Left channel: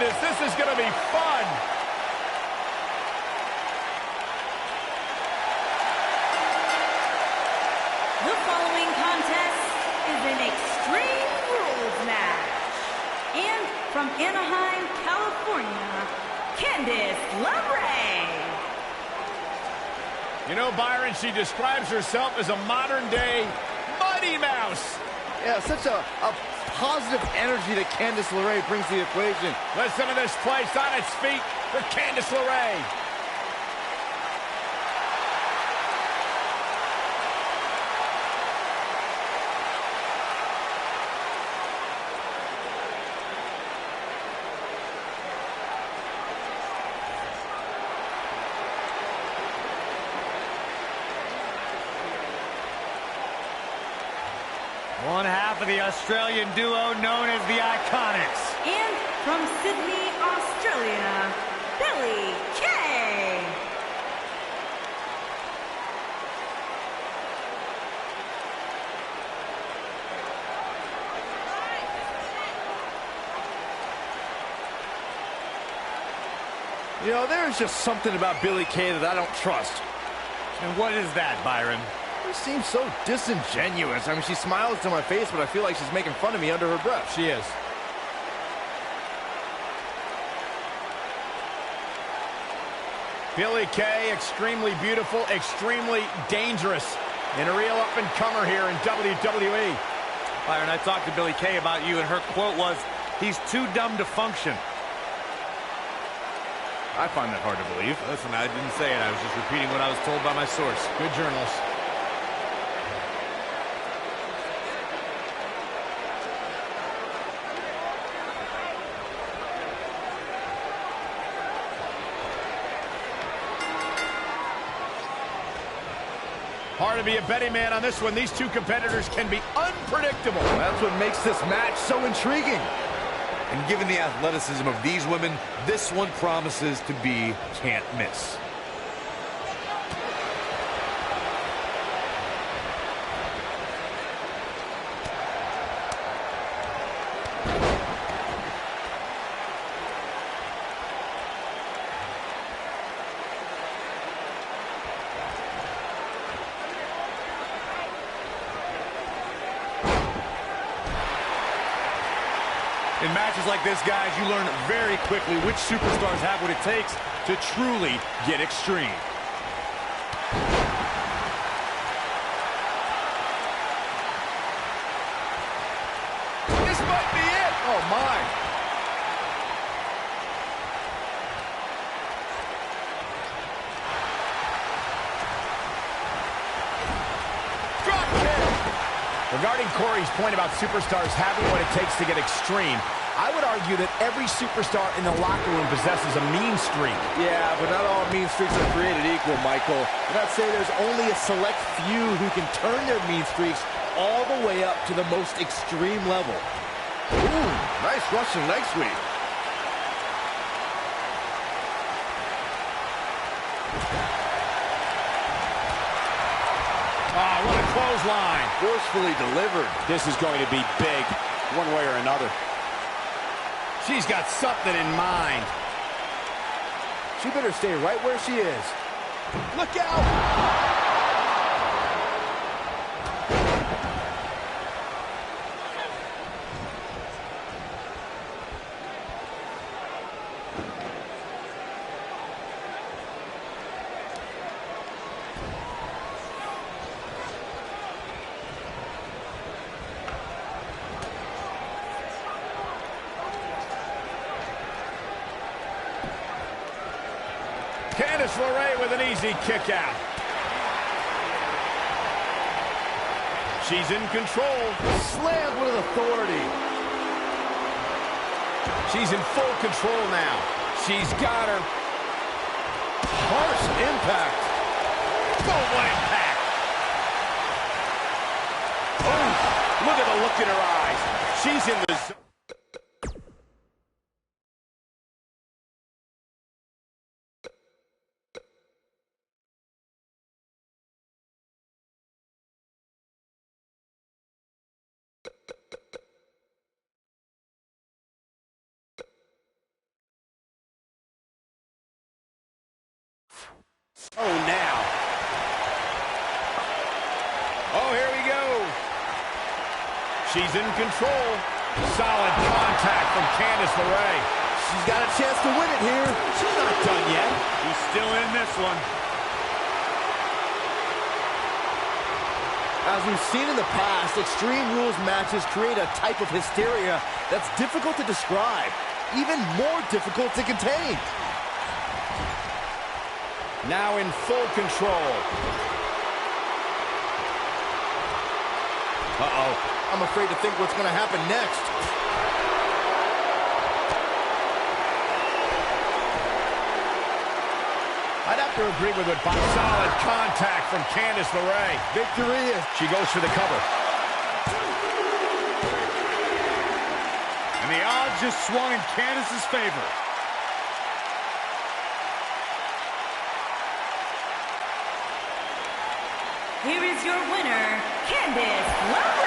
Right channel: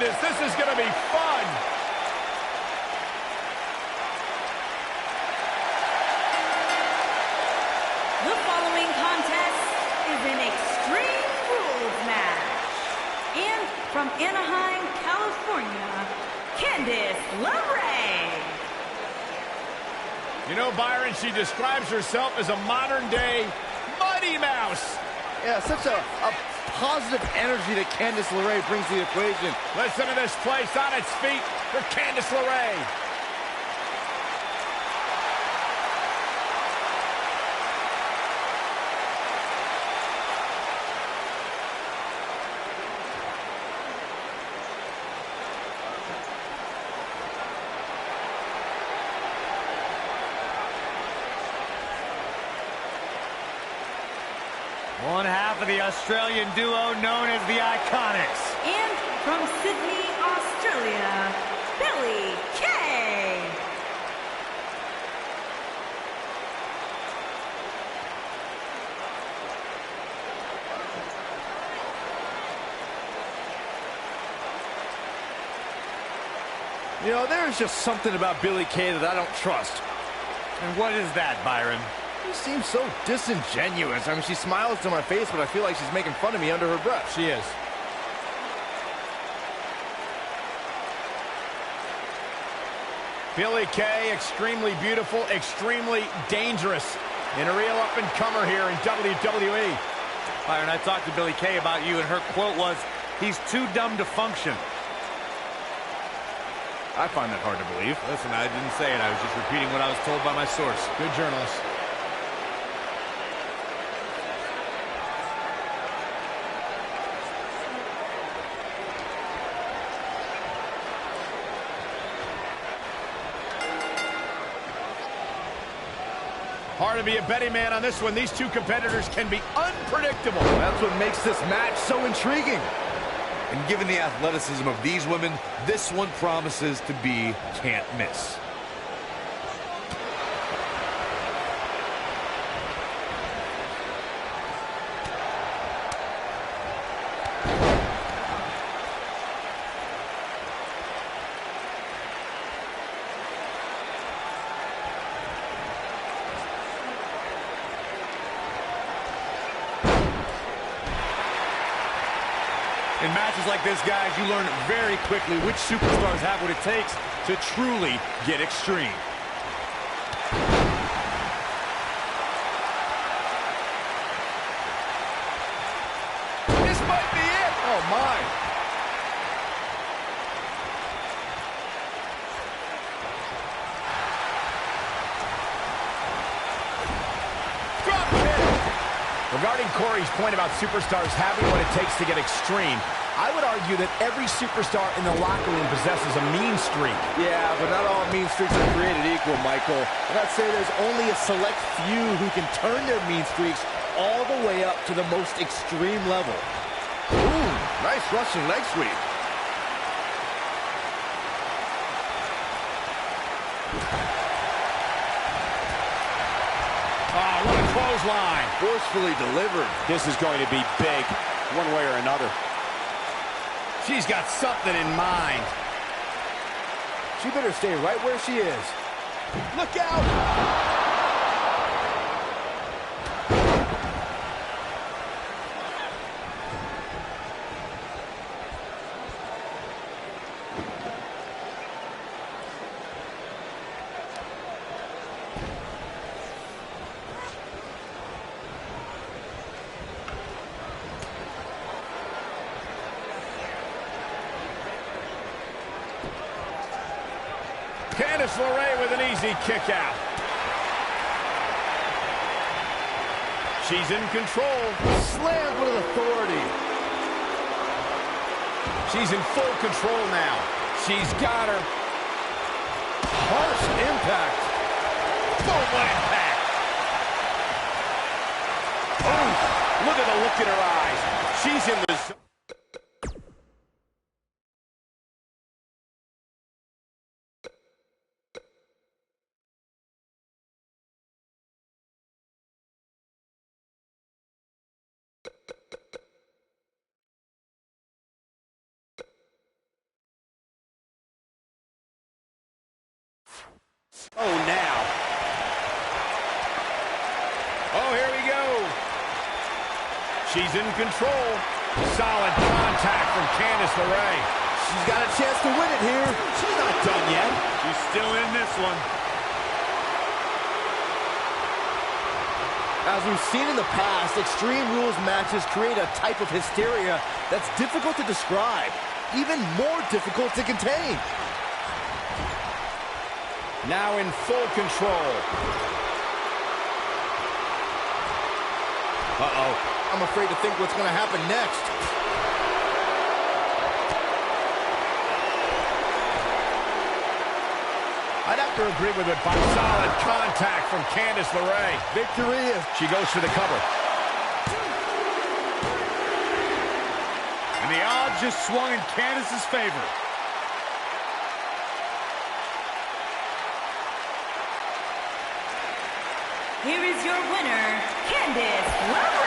Candice, this is going to be fun. The following contest is an Extreme Rules match. And from Anaheim, California, Candice LeRae. You know, Byron, she describes herself as a modern-day Mighty Mouse. Yeah, such a positive energy that Candice LeRae brings to the equation. Listen to this place on its feet for Candice LeRae. One half of the Australian duo known as the Iconics. And from Sydney, Australia, Billie Kay. You know, there's just something about Billie Kay that I don't trust. And what is that, Byron? She seems so disingenuous. I mean, she smiles to my face, but I feel like she's making fun of me under her breath. She is. Billie Kay, extremely beautiful, extremely dangerous, and a real up-and-comer here in WWE. Byron, I talked to Billie Kay about you, and her quote was, "He's too dumb to function." I find that hard to believe. Listen, I didn't say it. I was just repeating what I was told by my source. Good journalist. Hard to be a betting man on this one. These two competitors can be unpredictable. That's what makes this match so intriguing. And given the athleticism of these women, this one promises to be can't miss. In matches like this, guys, you learn very quickly which superstars have what it takes to truly get extreme. This might be it. Oh, my. Drop kick. Regarding Corey's point about superstars having what it takes to get extreme, I would argue that every superstar in the locker room possesses a mean streak. Yeah, but not all mean streaks are created equal, Michael. And I'd say there's only a select few who can turn their mean streaks all the way up to the most extreme level. Ooh, nice Russian leg sweep. Oh, what a clothesline. Forcefully delivered. This is going to be big, one way or another. She's got something in mind. She better stay right where she is. Look out! Candice LeRae with an easy kick out. She's in control. Slammed with authority. She's in full control now. She's got her. Harsh impact. Boom, what impact. Oh, look at the look in her eyes. She's in the zone. She's in control. Solid contact from Candice LeRae. She's got a chance to win it here. She's not done yet. She's still in this one. As we've seen in the past, Extreme Rules matches create a type of hysteria that's difficult to describe, even more difficult to contain. Now in full control. Uh-oh. I'm afraid to think what's going to happen next. I'd have to agree with it. Solid contact from Candice LeRae. Victory is... She goes for the cover. And the odds just swung in Candice's favor. Here is your winner, Candice LeRae.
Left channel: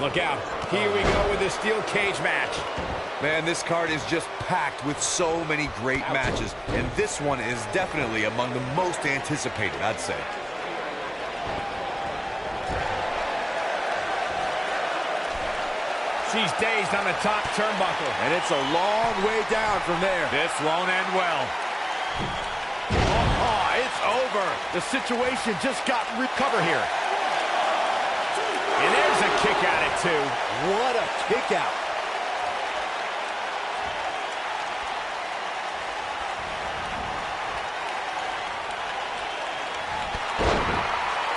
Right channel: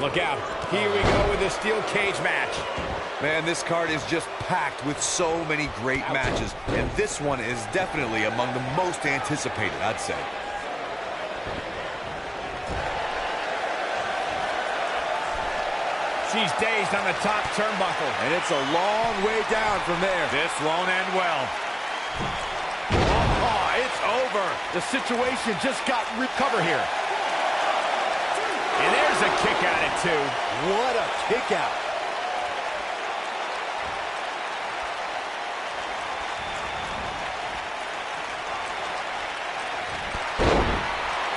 Look out. Here we go with this steel cage match. Man, this card is just packed with so many great matches, and this one is definitely among the most anticipated, I'd say. She's dazed on the top turnbuckle. And it's a long way down from there. This won't end well. Oh, it's over. The situation just got recover here. And there's a kick out at 2. What a kick out.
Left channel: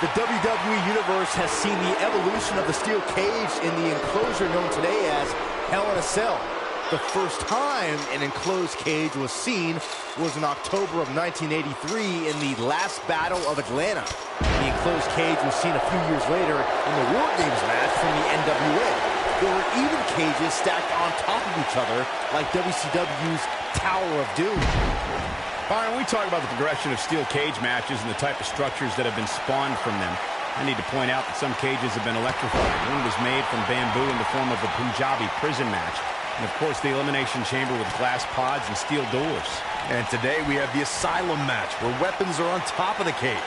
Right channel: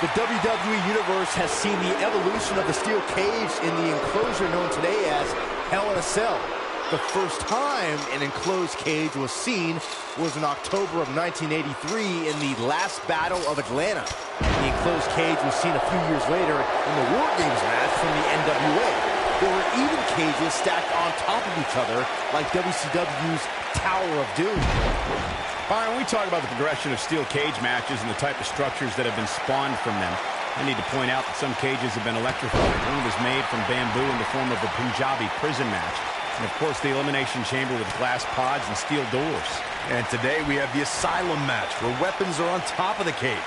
The WWE Universe has seen the evolution of the steel cage in the enclosure known today as Hell in a Cell. The first time an enclosed cage was seen was in October of 1983 in the last Battle of Atlanta. The enclosed cage was seen a few years later in the War Games match from the NWA. There were even cages stacked on top of each other like WCW's Tower of Doom. Byron, we talk about the progression of steel cage matches and the type of structures that have been spawned from them. I need to point out that some cages have been electrified. One was made from bamboo in the form of a Punjabi prison match. And, of course, the Elimination Chamber with glass pods and steel doors. And today we have the Asylum match, where weapons are on top of the cage.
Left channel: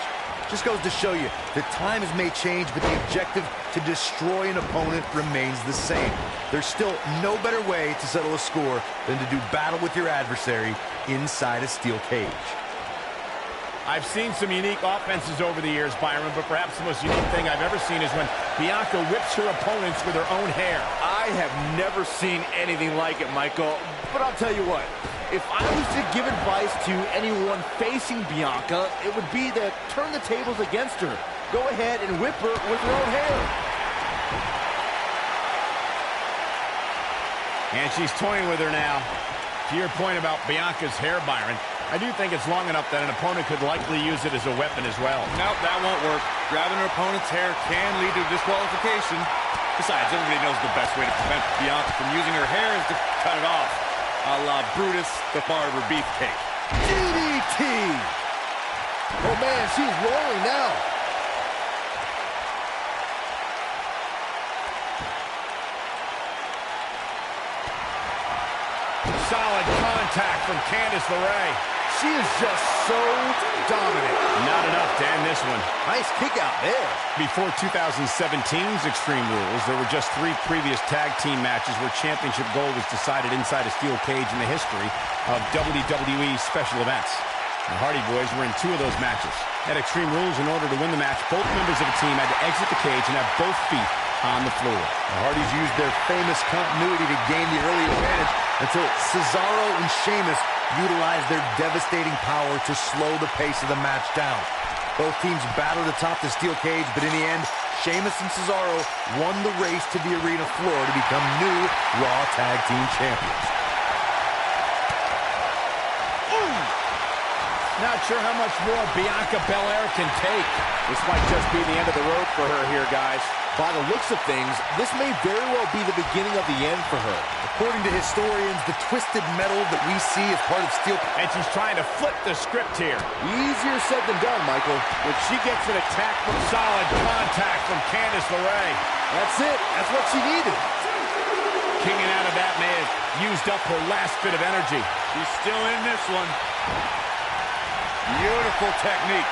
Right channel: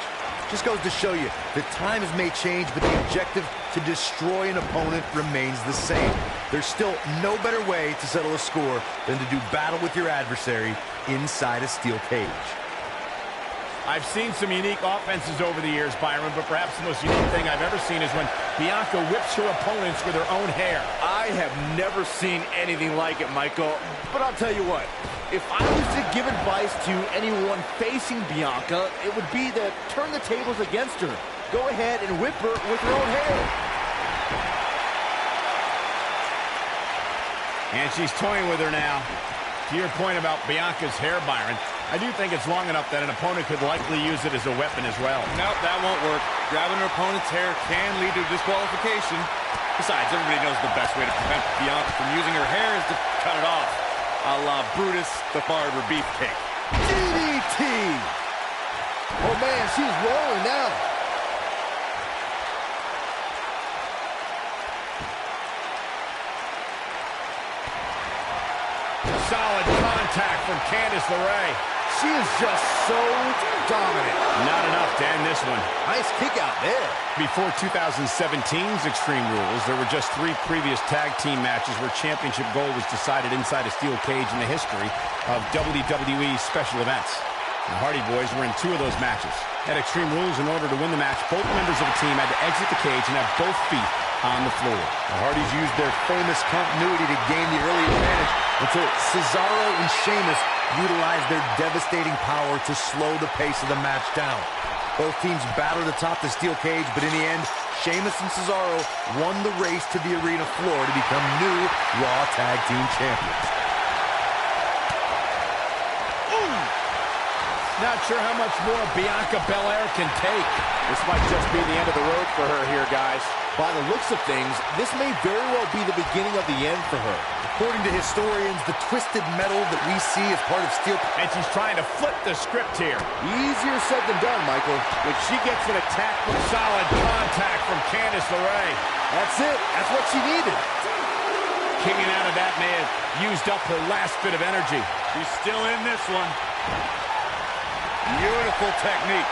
Just goes to show you that times may change, but the objective to destroy an opponent remains the same. There's still no better way to settle a score than to do battle with your adversary inside a steel cage. I've seen some unique offenses over the years, Byron, but perhaps the most unique thing I've ever seen is when Bianca whips her opponents with her own hair. I have never seen anything like it, Michael. But I'll tell you what, if I was to give advice to anyone facing Bianca, it would be to turn the tables against her. Go ahead and whip her with her own hair. And she's toying with her now. To your point about Bianca's hair, Byron, I do think it's long enough that an opponent could likely use it as a weapon as well. Nope, that won't work. Grabbing an opponent's hair can lead to disqualification. Besides, everybody knows the best way to prevent Bianca from using her hair is to cut it off. A la Brutus the Barber Beefcake. DDT! Oh, man, she's rolling now. Solid contact from Candice LeRae. She is just so dominant. Not enough to end this one. Nice kick out there. Before 2017's Extreme Rules, there were just 3 previous tag team matches where championship gold was decided inside a steel cage in the history of WWE special events. The Hardy Boys were in 2 of those matches. At Extreme Rules, in order to win the match, both members of a team had to exit the cage and have both feet on the floor. The Hardys used their famous continuity to gain the early advantage until Cesaro and Sheamus utilized their devastating power to slow the pace of the match down. Both teams battled atop the steel cage, but in the end, Sheamus and Cesaro won the race to the arena floor to become new Raw Tag Team Champions. Ooh! Not sure how much more Bianca Belair can take. This might just be the end of the road for her here, guys. By the looks of things, this may very well be the beginning of the end for her. According to historians, the twisted metal that we see as part of steel... And she's trying to flip the script here. Easier said than done, Michael. When she gets an attack from solid contact from Candice LeRae. That's it. That's what she needed. Kicking out of that may have used up her last bit of energy. She's still in this one. Beautiful technique.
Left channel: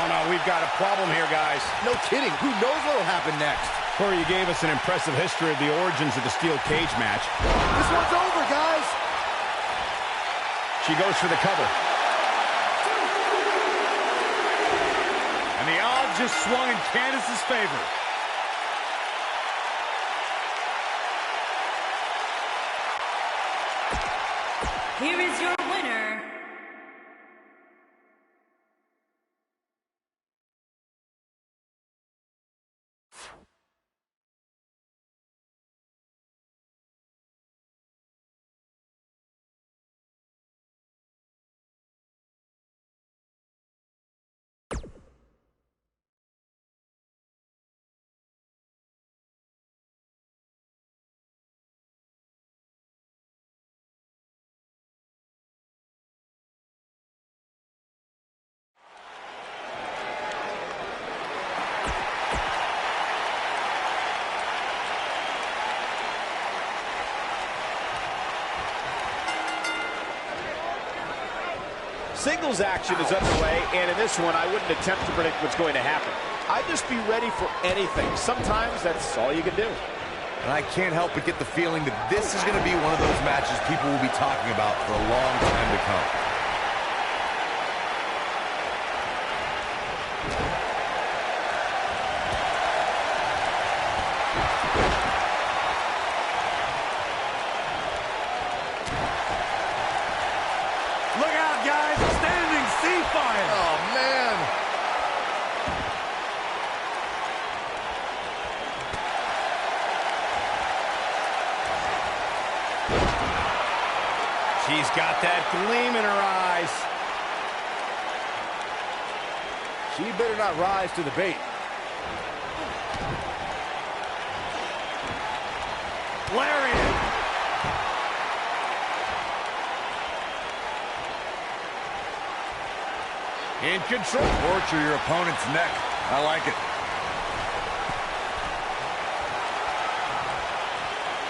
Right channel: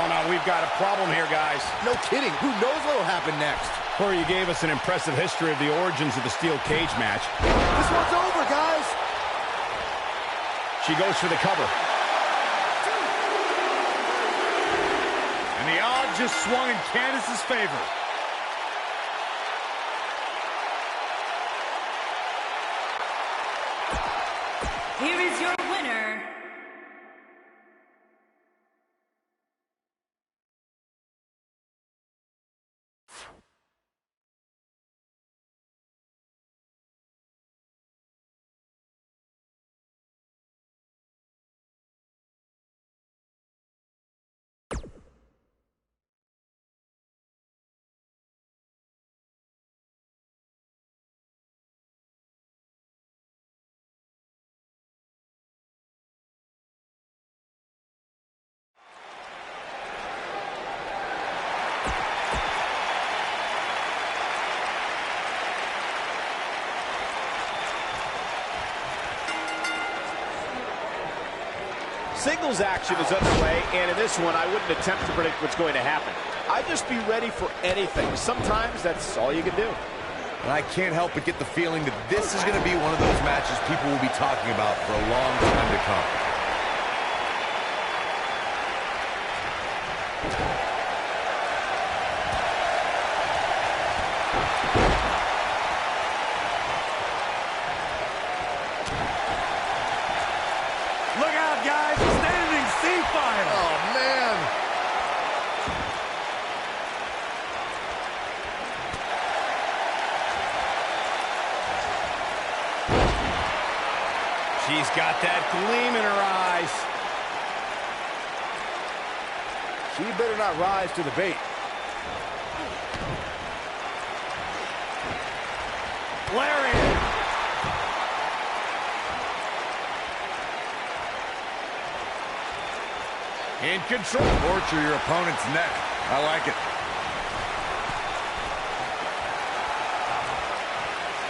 Oh, no, we've got a problem here, guys. No kidding. Who knows what will happen next? Corey, you gave us an impressive history of the origins of the steel cage match. This one's over, guys. She goes for the cover. And the odds just swung in Candice's favor. Here is your winner, Singles action is underway, and in this one, I wouldn't attempt to predict what's going to happen. I'd just be ready for anything. Sometimes that's all you can do. And I can't help but get the feeling that this is going to be one of those matches people will be talking about for a long time to come. Look out, guys. Standing sea fire. Oh, man. She's got that gleam in her eyes. She better not rise to the bait. Lariat. In control. Torture your opponent's neck. I like it.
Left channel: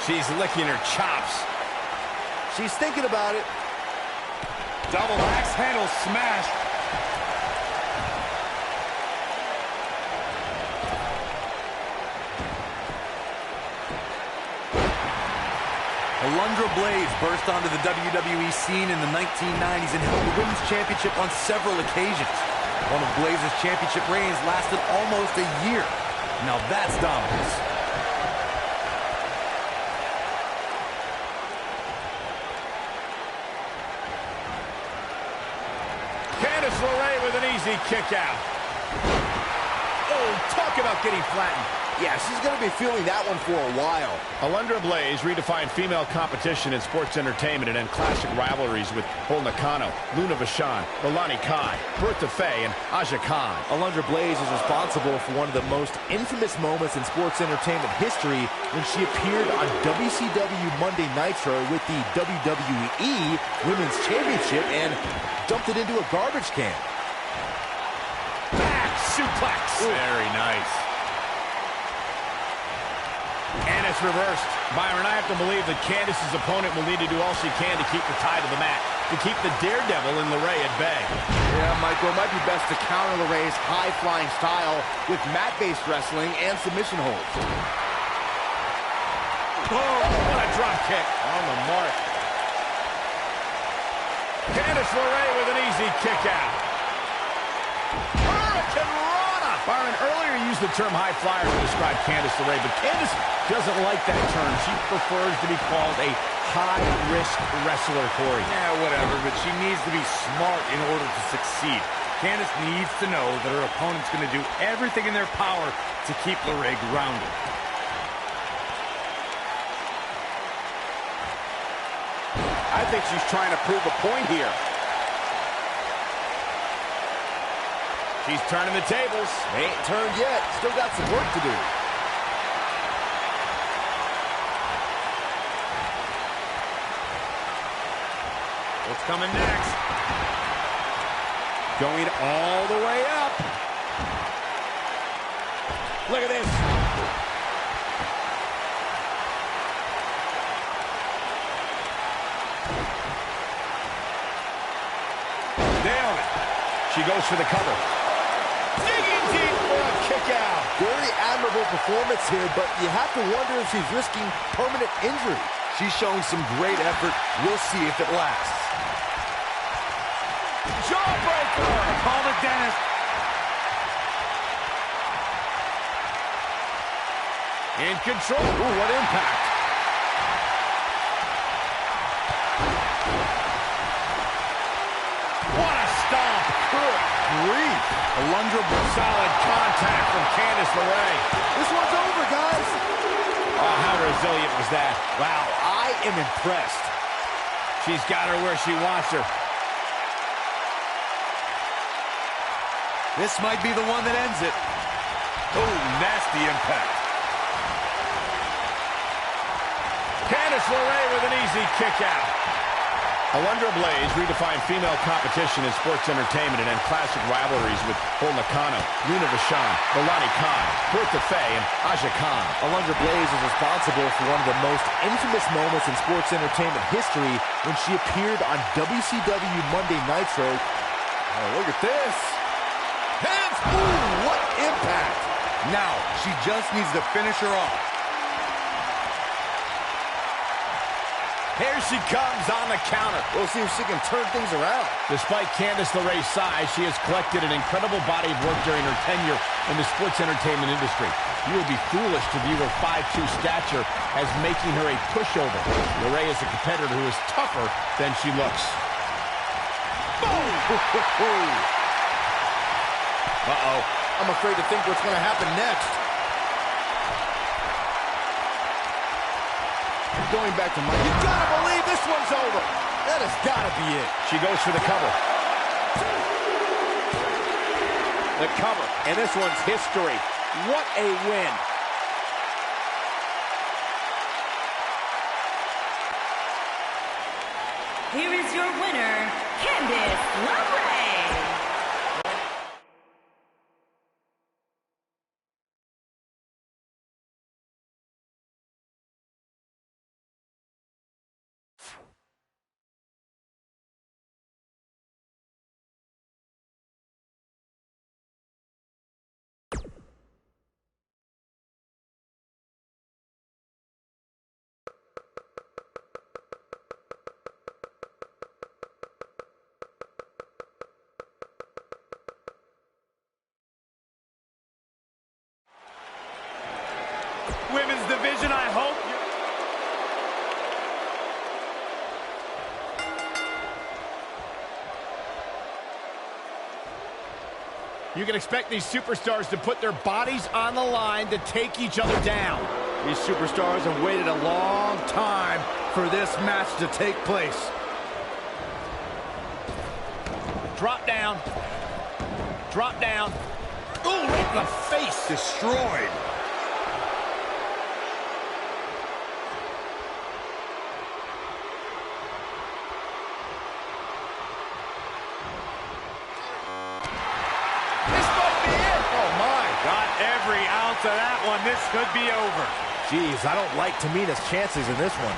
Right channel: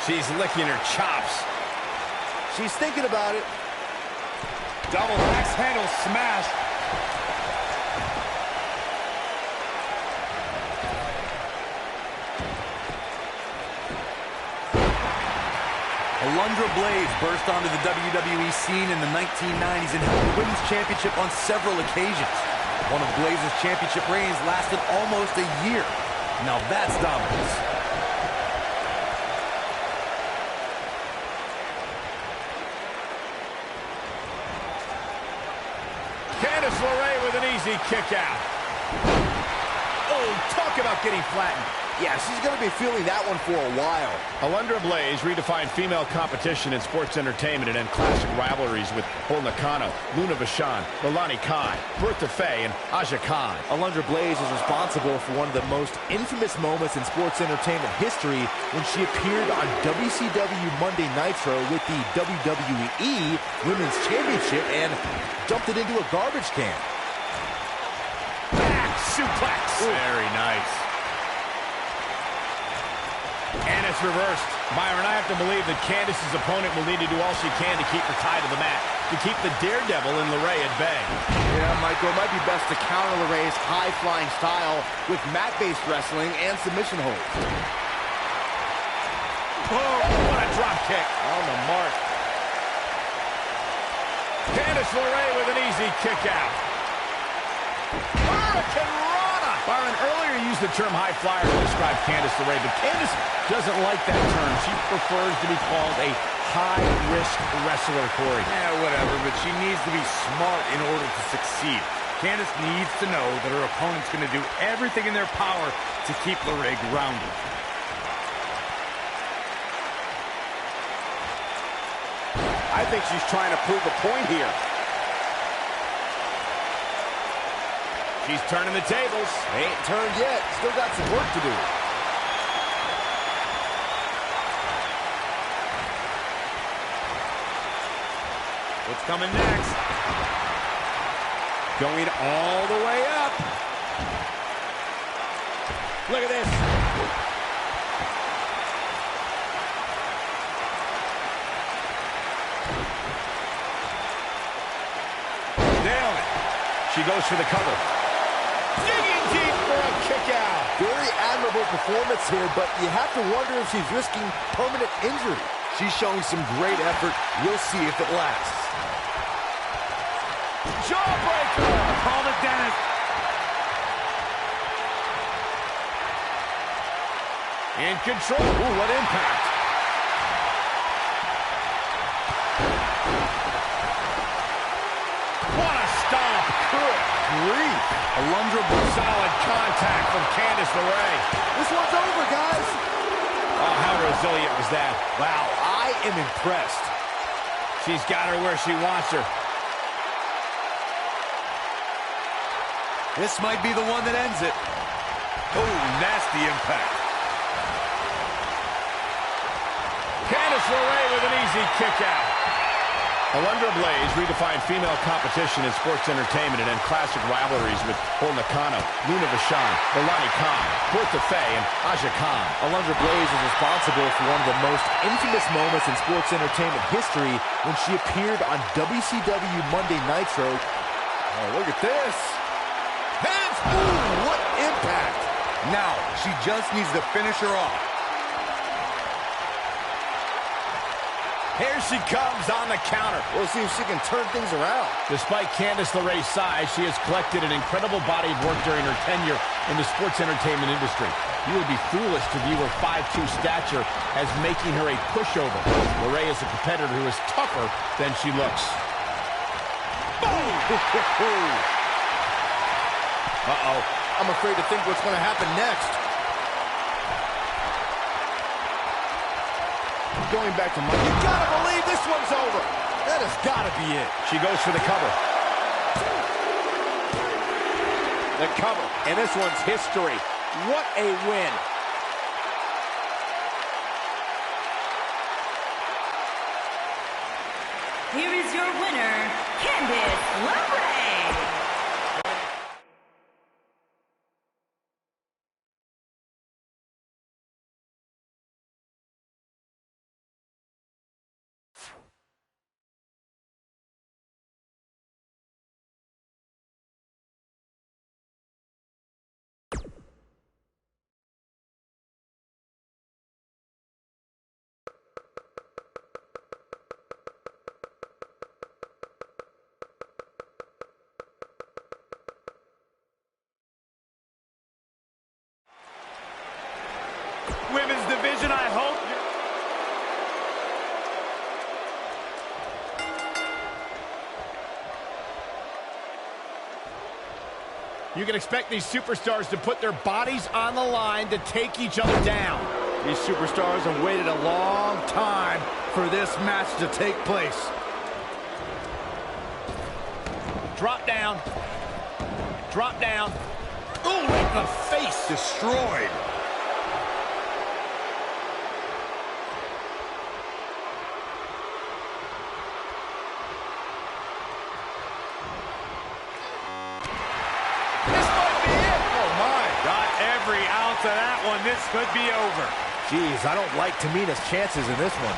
She's licking her chops. She's thinking about it. Double axe handle smash. Alundra Blaze burst onto the WWE scene in the 1990s and held the Women's Championship on several occasions. One of Blaze's championship reigns lasted almost a year. Now that's dominance. Candice LeRae with an easy kick out. Oh, talk about getting flattened. Yeah, she's going to be feeling that one for a while. Alundra Blaze redefined female competition in sports entertainment and in classic rivalries with Bull Nakano, Luna Vachon, Lilani Kai, Bertha Faye, and Aja Khan. Alundra Blaze is responsible for one of the most infamous moments in sports entertainment history when she appeared on WCW Monday Nitro with the WWE Women's Championship and dumped it into a garbage can. Back suplex. Ooh. Very nice. And it's reversed. Byron, I have to believe that Candice's opponent will need to do all she can to keep her tied to the mat, to keep the daredevil in LeRae at bay. Yeah, Michael, it might be best to counter LeRae's high-flying style with mat-based wrestling and submission holds. Oh, what a drop kick. On the mark. Candice LeRae with an easy kick out. Hurricane Rana. Byron, earlier you used the term high flyer to describe Candice LeRae, but Candice doesn't like that term. She prefers to be called a high-risk wrestler, Corey. Yeah, whatever, but she needs to be smart in order to succeed. Candice needs to know that her opponent's going to do everything in their power to keep LeRae grounded. I think she's trying to prove a point here. She's turning the tables. They ain't turned yet. Still got some work to do. What's coming next? Going all the way up. Look at this. Nailed it. She goes for the cover. Digging deep for a kick out. Very admirable performance here, but you have to wonder if she's risking permanent injury. She's showing some great effort. We'll see if it lasts. Jawbreaker. Call it, Dennis. In control. Ooh, what impact. What a stomp. Good grief. Alundra, Solid contact from Candice LeRae. This one's over, guys. Oh, how resilient was that? Wow, I am impressed. She's got her where she wants her. this might be the one that ends it. Oh, nasty impact. Candice LeRae with an easy kick out. Alundra Blaze redefined female competition in sports entertainment and in classic rivalries with Bull Nakano, Luna Vachon, Milani Khan, Bertha Faye, and Aja Khan. Alundra Blaze is responsible for one of the most infamous moments in sports entertainment history when she appeared on WCW Monday Nitro. Oh, look at this. Hands! Ooh, what impact! Now, she just needs to finish her off. Here she comes on the counter. We'll see if she can turn things around. Despite Candice LeRae's size, she has collected an incredible body of work during her tenure in the sports entertainment industry. You would be foolish to view her 5'2" stature as making her a pushover. LeRae is a competitor who is tougher than she looks. Boom! Uh-oh. I'm afraid to think what's going to happen next. Going back to Mike. You gotta believe this one's over. That has gotta be it. She goes for the cover. The cover. And this one's history. What a win. Here is your winner, Candice LeRae. Women's division, I hope You can expect these superstars to put their bodies on the line to take each other down. These superstars have waited a long time for this match to take place. Drop down. Drop down. Ooh, right in the face. Destroyed. This might be it. Oh, my. got every ounce of that one. This could be over. Jeez, I don't like Tamina's chances in this one.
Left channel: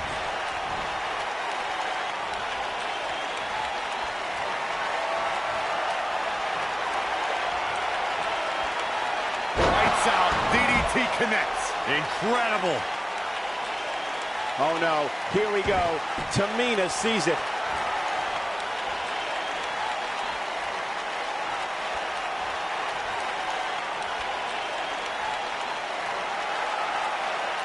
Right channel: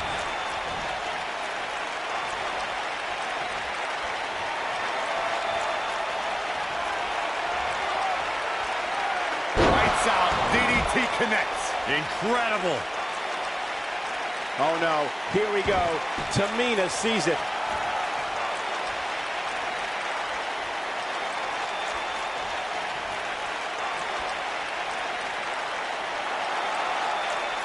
Lights out. DDT connects. Incredible. Oh, no. Here we go. Tamina sees it.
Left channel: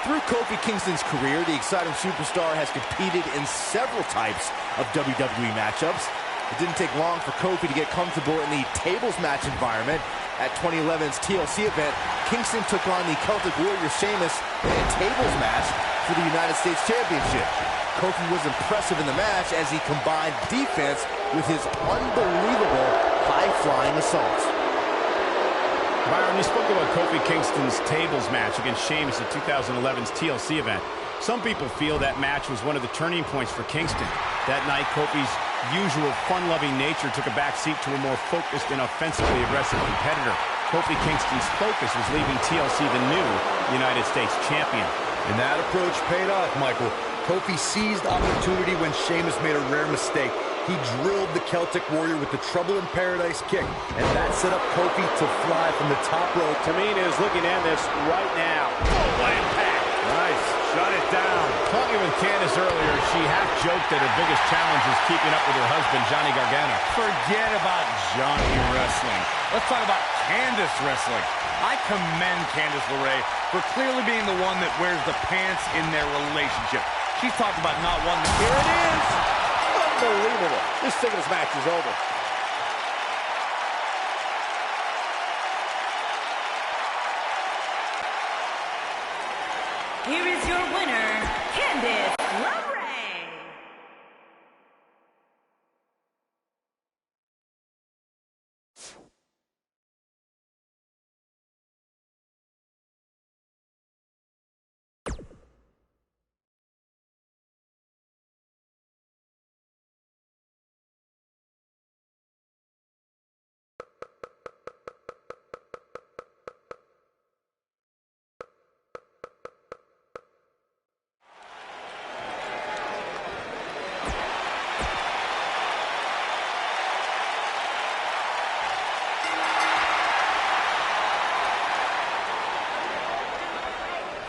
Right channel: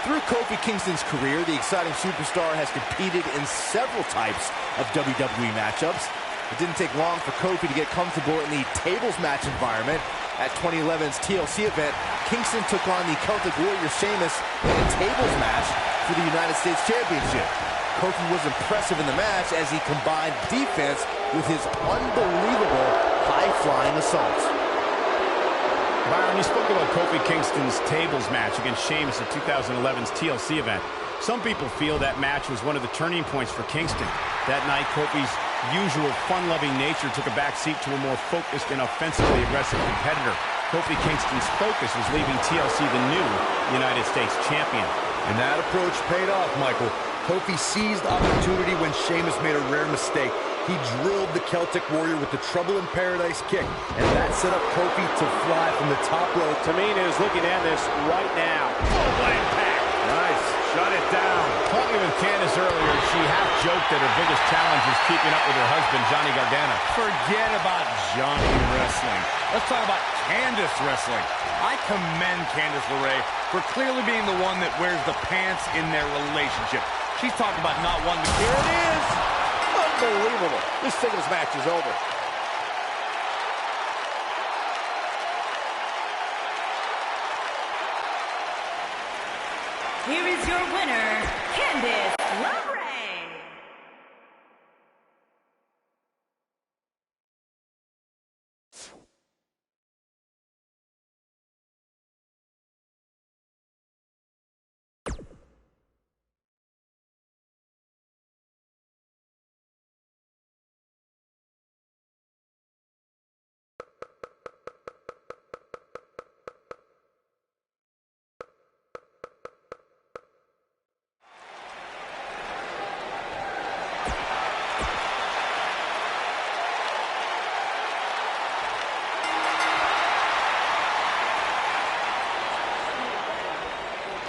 Through Kofi Kingston's career, the exciting superstar has competed in several types of WWE matchups. It didn't take long for Kofi to get comfortable in the tables match environment. At 2011's TLC event, Kingston took on the Celtic Warrior Sheamus in a tables match for the United States Championship. Kofi was impressive in the match as he combined defense with his unbelievable high-flying assaults. Byron, you spoke about Kofi Kingston's tables match against Sheamus at 2011's TLC event. Some people feel that match was one of the turning points for Kingston. That night, Kofi's usual fun-loving nature took a backseat to a more focused and offensively aggressive competitor. Kofi Kingston's focus was leaving TLC the new United States champion. And that approach paid off, Michael. Kofi seized opportunity when Sheamus made a rare mistake. He drilled the Celtic Warrior with the Trouble in Paradise kick, and that set up Kofi to fly from the top rope. Tamina is looking at this right now. Oh, what impact! Nice. Shut it down. Talking with Candice earlier, she half-joked that her biggest challenge is keeping up with her husband, Johnny Gargano. Forget about Johnny wrestling. Let's talk about Candice wrestling. I commend Candice LeRae for clearly being the one that wears the pants in their relationship. She's talking about not wanting to... Here it is. Unbelievable. This singles match is over. Here is your winner, Candice LeRae.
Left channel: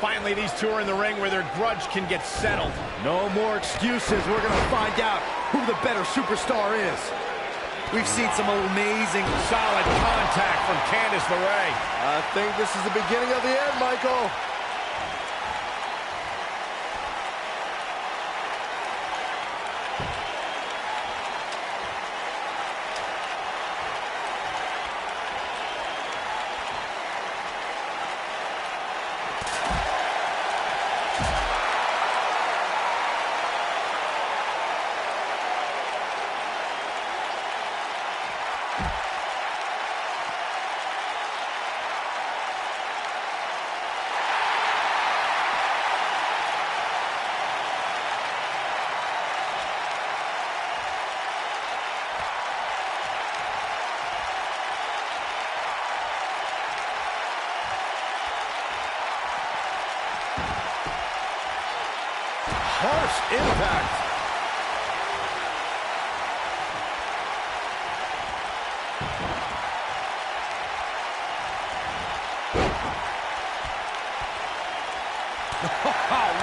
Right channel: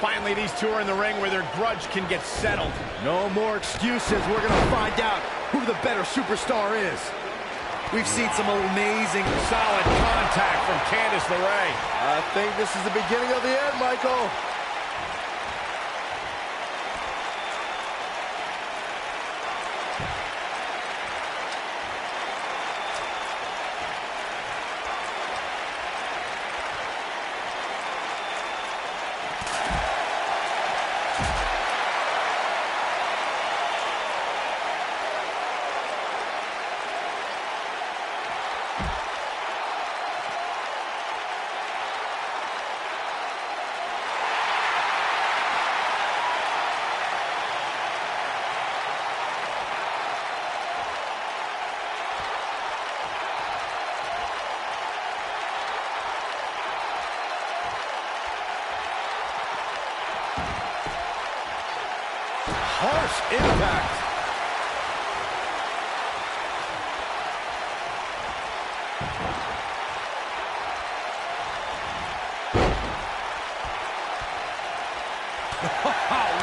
Finally, these two are in the ring where their grudge can get settled. No more excuses. We're going to find out who the better superstar is. We've seen some amazing... Solid contact from Candice LeRae. I think this is the beginning of the end, Michael. Harsh impact.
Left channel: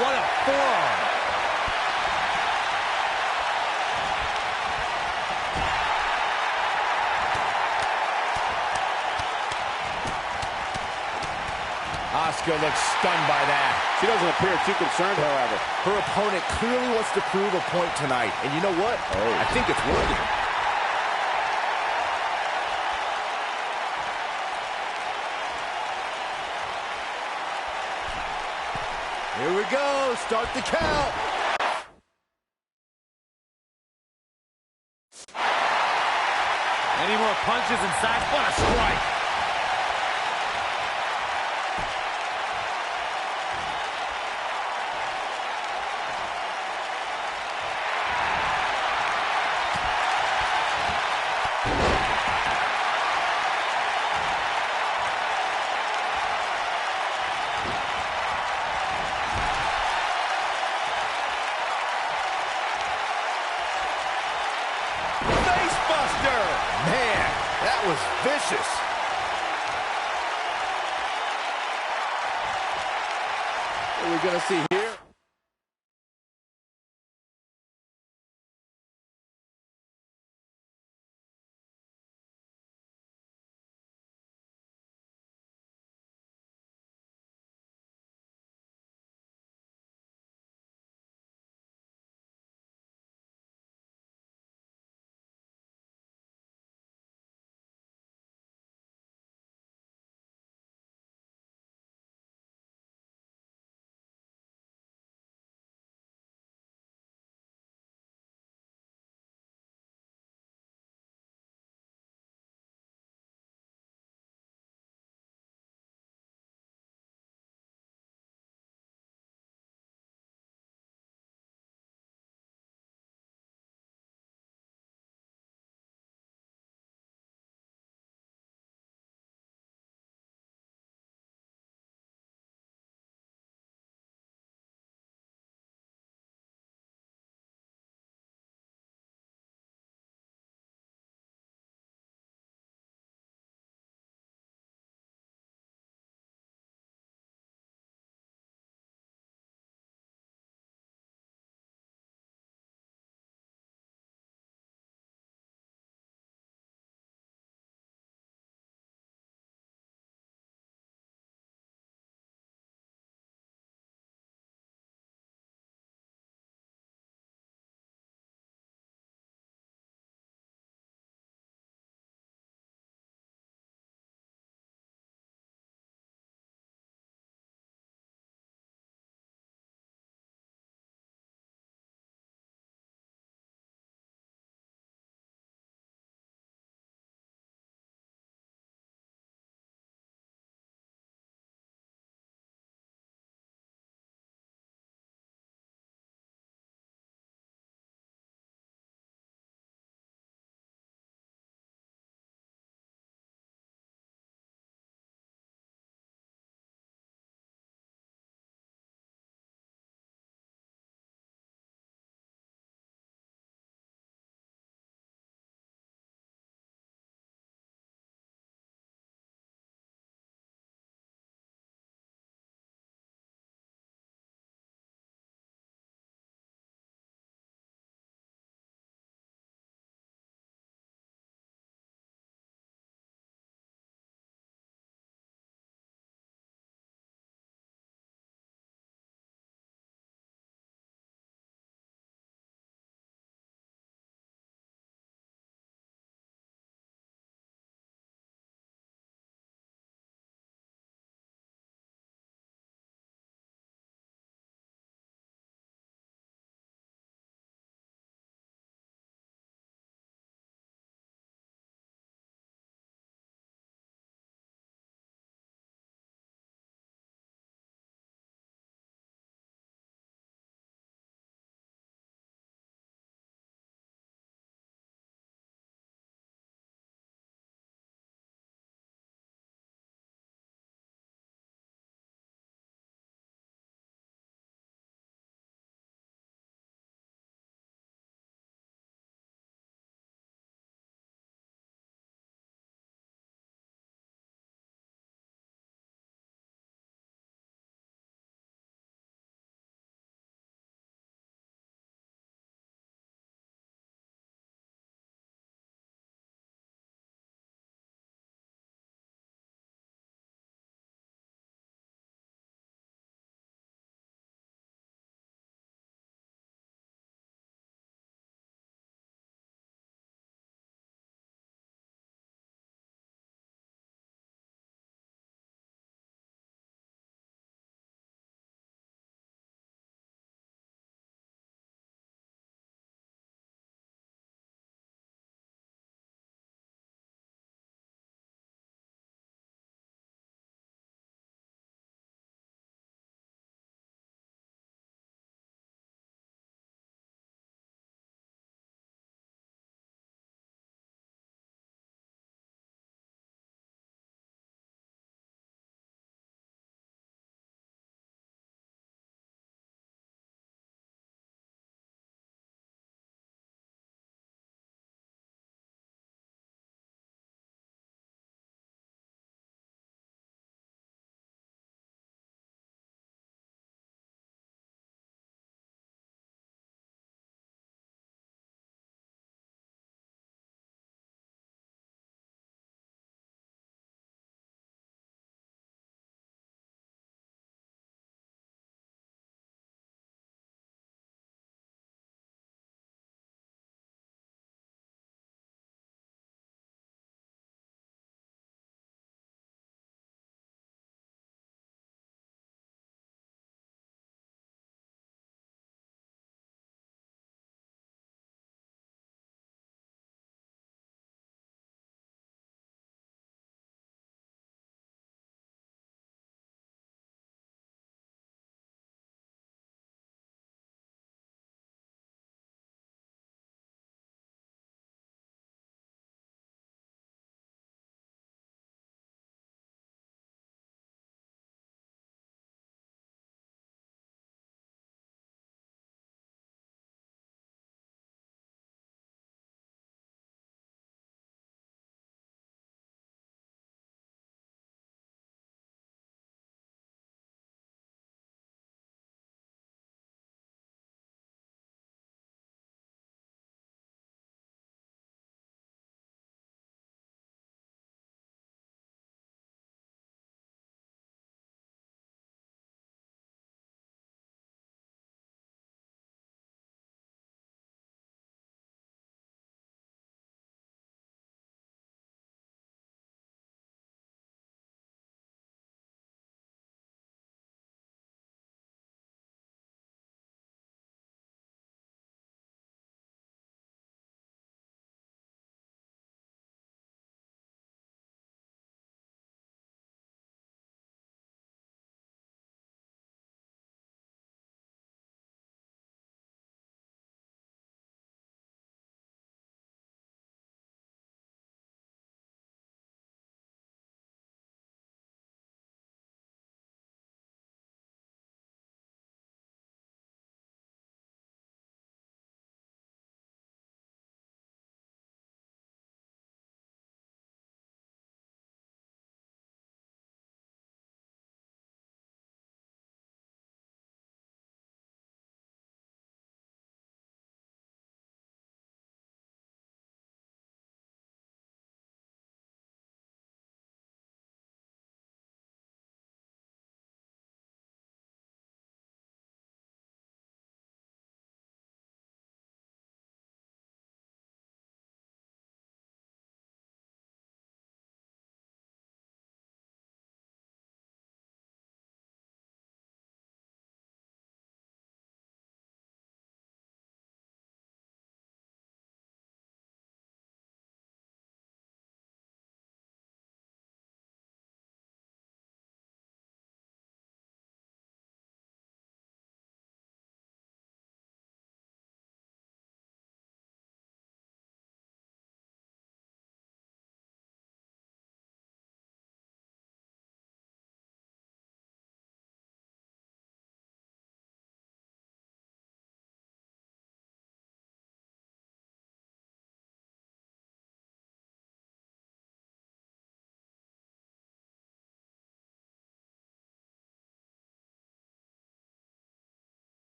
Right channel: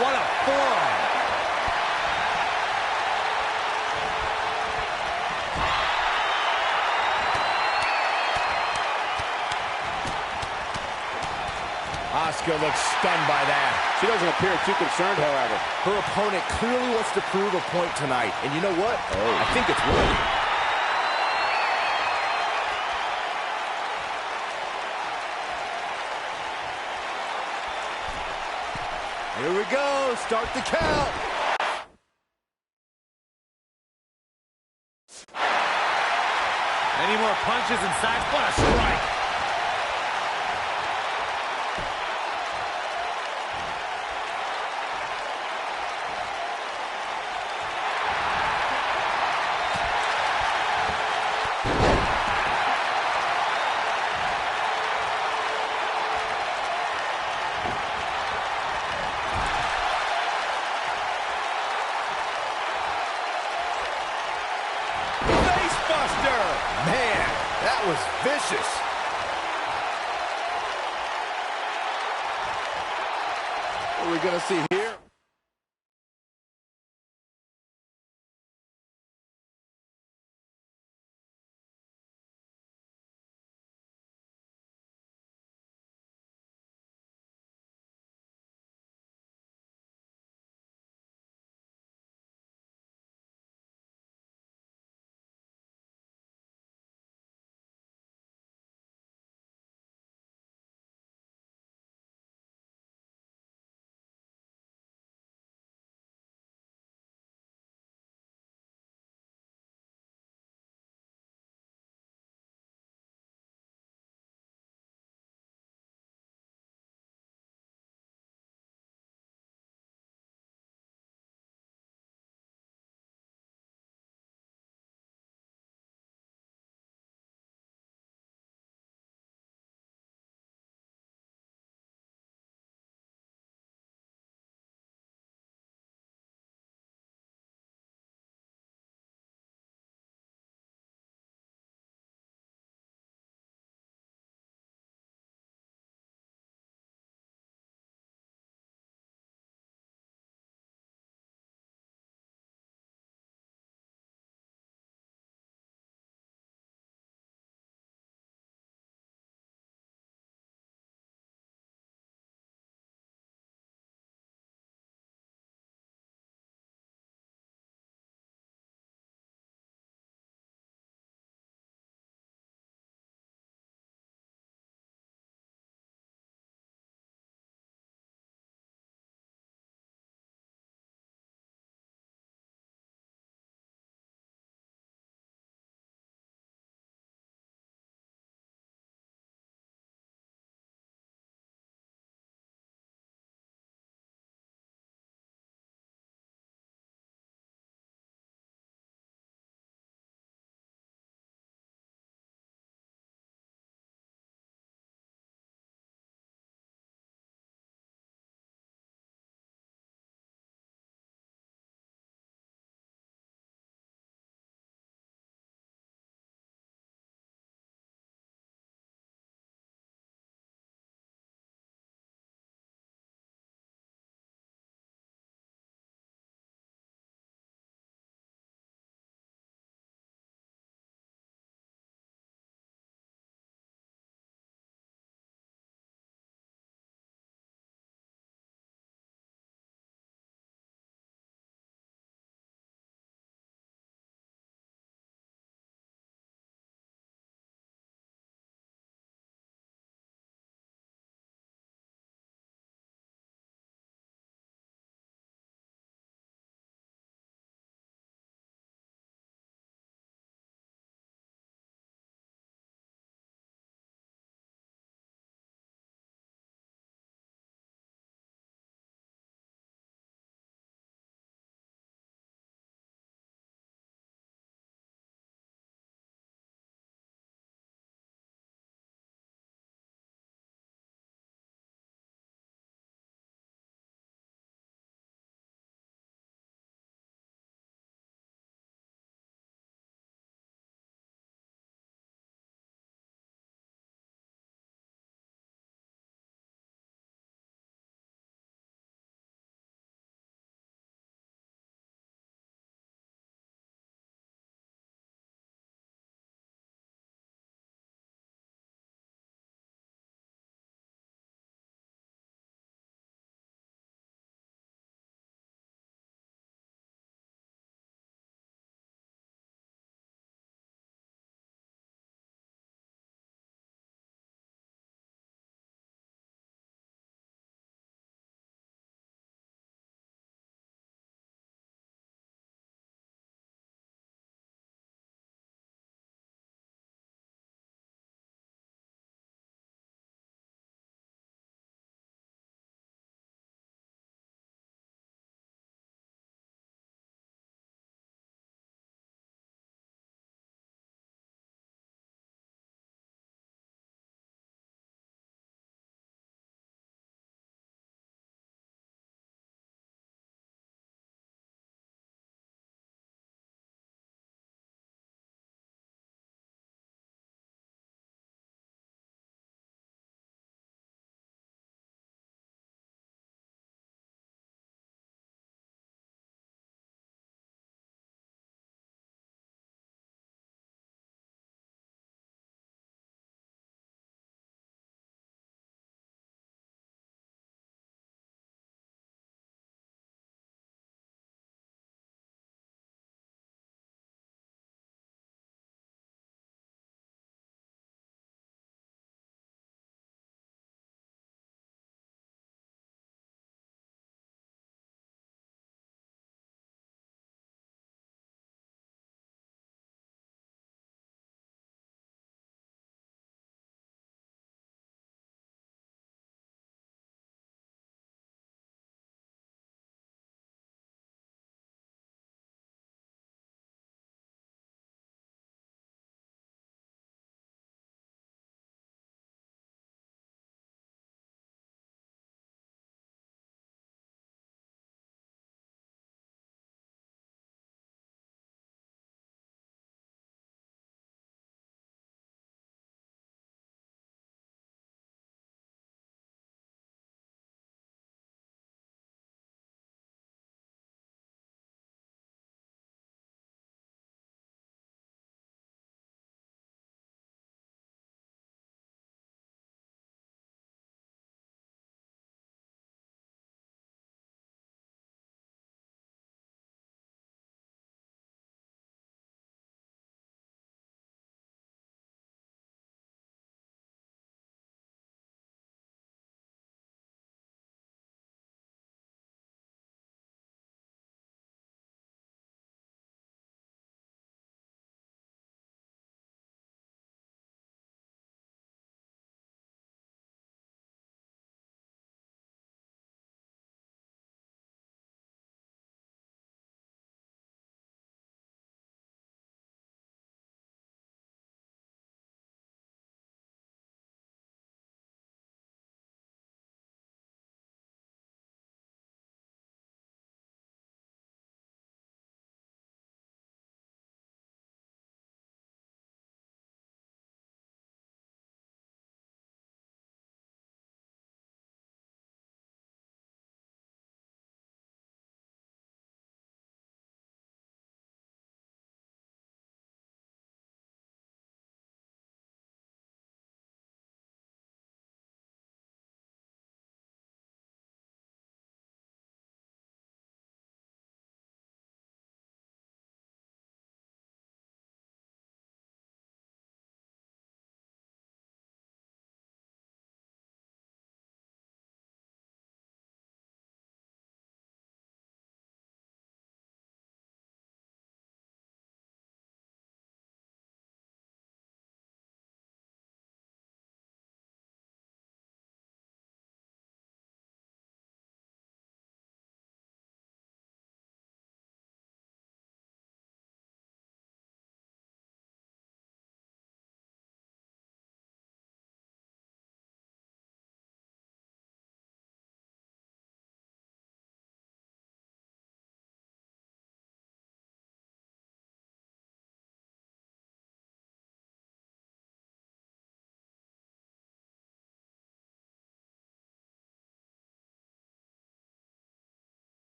What a forearm. Asuka looks stunned by that. She doesn't appear too concerned, however. Her opponent clearly wants to prove a point tonight. And you know what? I think it's working. Here we go. Start the count. Any more punches and sacks? What a strike. Man, that was vicious. What are we going to see here?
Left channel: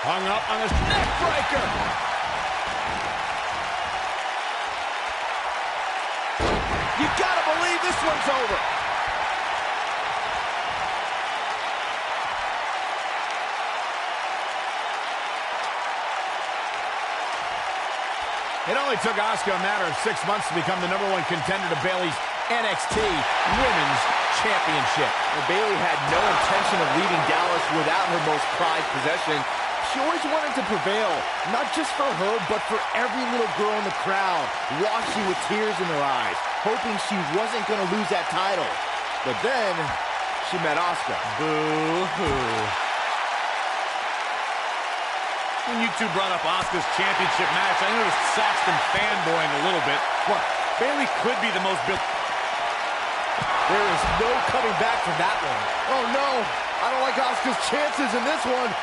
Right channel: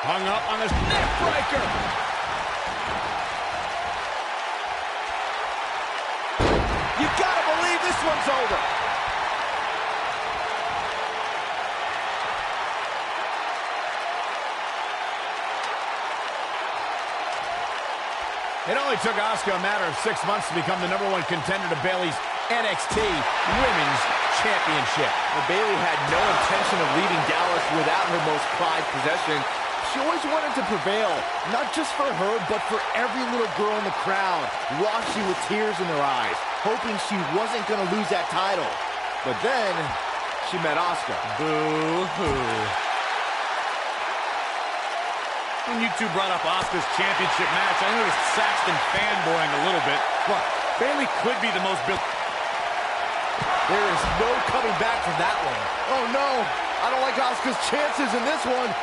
Hung up on this neck breaker. You gotta believe this one's over. It only took Asuka a matter of 6 months to become the #1 contender to Bayley's NXT Women's Championship. Well, Bayley had no intention of leaving Dallas without her most prized possession. She always wanted to prevail, not just for her, but for every little girl in the crowd, watching with tears in their eyes, hoping she wasn't going to lose that title. But then, she met Asuka. Boo-hoo. When you two brought up Asuka's championship match, I noticed Saxton fanboying a little bit. Look, Bayley could be the most built. There is no coming back from that one. Oh, no. I don't like Asuka's chances in this one.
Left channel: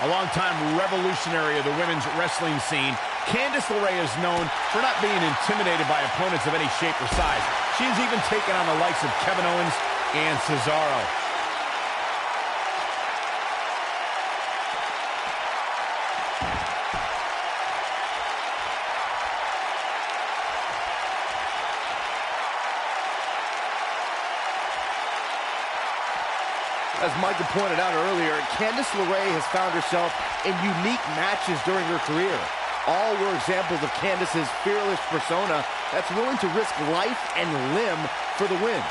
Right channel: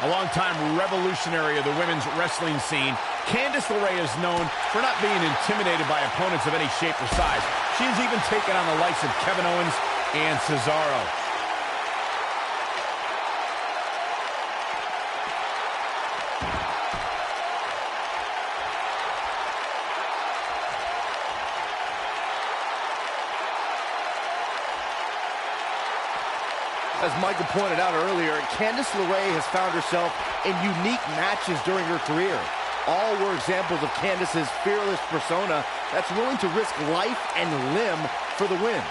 A longtime revolutionary of the women's wrestling scene, Candice LeRae is known for not being intimidated by opponents of any shape or size. She has even taken on the likes of Kevin Owens and Cesaro. As Michael pointed out earlier, Candice LeRae has found herself in unique matches during her career. All were examples of Candice's fearless persona that's willing to risk life and limb for the win.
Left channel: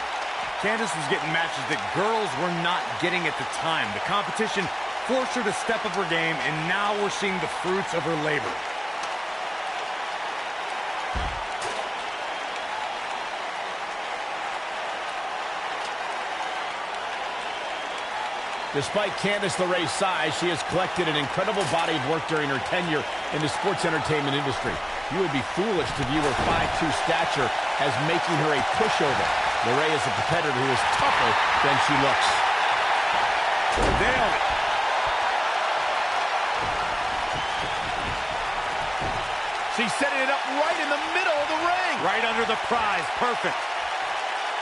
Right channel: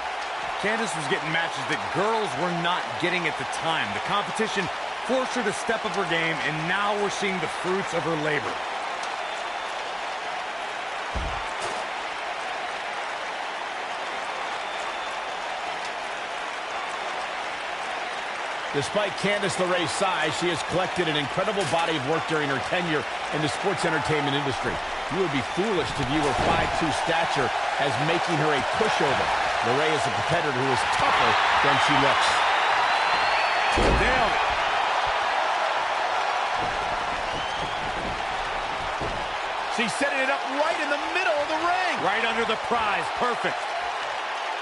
Candice was getting matches that girls were not getting at the time. The competition forced her to step up her game, and now we're seeing the fruits of her labor. Despite Candice LeRae's size, she has collected an incredible body of work during her tenure in the sports entertainment industry. You would be foolish to view her 5'2" stature as making her a pushover. LeRae is a competitor who is tougher than she looks. Nailed it. She's setting it up right in the middle of the ring. Right under the prize. Perfect.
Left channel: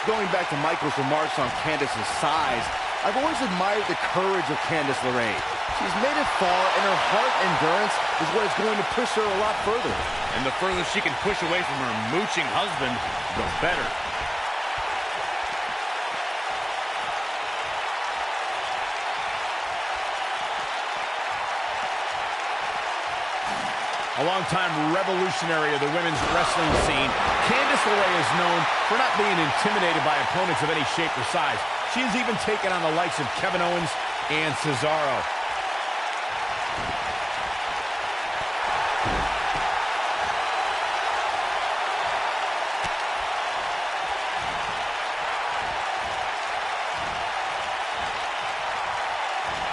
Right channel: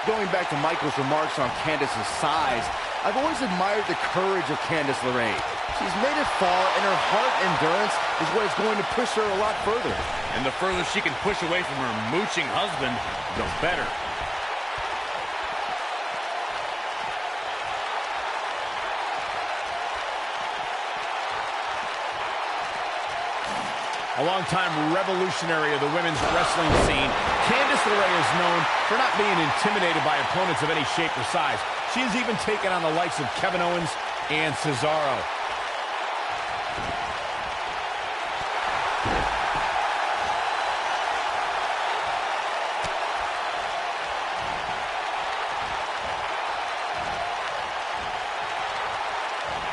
Going back to Michael's remarks on Candice's size, I've always admired the courage of Candice LeRae. She's made it far, and her heart endurance is what is going to push her a lot further. And the further she can push away from her mooching husband, the better. A longtime revolutionary of the women's wrestling scene, Candice LeRae is known for not being intimidated by opponents of any shape or size. She has even taken on the likes of Kevin Owens and Cesaro.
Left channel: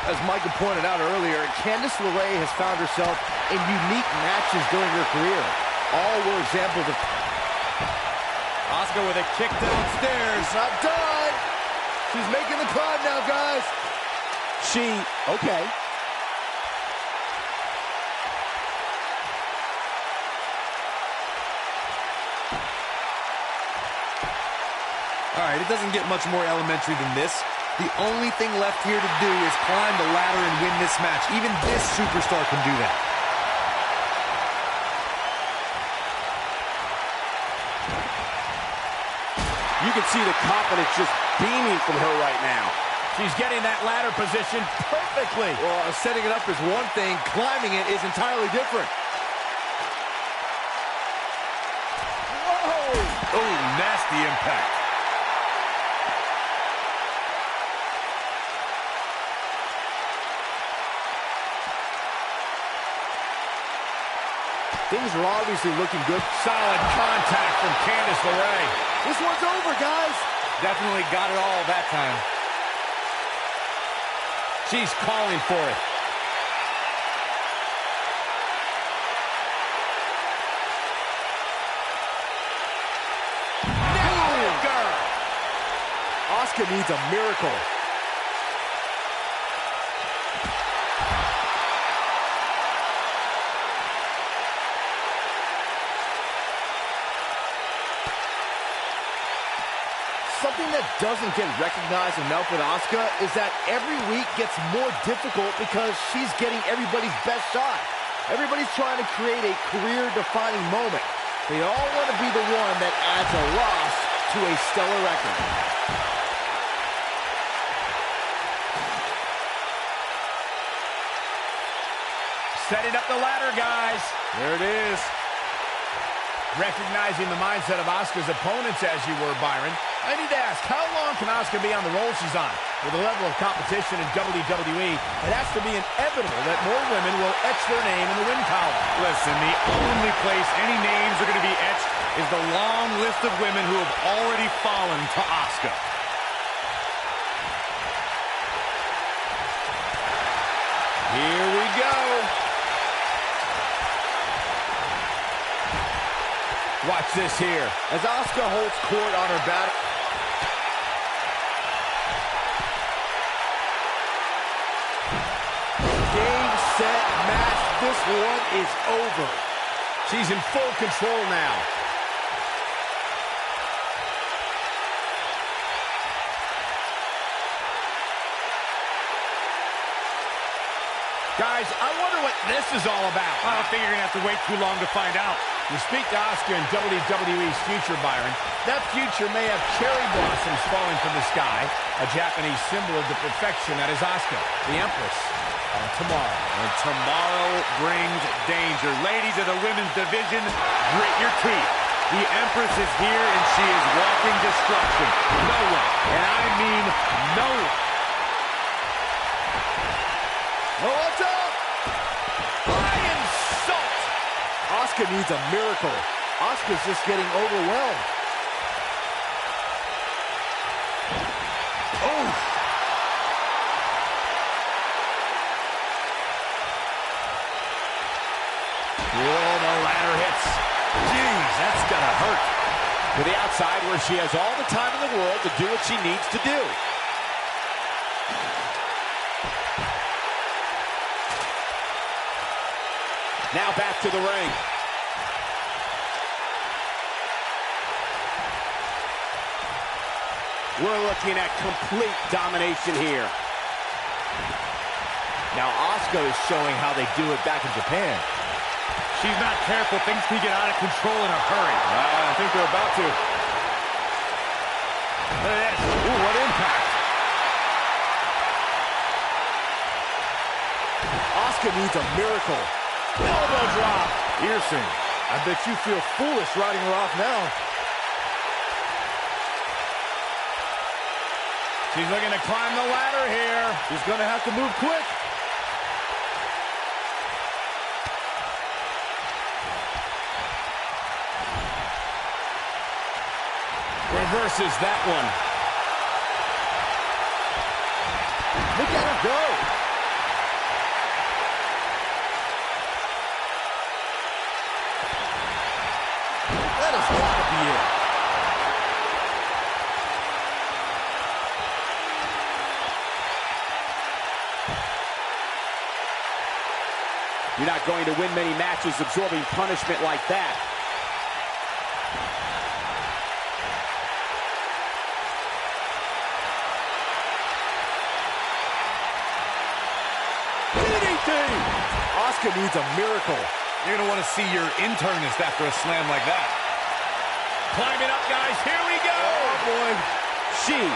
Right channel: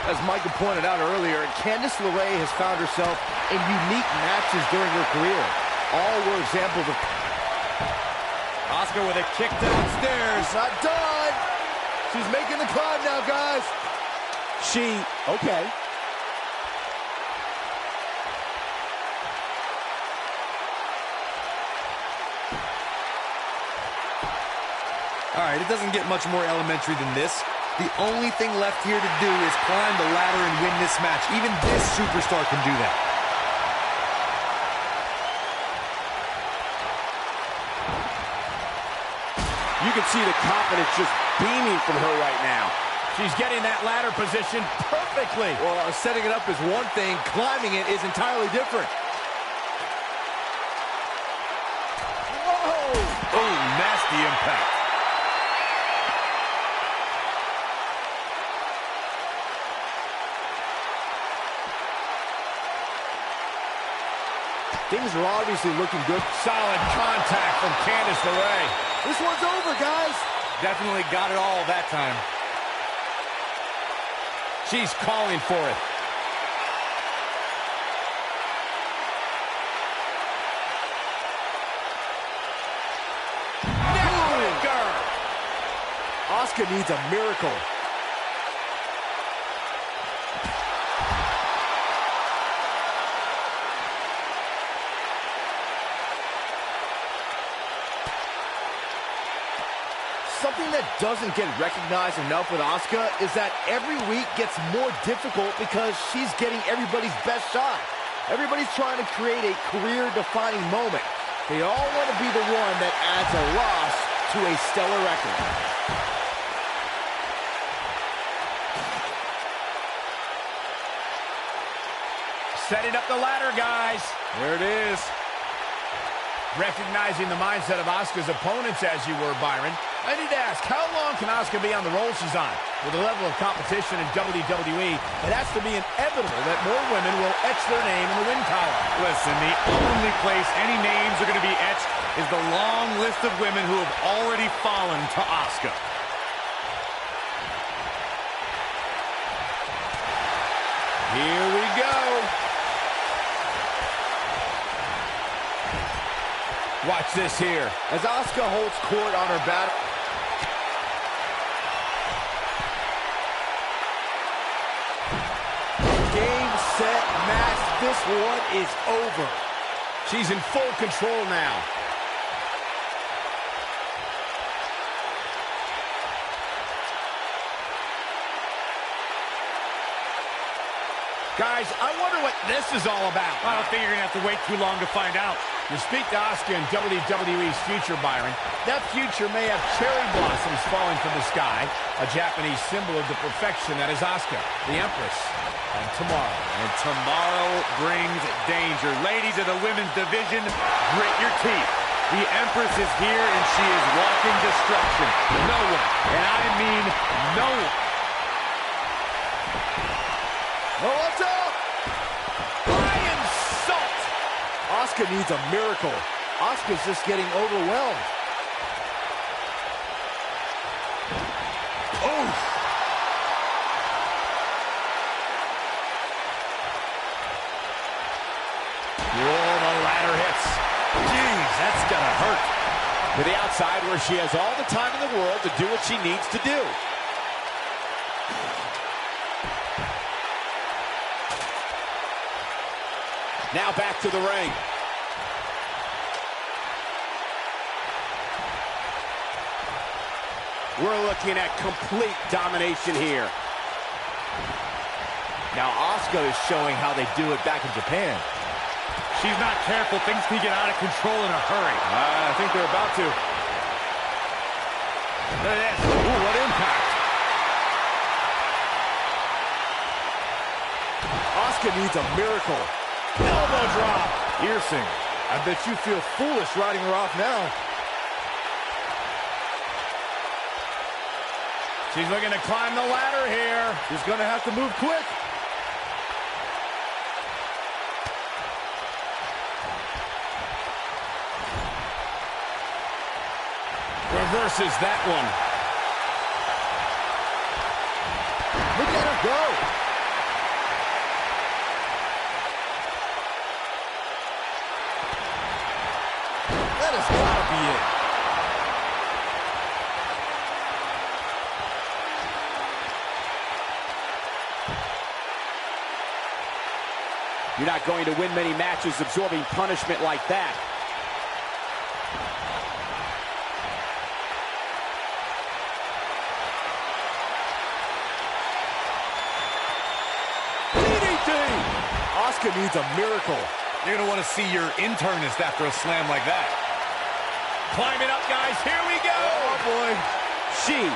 As Michael pointed out earlier, Candice LeRae has found herself in unique matches during her career. All were examples of... Asuka with a kick downstairs. It's not done. She's making the climb now, guys. Okay. All right, it doesn't get much more elementary than this. The only thing left here to do is climb the ladder and win this match. Even this superstar can do that. You can see the confidence just beaming from her right now. She's getting that ladder position perfectly. Well, setting it up is one thing. Climbing it is entirely different. Whoa! Oh, nasty impact. Things are obviously looking good. Solid contact from Candice LeRae. This one's over, guys. Definitely got it all that time. She's calling for it. Neckbreaker. Asuka needs a miracle. Something that doesn't get recognized enough with Asuka is that every week gets more difficult because she's getting everybody's best shot. Everybody's trying to create a career-defining moment. They all want to be the one that adds a loss to a stellar record. Setting up the ladder, guys. There it is. Recognizing the mindset of Asuka's opponents as you were, Byron, I need to ask, how long can Asuka be on the roll she's on? With the level of competition in WWE, it has to be inevitable that more women will etch their name in the win column. Listen, the only place any names are going to be etched is the long list of women who have already fallen to Asuka. Here we go. Watch this here. As Asuka holds court on her battle. Game, set, match. This one is over. She's in full control now. Guys, I wonder what this is all about. I don't think you're going to have to wait too long to find out. You speak to Asuka in WWE's future, Byron. That future may have cherry blossoms falling from the sky, a Japanese symbol of the perfection that is Asuka, the Empress, on tomorrow. And tomorrow brings danger. Ladies of the women's division, grit your teeth. The Empress is here, and she is walking destruction. No one, and I mean no one. Oh, what's up? Flying salt! Asuka needs a miracle. Asuka's just getting overwhelmed. Oh! Whoa, the ladder hits. Jeez, that's gonna hurt. To the outside where she has all the time in the world to do what she needs to do. Now back to the ring. We're looking at complete domination here. Now Asuka is showing how they do it back in Japan. She's not careful. Things can get out of control in a hurry. I think they're about to. Look at this. Ooh, what impact. Asuka needs a miracle. Elbow drop. Piercing. I bet you feel foolish riding her off now. She's looking to climb the ladder here. She's going to have to move quick. Reverses that one. Look at her go. That has got to be it. You're not going to win many matches absorbing punishment like that. Asuka needs a miracle. You're going to want to see your internist after a slam like that. Climbing up, guys. Here we go. Oh, boy. She.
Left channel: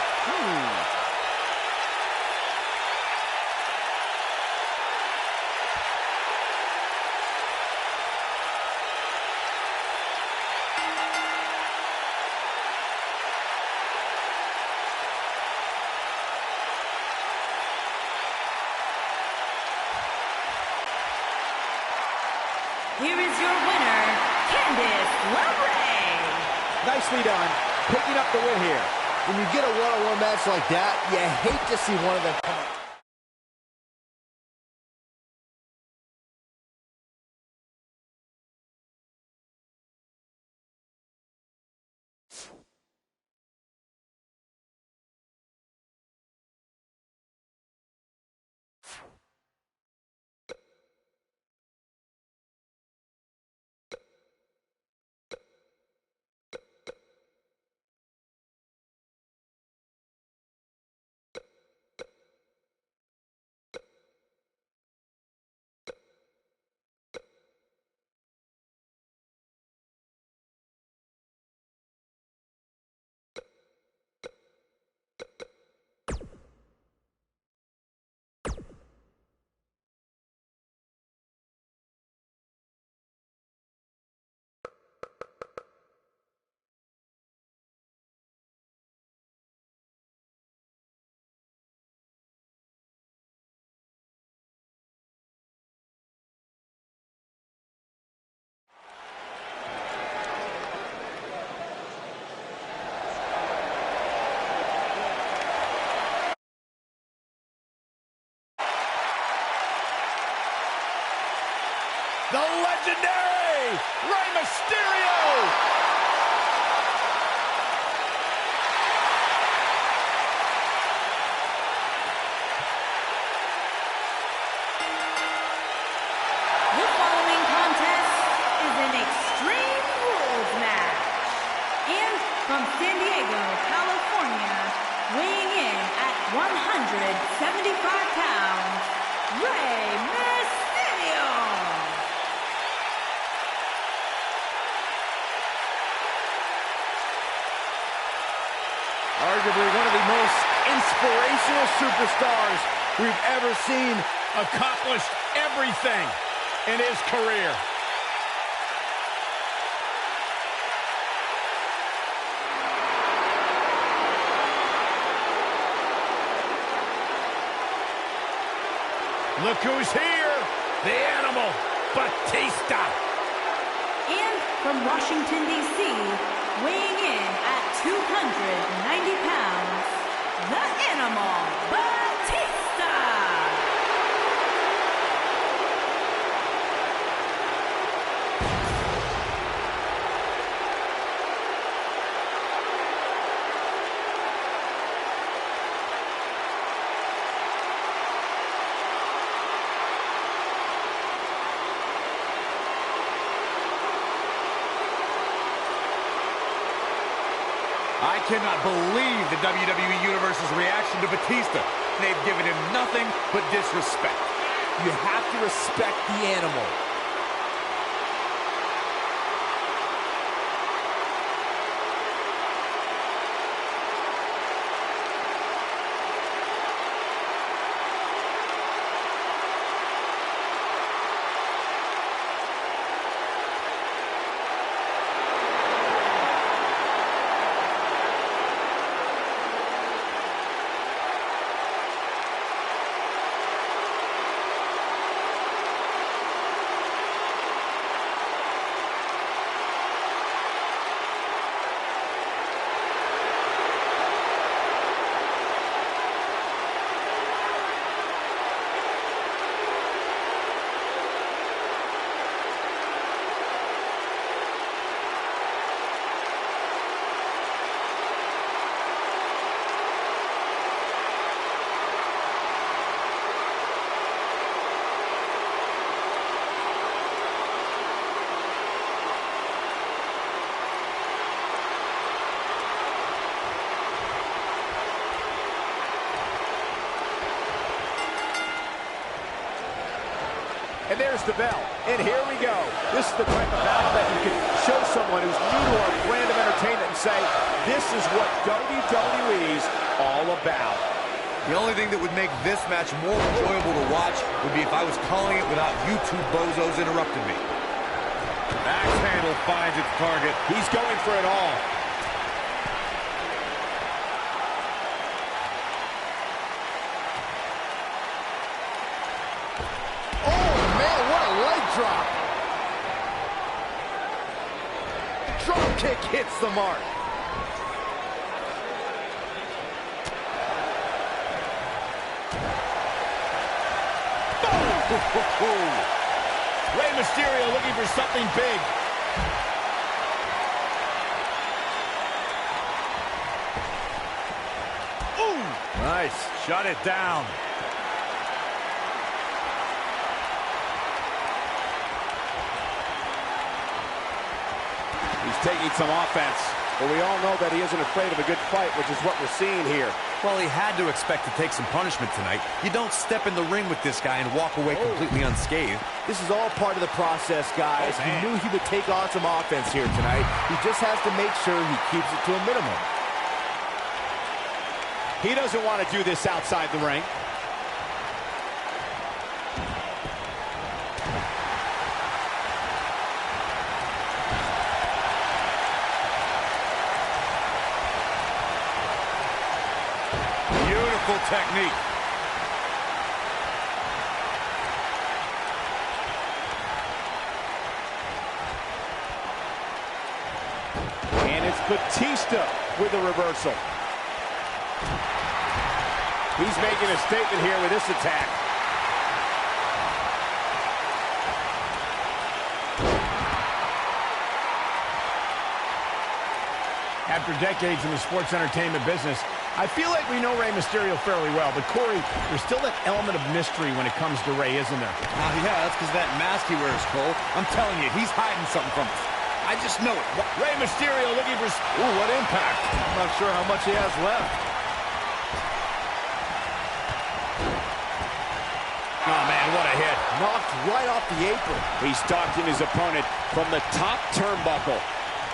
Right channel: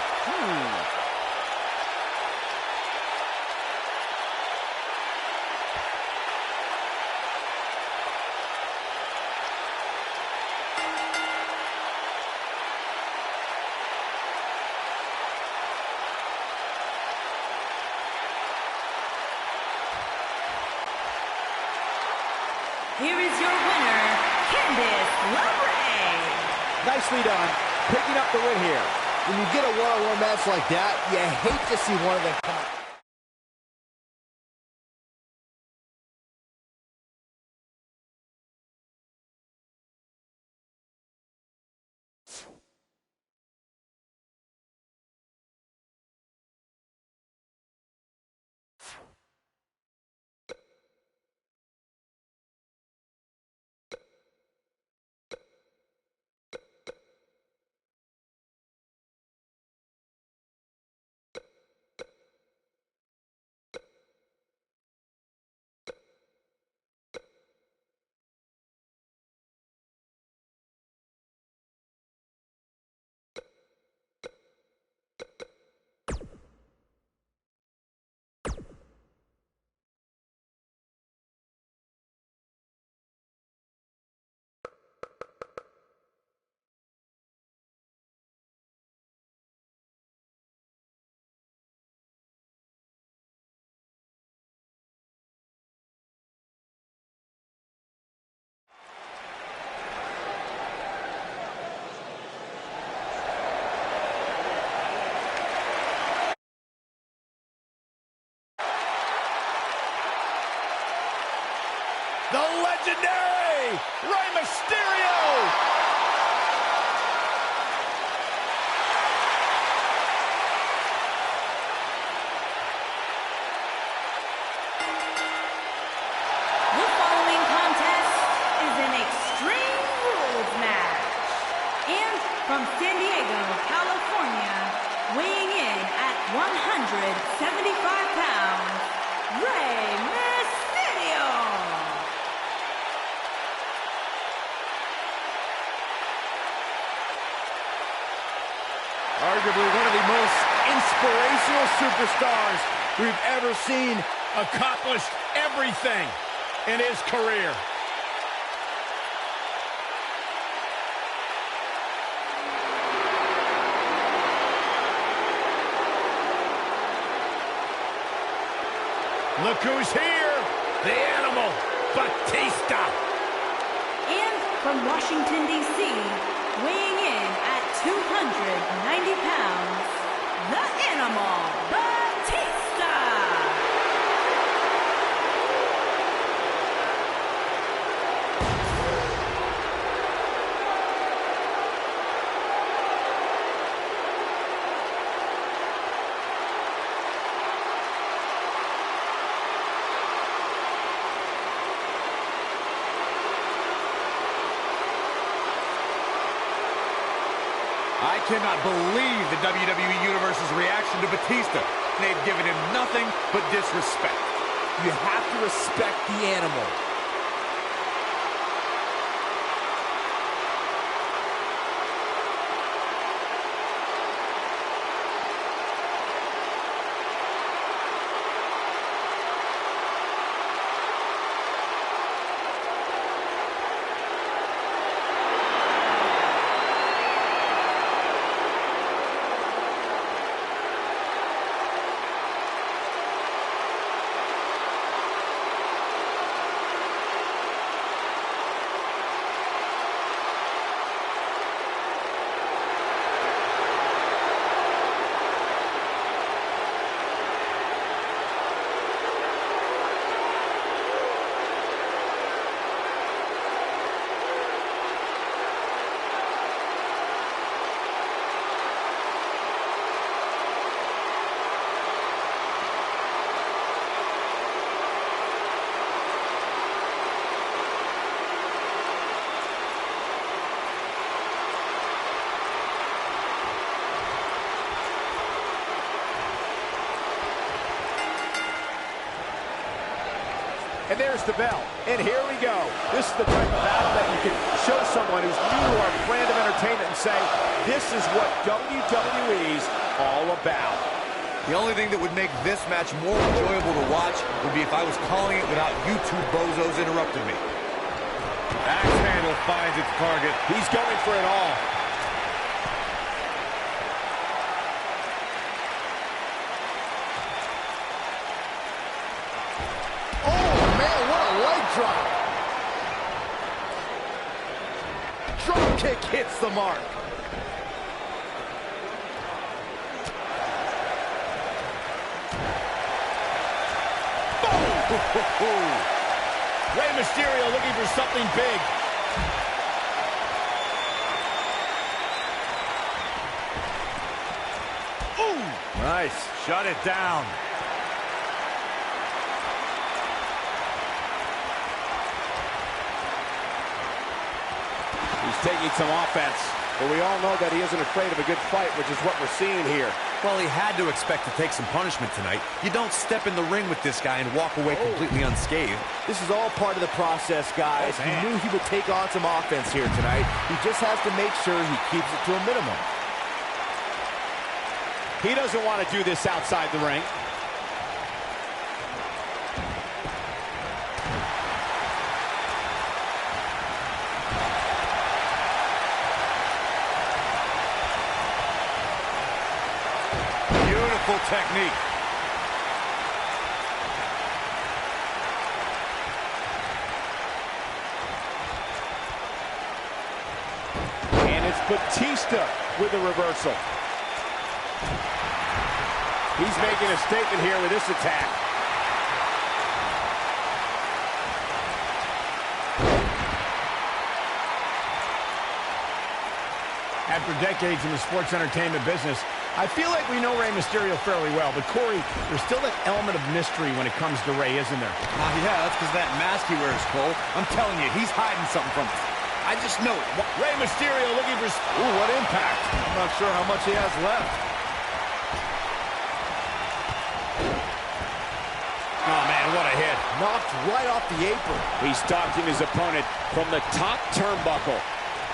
Here is your winner, Candice LeRae. Nicely done. Picking up the win here. When you get a one-on-one match like that, you hate to see one of them come up. the legendary Rey Mysterio. The following contest is an Extreme Rules match. And from San Diego, California, weighing in at 175 pounds, Rey Mysterio. Arguably one of the most inspirational superstars we've ever seen. Accomplished everything in his career. Look who's here, the Animal, Batista. And from Washington, D.C., weighing in at 290 pounds, the Animal, Batista. I cannot believe the WWE Universe's reaction to Batista. They've given him nothing but disrespect. You have to respect the Animal. And there's the bell. And here we go. This is the type of battle that you can show someone who's new to our brand of entertainment and say, this is what WWE's all about. The only thing that would make this match more enjoyable to watch would be if I was calling it without you two bozos interrupting me. Axe handle finds its target. He's going for it all. Leg drop. Drop kick hits the mark. Boom! Rey Mysterio looking for something big. Ooh! Nice. Shut it down. He's taking some offense, but we all know that he isn't afraid of a good fight, which is what we're seeing here. Well, he had to expect to take some punishment tonight. You don't step in the ring with this guy and walk away completely unscathed. This is all part of the process, guys. He knew he would take on some offense here tonight. He just has to make sure he keeps it to a minimum. He doesn't want to do this outside the ring. Beautiful technique. And it's Batista with a reversal. He's making a statement here with this attack. After decades in the sports entertainment business, I feel like we know Rey Mysterio fairly well, but Corey, there's still that element of mystery when it comes to Rey, isn't there? Yeah, that's because that mask he wears, Cole. I'm telling you, he's hiding something from us. I just know it. Rey Mysterio looking for... Ooh, what impact. I'm not sure how much he has left. Oh, man, what a hit. Knocked right off the apron. He's stalking his opponent from the top turnbuckle.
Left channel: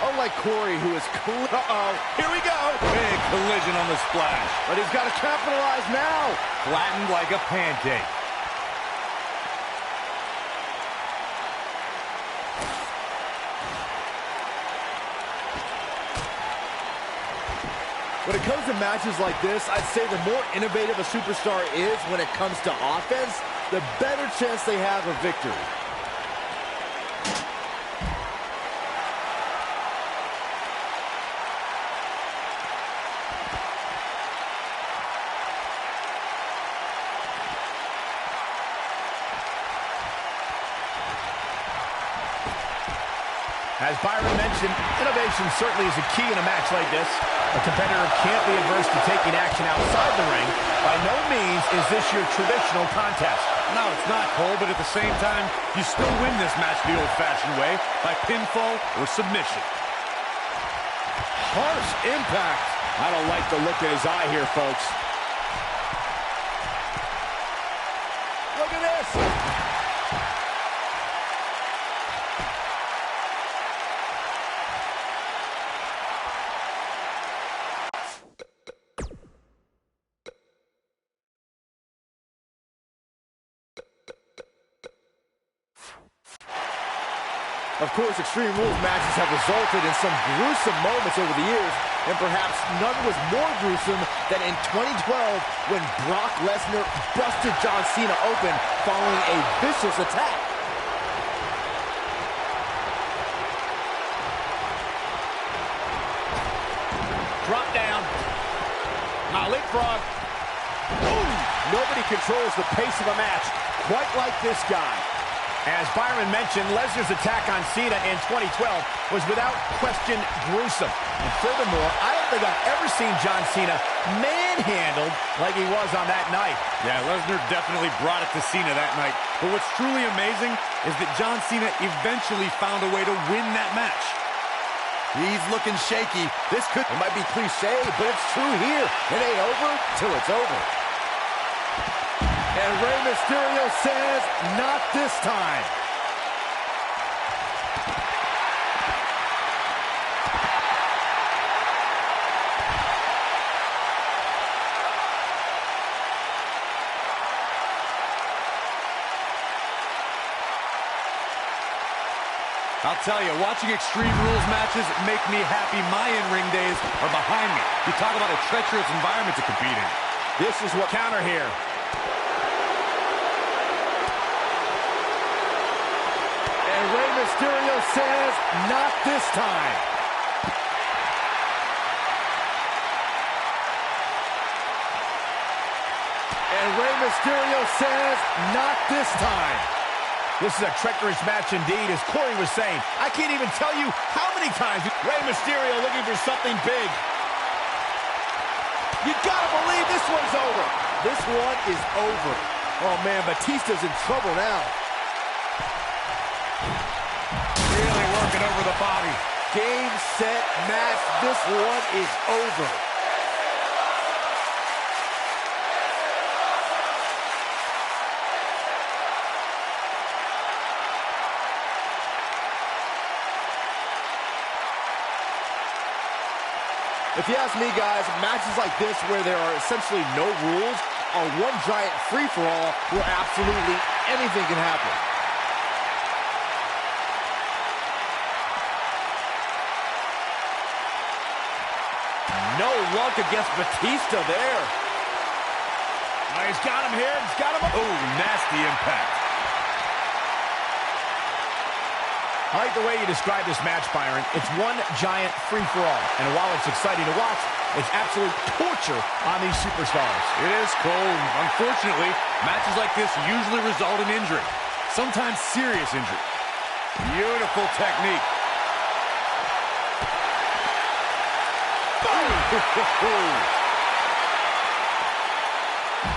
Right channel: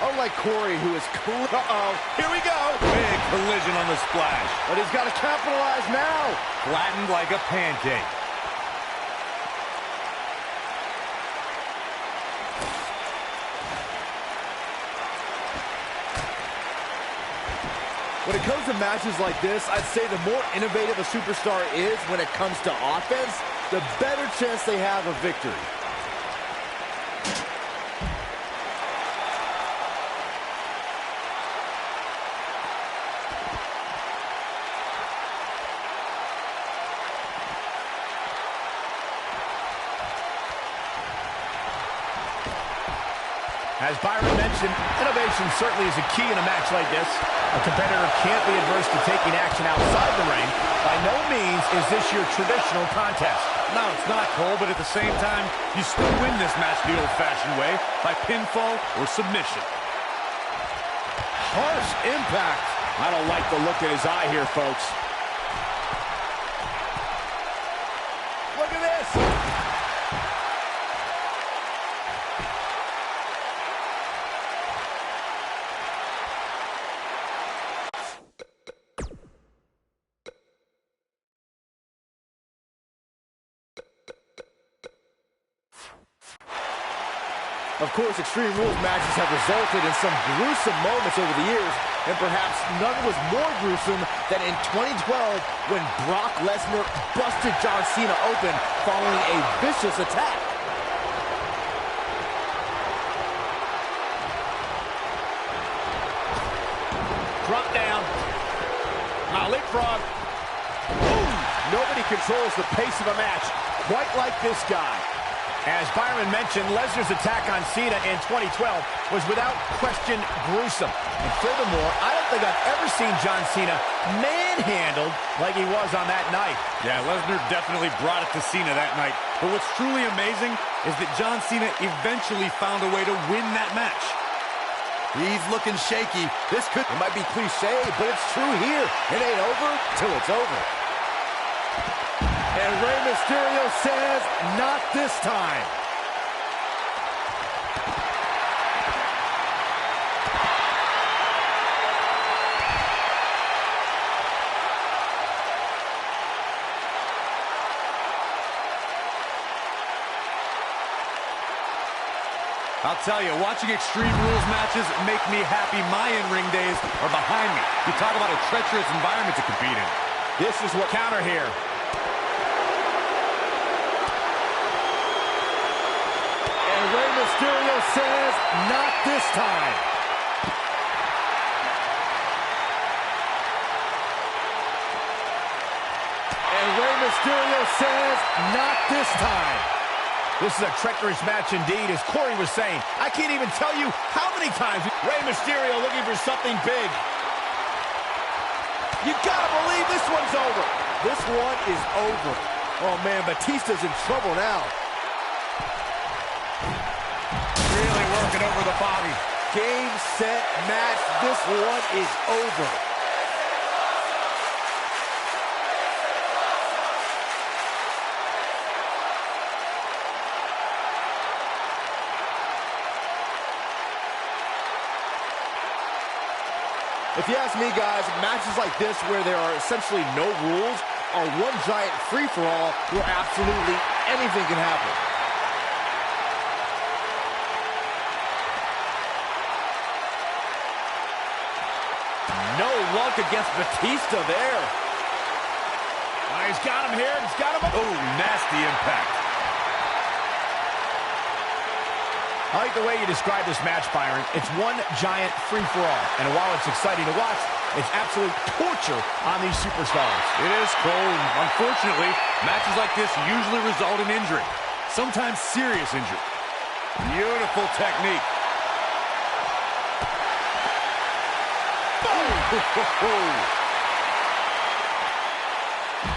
Unlike Corey, who is... Uh-oh, here we go. Big collision on the splash. But he's got to capitalize now. Flattened like a pancake. When it comes to matches like this, I'd say the more innovative a superstar is when it comes to offense, the better chance they have of victory. As Byron mentioned, innovation certainly is a key in a match like this. A competitor can't be adverse to taking action outside the ring. By no means is this your traditional contest. No, it's not, Cole, but at the same time, you still win this match the old-fashioned way, by pinfall or submission. Harsh impact. I don't like the look in his eye here, folks. Look at this. Of course, Extreme Rules matches have resulted in some gruesome moments over the years, and perhaps none was more gruesome than in 2012 when Brock Lesnar busted John Cena open following a vicious attack. Drop down. Now leapfrog. Boom! Nobody controls the pace of a match quite like this guy. As Byron mentioned, Lesnar's attack on Cena in 2012 was without question gruesome. And furthermore, I don't think I've ever seen John Cena manhandled like he was on that night. Yeah, Lesnar definitely brought it to Cena that night. But what's truly amazing is that John Cena eventually found a way to win that match. He's looking shaky. This could... It might be cliche, but it's true here. It ain't over till it's over. And Rey Mysterio says, not this time. I'll tell you, watching Extreme Rules matches make me happy. My in-ring days are behind me. You talk about a treacherous environment to compete in. This is what counter here. And Rey Mysterio says, not this time. And Rey Mysterio says, not this time. This is a treacherous match indeed, as Corey was saying. I can't even tell you how many times Rey Mysterio looking for something big. You gotta believe this one's over. This one is over. Oh man, Batista's in trouble now. Really working over the body. Game, set, match. This one is over. If you ask me, guys, matches like this where there are essentially no rules are one giant free-for-all where absolutely anything can happen. No luck against Batista there. Oh, he's got him here. He's got him. Oh, nasty impact. I like the way you describe this match, Byron. It's one giant free-for-all. And while it's exciting to watch, it's absolute torture on these superstars. It is, Cole. And unfortunately, matches like this usually result in injury. Sometimes serious injury. Beautiful technique.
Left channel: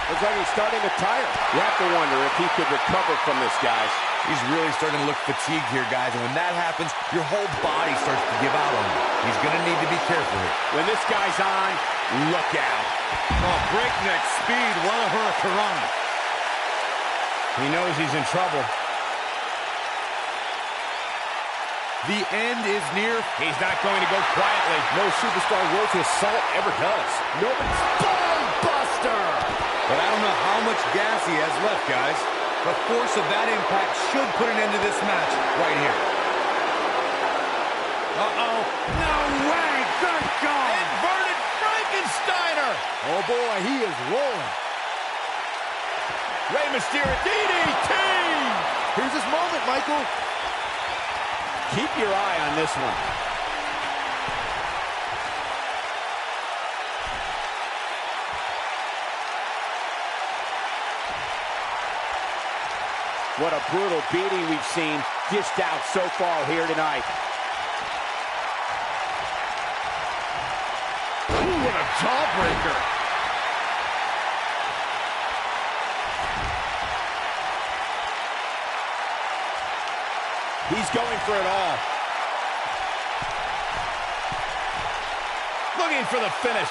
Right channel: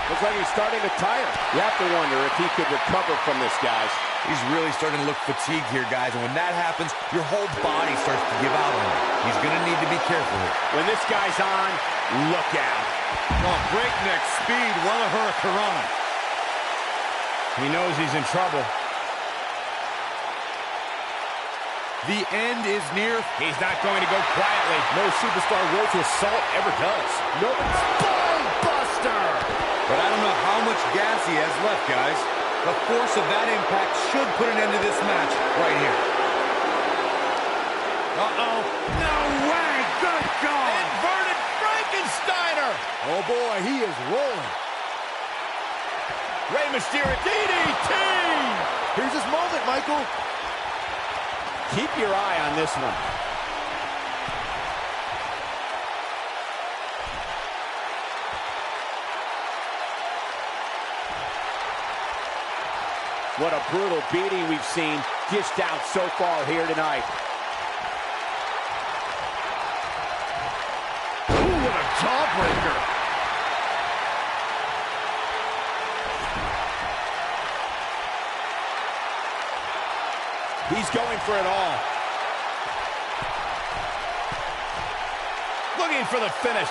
Looks like he's starting to tire. You have to wonder if he could recover from this, guys. He's really starting to look fatigued here, guys, and when that happens, your whole body starts to give out on you. He's going to need to be careful here. When this guy's on, look out. Oh, breakneck speed, what a hurricanrana. He knows he's in trouble. The end is near. He's not going to go quietly. No superstar worth his salt ever does. Nobody's spine buster. But I don't know how much gas he has left, guys. The force of that impact should put an end to this match right here. Uh-oh. No way. Good God. Inverted Frankensteiner. Oh, boy, he is rolling. Rey Mysterio, DDT. Here's his moment, Michael. Keep your eye on this one. What a brutal beating we've seen dished out so far here tonight. Ooh, what a jawbreaker. He's going for it all. Looking for the finish.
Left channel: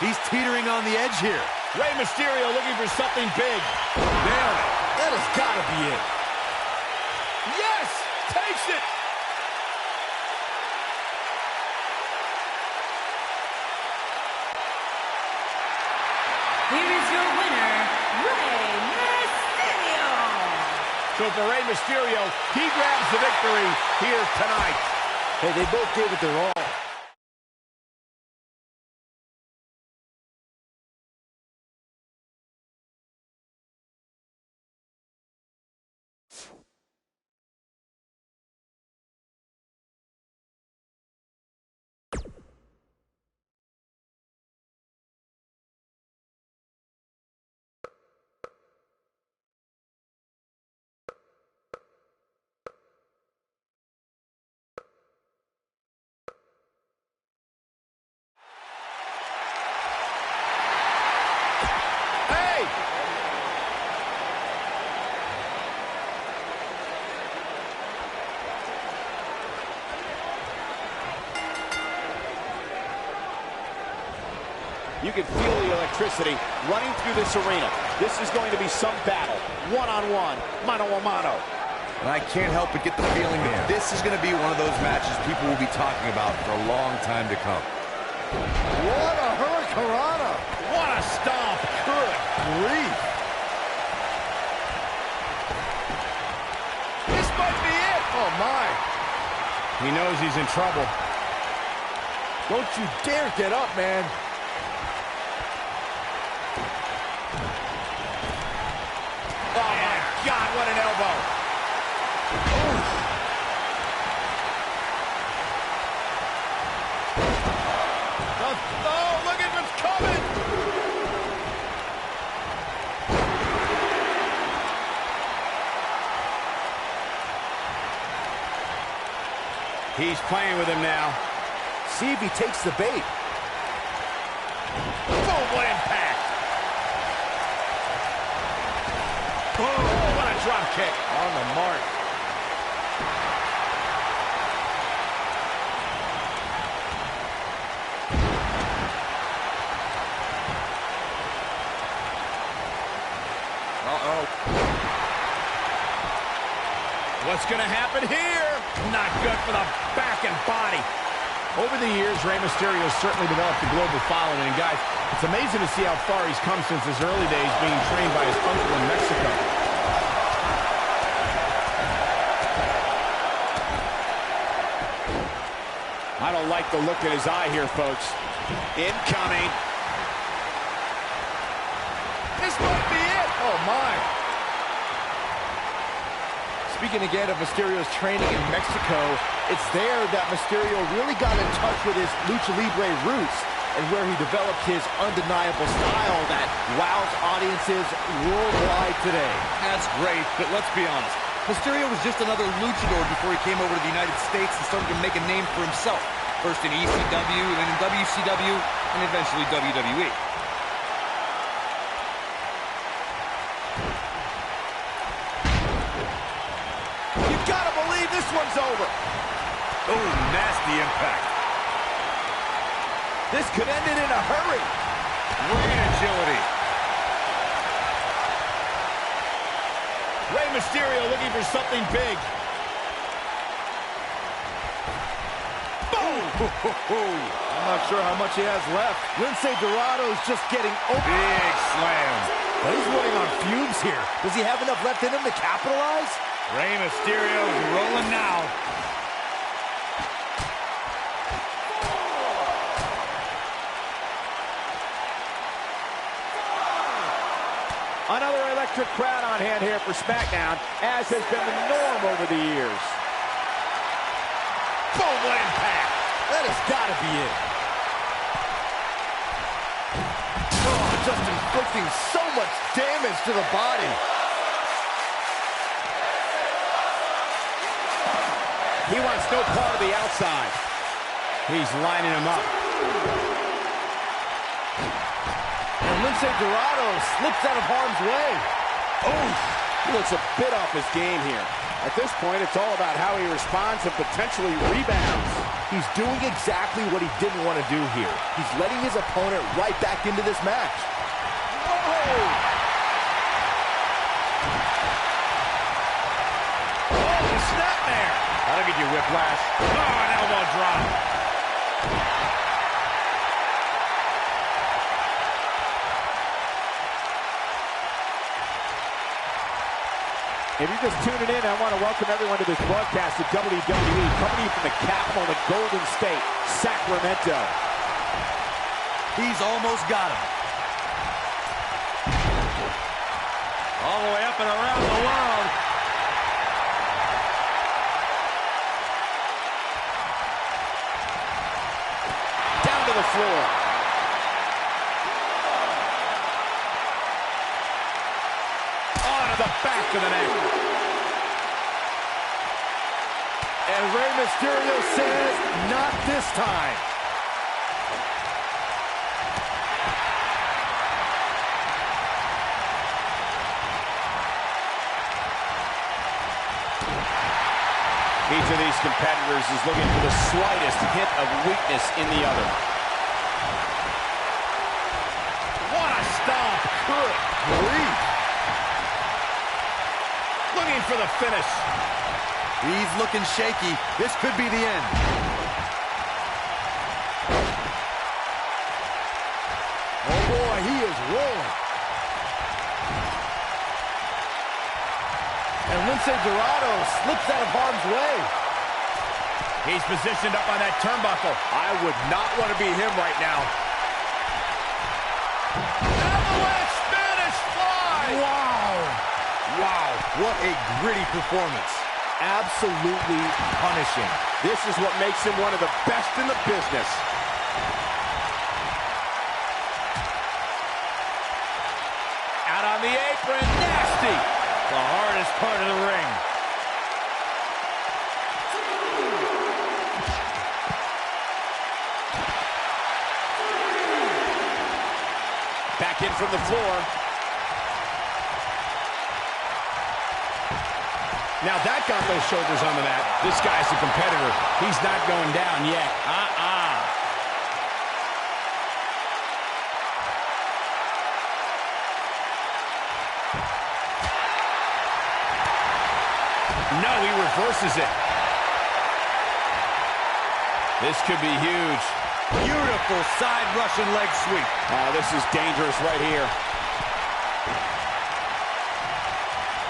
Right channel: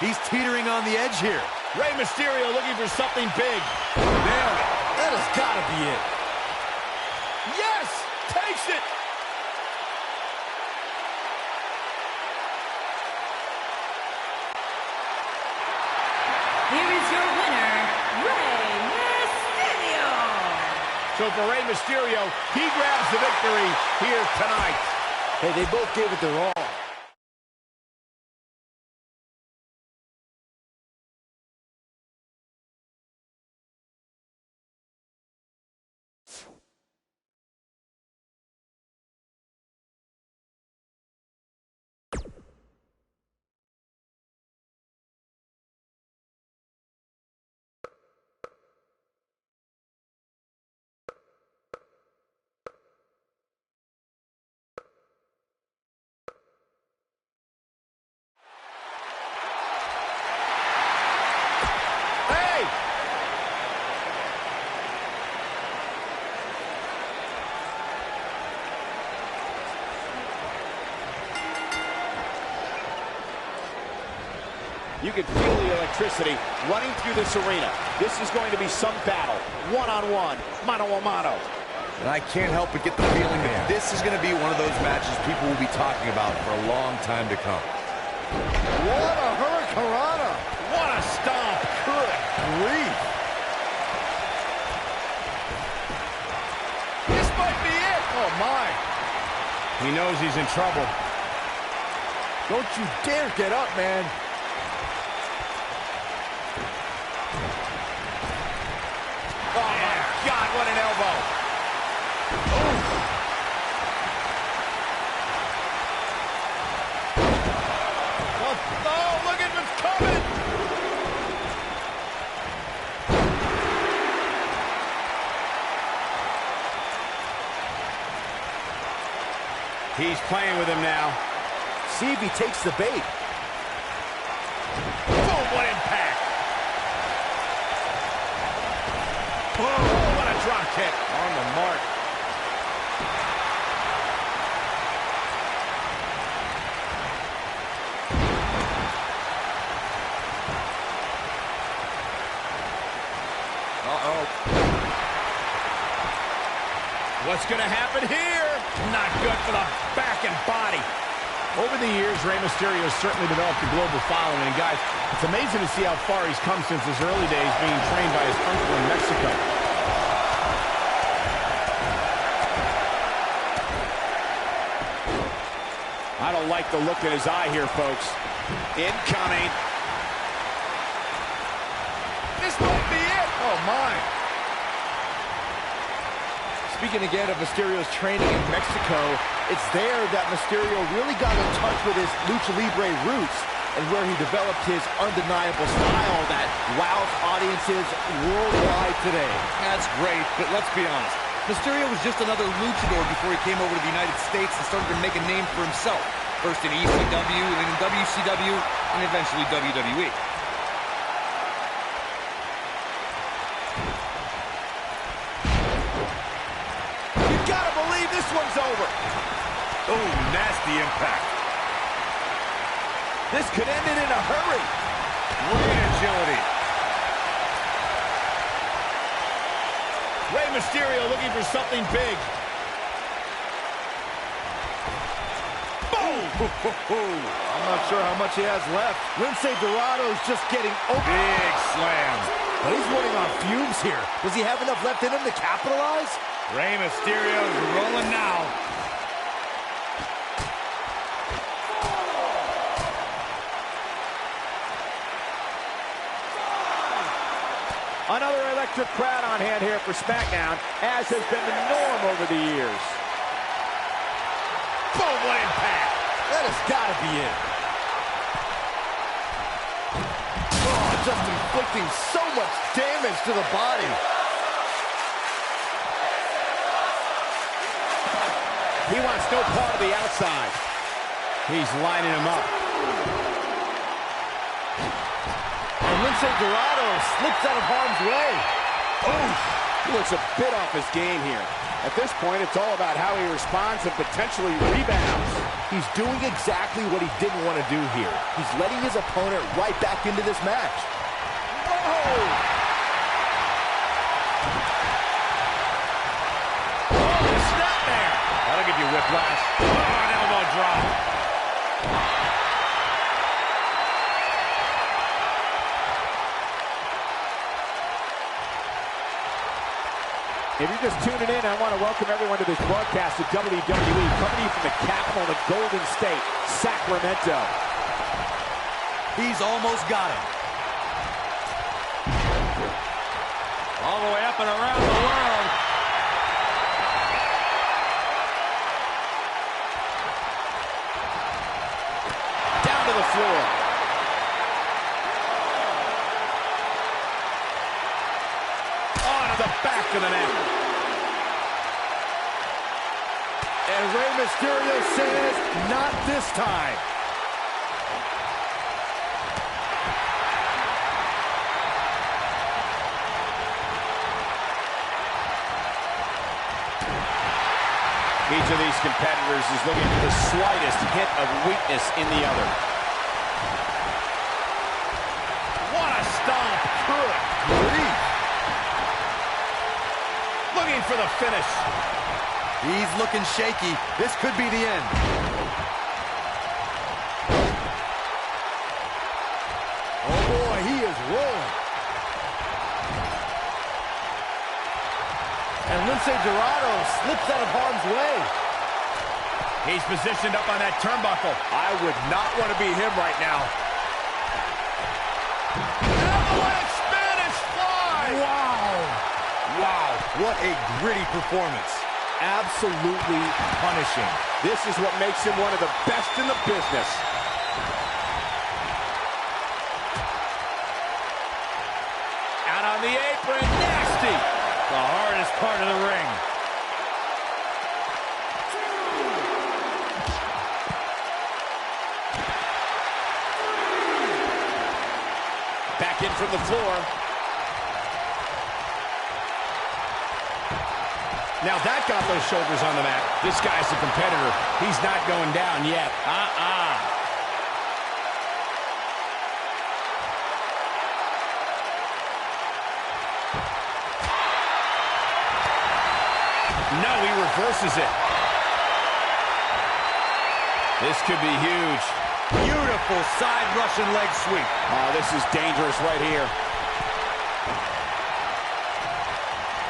He's teetering on the edge here. Rey Mysterio looking for something big. Nailed it. That has got to be it. Yes! Takes it! Here is your winner, Rey Mysterio. So for Rey Mysterio, he grabs the victory here tonight. Hey, they both gave it their all. Hey! You can feel the electricity running through this arena. This is going to be some battle. One-on-one, mano-a-mano. And I can't help but get the feeling that this is going to be one of those matches people will be talking about for a long time to come. What a hurricanrana. What a stomp. Good grief. This might be it. Oh, my. He knows he's in trouble. Don't you dare get up, man. Oh, my God, what an elbow. Oh, look at what's coming. He's playing with him now. See if he takes the bait. Boom, what impact. Oh, what a drop kick. On the mark. Uh-oh. What's going to happen here? Not good for the back and body. Over the years, Rey Mysterio has certainly developed a global following. And guys, it's amazing to see how far he's come since his early days being trained by his uncle in Mexico. I don't like the look in his eye here, folks. Incoming. This might be it. Oh, my. Speaking again of Mysterio's training in Mexico, it's there that Mysterio really got in touch with his Lucha Libre roots and where he developed his undeniable style that wows audiences worldwide today. That's great, but let's be honest. Mysterio was just another luchador before he came over to the United States and started to make a name for himself. first in ECW, then in WCW, and eventually WWE. You gotta believe this one's over. Oh, nasty impact. This could end it in a hurry. Great agility. Rey Mysterio looking for something big. I'm not sure how much he has left. Lince Dorado's just getting open. Big slam. But he's running on fumes here. Does he have enough left in him to capitalize? Rey Mysterio's rolling now. Another electric crowd on hand here for SmackDown, as has been the norm over the years. Boom, what impact! That has got to be it. Oh, just inflicting so much damage to the body. He wants no part of the outside. He's lining him up. And Lince Dorado slips out of harm's way. Oh, he looks a bit off his game here. At this point, it's all about how he responds and potentially rebounds. He's doing exactly what he didn't want to do here. He's letting his opponent right back into this match. Whoa! Oh, the snapmare! That'll get you whiplash. Oh, an elbow drop. If you're just tuning in, I want to welcome everyone to this broadcast of WWE, coming to you from the capital of the Golden State, Sacramento. He's almost got him. All the way up and around the world. Down to the floor. The back of the neck. And Rey Mysterio says, not this time. Each of these competitors is looking for the slightest hint of weakness in the other. What a stomp. Good grief. Looking for the finish. He's looking shaky. This could be the end. Oh boy, he is rolling. And Lince Dorado slips out of harm's way. He's positioned up on that turnbuckle. I would not want to be him right now. Avalanche Spanish fly. Wow. Wow, what a gritty performance. Absolutely punishing. This is what makes him one of the best in the business. Out on the apron, nasty. The hardest part of the ring. Back in from the floor. Now that got those shoulders on the mat. This guy's a competitor. He's not going down yet. No, he reverses it. This could be huge. Beautiful side Russian leg sweep. Oh, this is dangerous right here.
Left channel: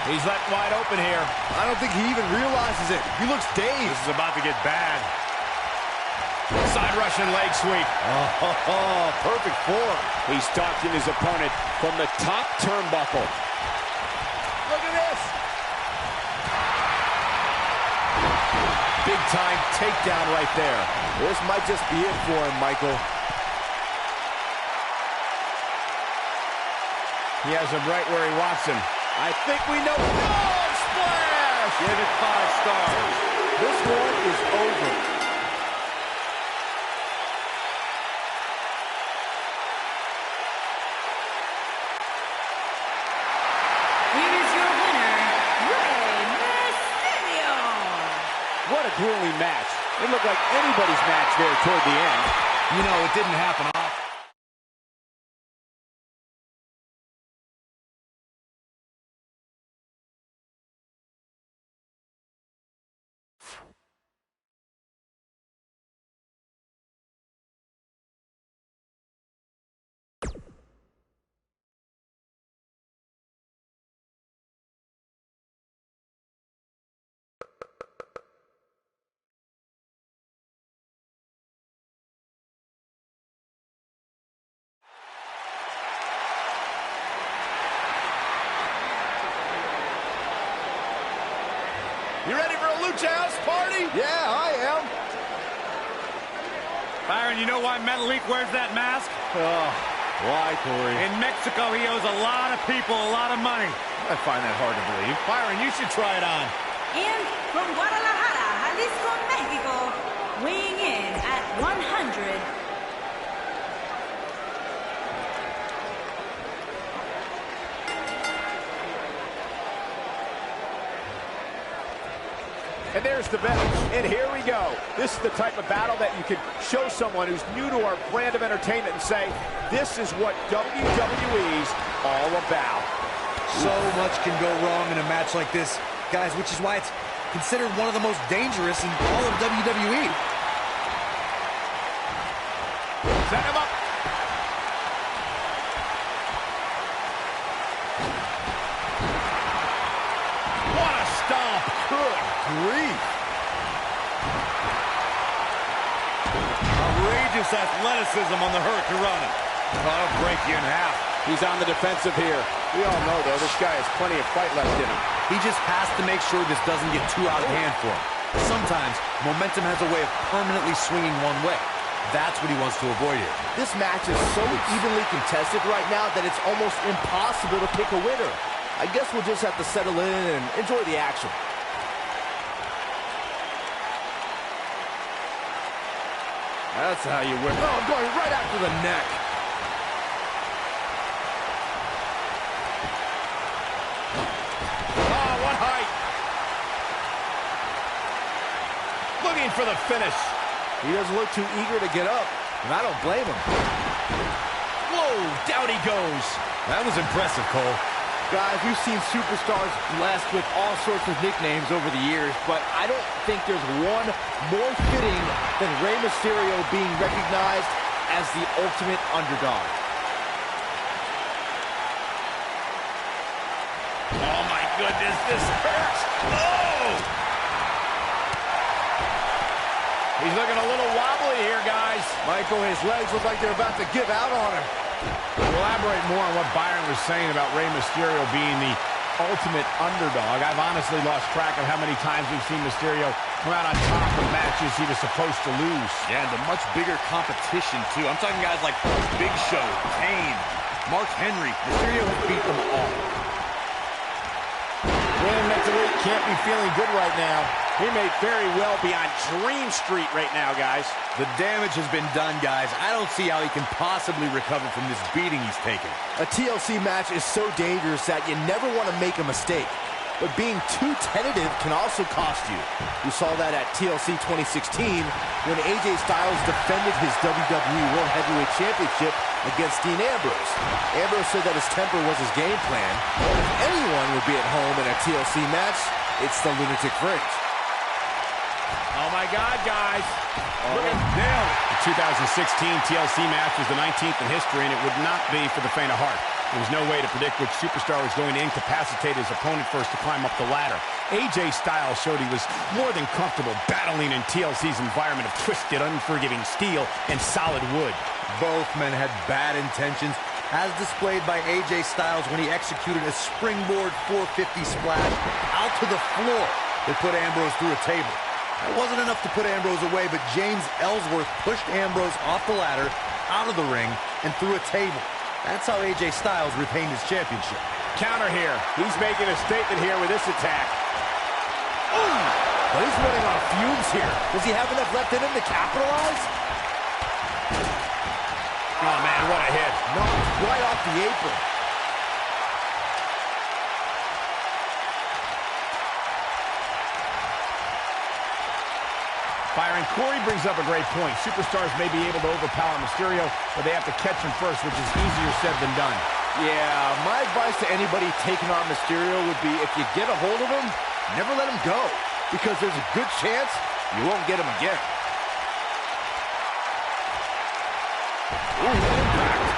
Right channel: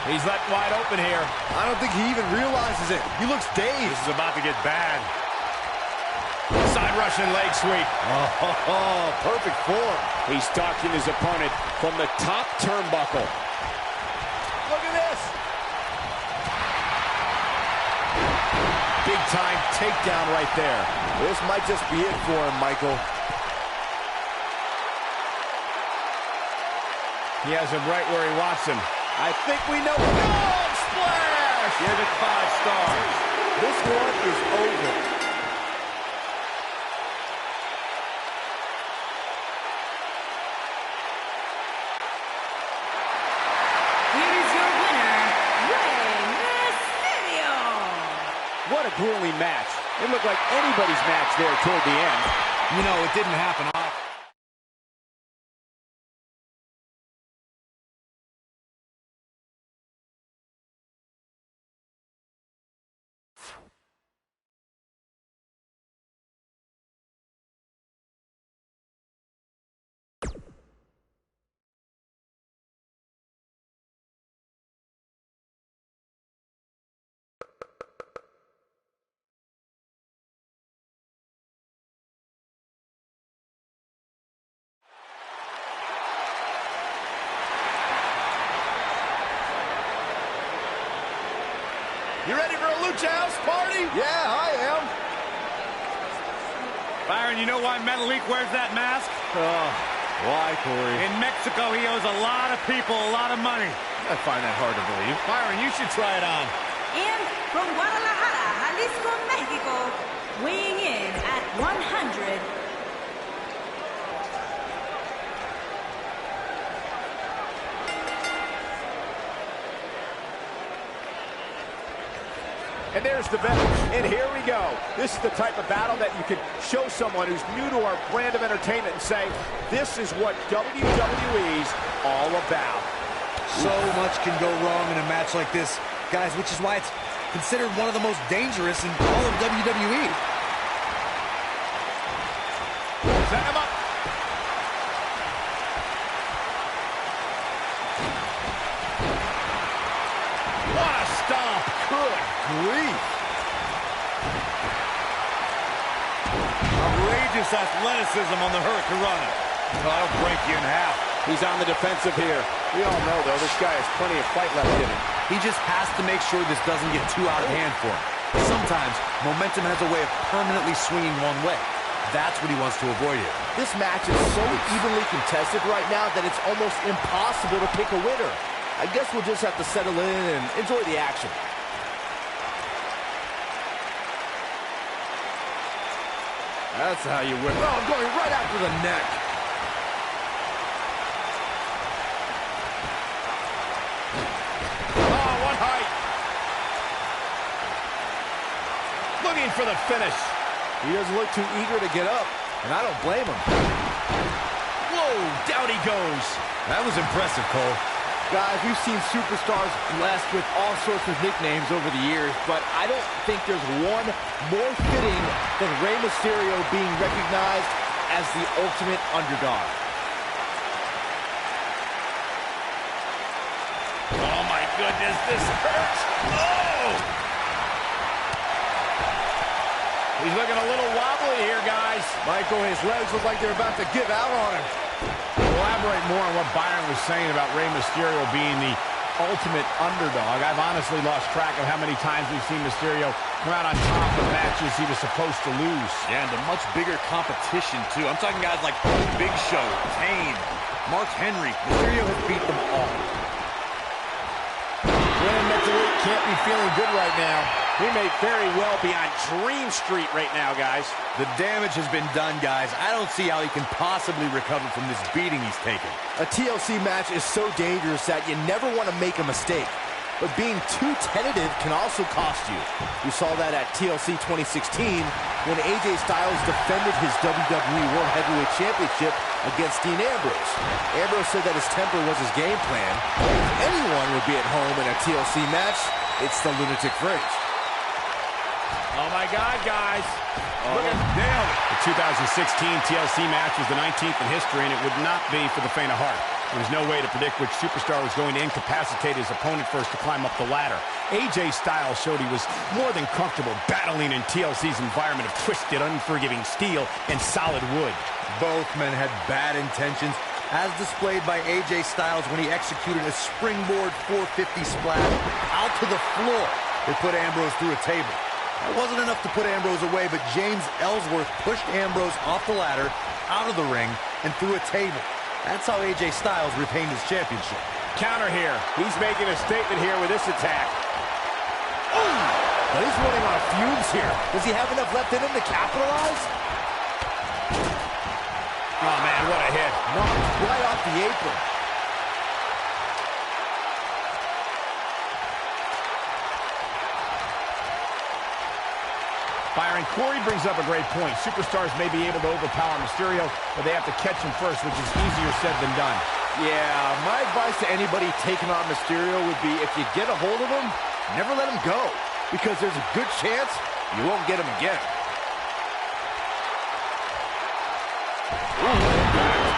He's left wide open here. I don't think he even realizes it. He looks dazed. This is about to get bad. Side Russian leg sweep. Oh, perfect form. He's stalking his opponent from the top turnbuckle. Look at this. Big time takedown right there. This might just be it for him, Michael. He has him right where he wants him. I think we know. Oh, splash! Give it 5 stars. This one is over. a grueling match. It looked like anybody's match there toward the end. You know, it didn't happen often. You ready for a Lucha House party? Yeah, I am. Byron, you know why Metalik wears that mask? Oh, why, Corey? In Mexico, he owes a lot of people a lot of money. I find that hard to believe. Byron, you should try it on. And from Guadalajara, Jalisco, Mexico, weighing in at 100. And there's the bell. And here we go. This is the type of battle that you can show someone who's new to our brand of entertainment and say, this is what WWE's all about. So much can go wrong in a match like this, guys, which is why it's considered one of the most dangerous in all of WWE. Set him up. What a stomp. Good grief. Outrageous athleticism on the Hurricanrana. That'll break you in half. He's on the defensive here. We all know, though, this guy has plenty of fight left in him. He just has to make sure this doesn't get too out of hand for him. Sometimes, momentum has a way of permanently swinging one way. That's what he wants to avoid here. This match is so evenly contested right now that it's almost impossible to pick a winner. I guess we'll just have to settle in and enjoy the action. That's how you win. Oh, I'm going right after the neck. Oh, what height. Looking for the finish. He doesn't look too eager to get up, and I don't blame him. Whoa, down he goes. That was impressive, Cole. Guys, we've seen superstars blessed with all sorts of nicknames over the years, but I don't think there's one more fitting than Rey Mysterio being recognized as the ultimate underdog. Oh, my goodness, this hurts. Oh! He's looking a little wobbly here, guys. Michael, his legs look like they're about to give out on him. To elaborate more on what Byron was saying about Rey Mysterio being the ultimate underdog, I've honestly lost track of how many times we've seen Mysterio come out on top of matches he was supposed to lose. Yeah, and to much bigger competition, too. I'm talking guys like Big Show, Kane, Mark Henry. Mysterio has beat them all. Brandon Metalik can't be feeling good right now. He may very well be on Dream Street right now, guys. The damage has been done, guys. I don't see how he can possibly recover from this beating he's taken. A TLC match is so dangerous that you never want to make a mistake. But being too tentative can also cost you. We saw that at TLC 2016 when AJ Styles defended his WWE World Heavyweight Championship against Dean Ambrose. Ambrose said that his temper was his game plan. If anyone would be at home in a TLC match, it's the Lunatic Fringe. Oh, my God, guys. Look at nailed it. The 2016 TLC match was the 19th in history, and it would not be for the faint of heart. There was no way to predict which superstar was going to incapacitate his opponent first to climb up the ladder. AJ Styles showed he was more than comfortable battling in TLC's environment of twisted, unforgiving steel and solid wood. Both men had bad intentions, as displayed by AJ Styles when he executed a springboard 450 splash out to the floor that put Ambrose through a table. That wasn't enough to put Ambrose away, but James Ellsworth pushed Ambrose off the ladder, out of the ring, and through a table. That's how AJ Styles retained his championship. Counter here. He's making a statement here with this attack. Ooh, but he's running on fumes here. Does he have enough left in him to capitalize? Oh, man, what a hit. Knocked right off the apron. Byron, Corey brings up a great point. Superstars may be able to overpower Mysterio, but they have to catch him first, which is easier said than done. Yeah, my advice to anybody taking on Mysterio would be if you get a hold of him, never let him go, because there's a good chance you won't get him again. Ooh, what impact.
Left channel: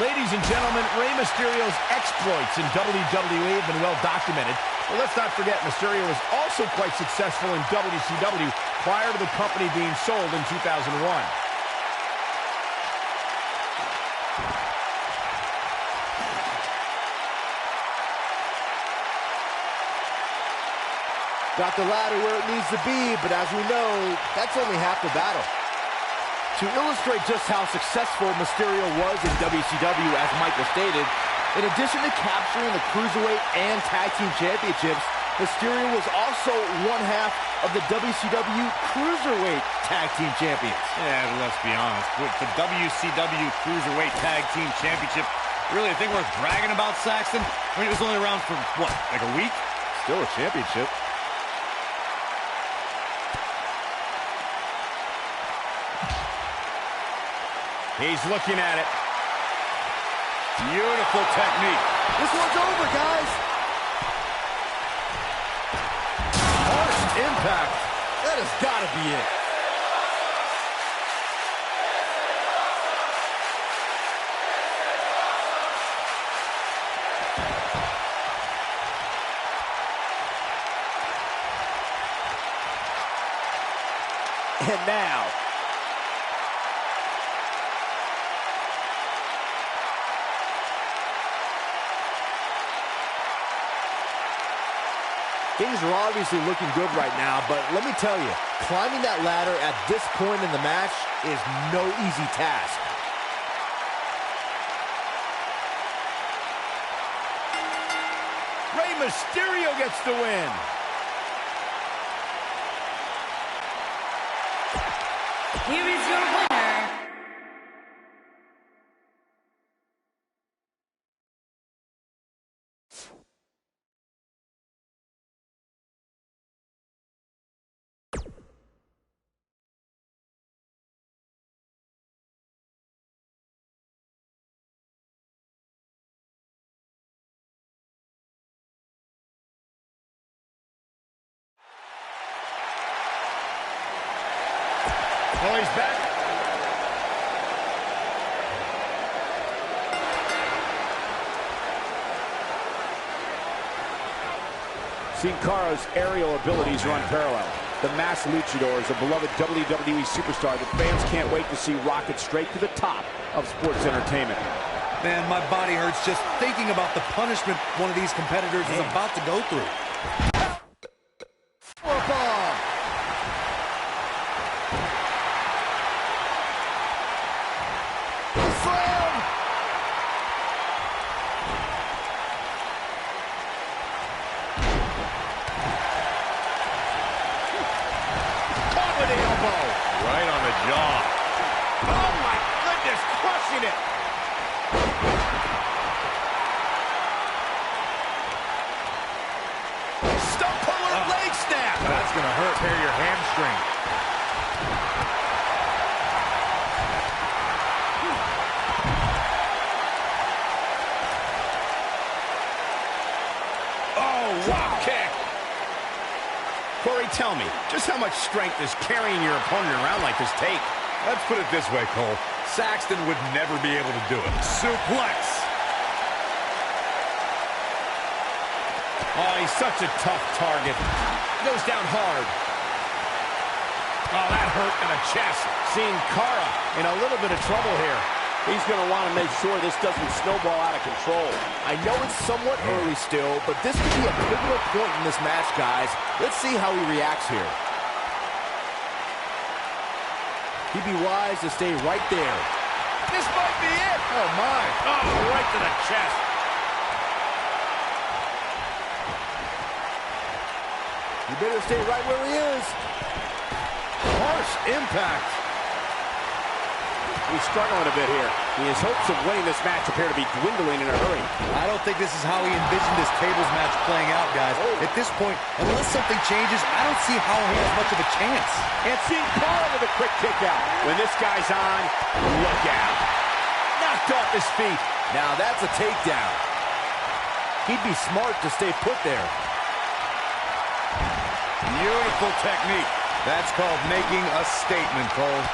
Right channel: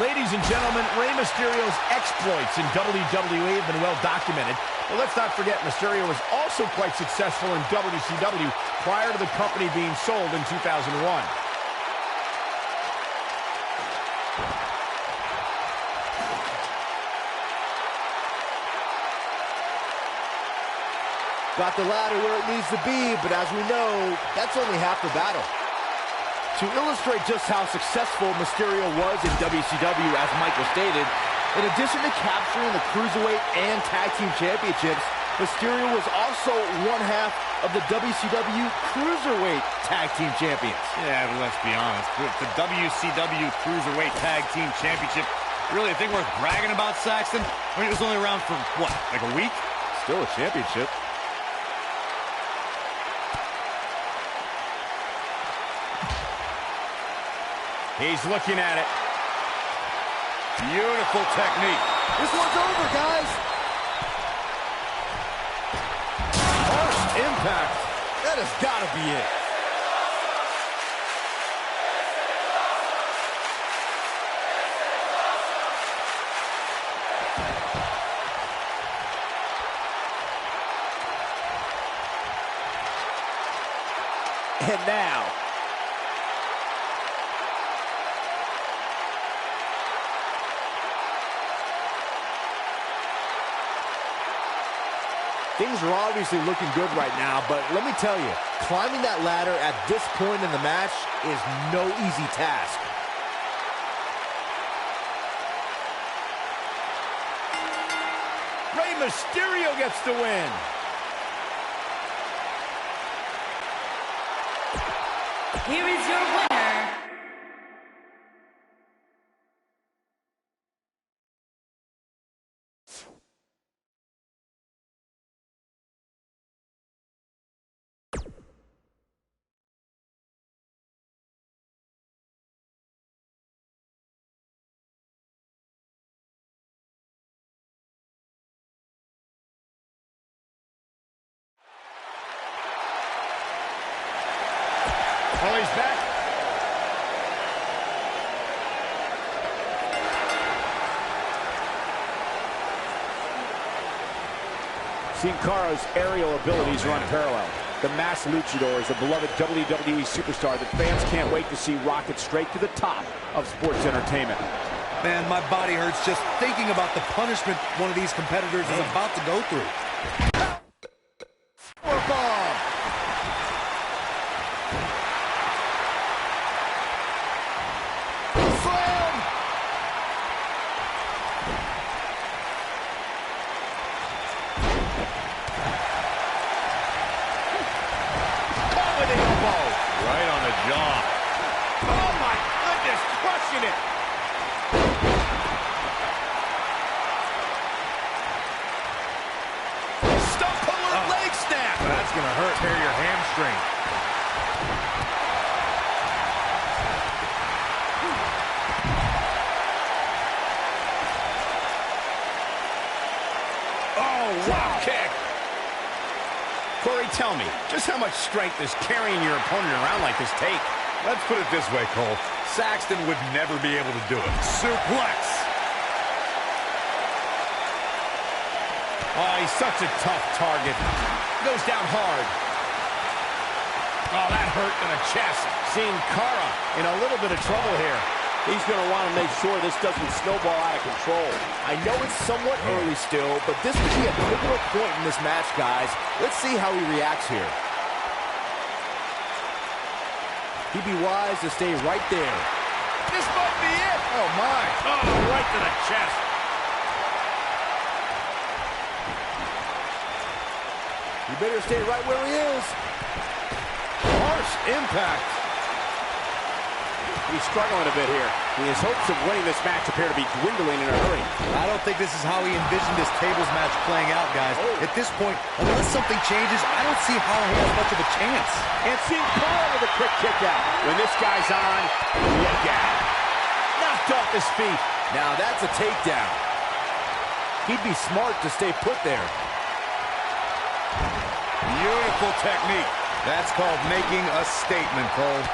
Ladies and gentlemen, Rey Mysterio's exploits in WWE have been well documented. But let's not forget, Mysterio was also quite successful in WCW prior to the company being sold in 2001. Got the ladder where it needs to be, but as we know, that's only half the battle. To illustrate just how successful Mysterio was in WCW, as Michael stated, in addition to capturing the Cruiserweight and Tag Team Championships, Mysterio was also one half of the WCW Cruiserweight Tag Team Champions. Yeah, but let's be honest. With the WCW Cruiserweight Tag Team Championship, really a thing worth bragging about, Saxton? I mean, it was only around for, what, like a week? Still a championship. He's looking at it. Beautiful technique. This one's over, guys. Harsh impact. That has got to be it. And now, things are obviously looking good right now, but let me tell you, climbing that ladder at this point in the match is no easy task. Rey Mysterio gets the win. Here is your winner, Well, he's back. Sin Cara's aerial abilities are unparalleled. The Masked Luchador is a beloved WWE superstar that fans can't wait to see rocket straight to the top of sports entertainment. Man, my body hurts just thinking about the punishment one of these competitors is about to go through. Powerbomb. Slam. Caught with the elbow. Right on the jaw. Oh, my goodness, crushing it. Stump puller leg snap. That's going to hurt. Tear your hamstring. Oh, wow, kick. Corey, tell me, just how much strength does carrying your opponent around like this take? Let's put it this way, Cole. Saxton would never be able to do it. Suplex. Oh, he's such a tough target. Goes down hard. Oh, that hurt in the chest. Seeing Cara in a little bit of trouble here. He's going to want to make sure this doesn't snowball out of control. I know it's somewhat early still, but this could be a pivotal point in this match, guys. Let's see how he reacts here. He'd be wise to stay right there. This might be it. Oh, my. Oh, right to the chest. You better stay right where he is. Harsh impact. He's struggling a bit here. His hopes of winning this match appear to be dwindling in a hurry. I don't think this is how he envisioned this tables match playing out, guys. At this point, unless something changes, I don't see how he has much of a chance. And Sin Cara with a quick kick out. When this guy's on, look out. Knocked off his feet. Now that's a takedown. He'd be smart to stay put there. Beautiful technique. That's called making a statement, Cole.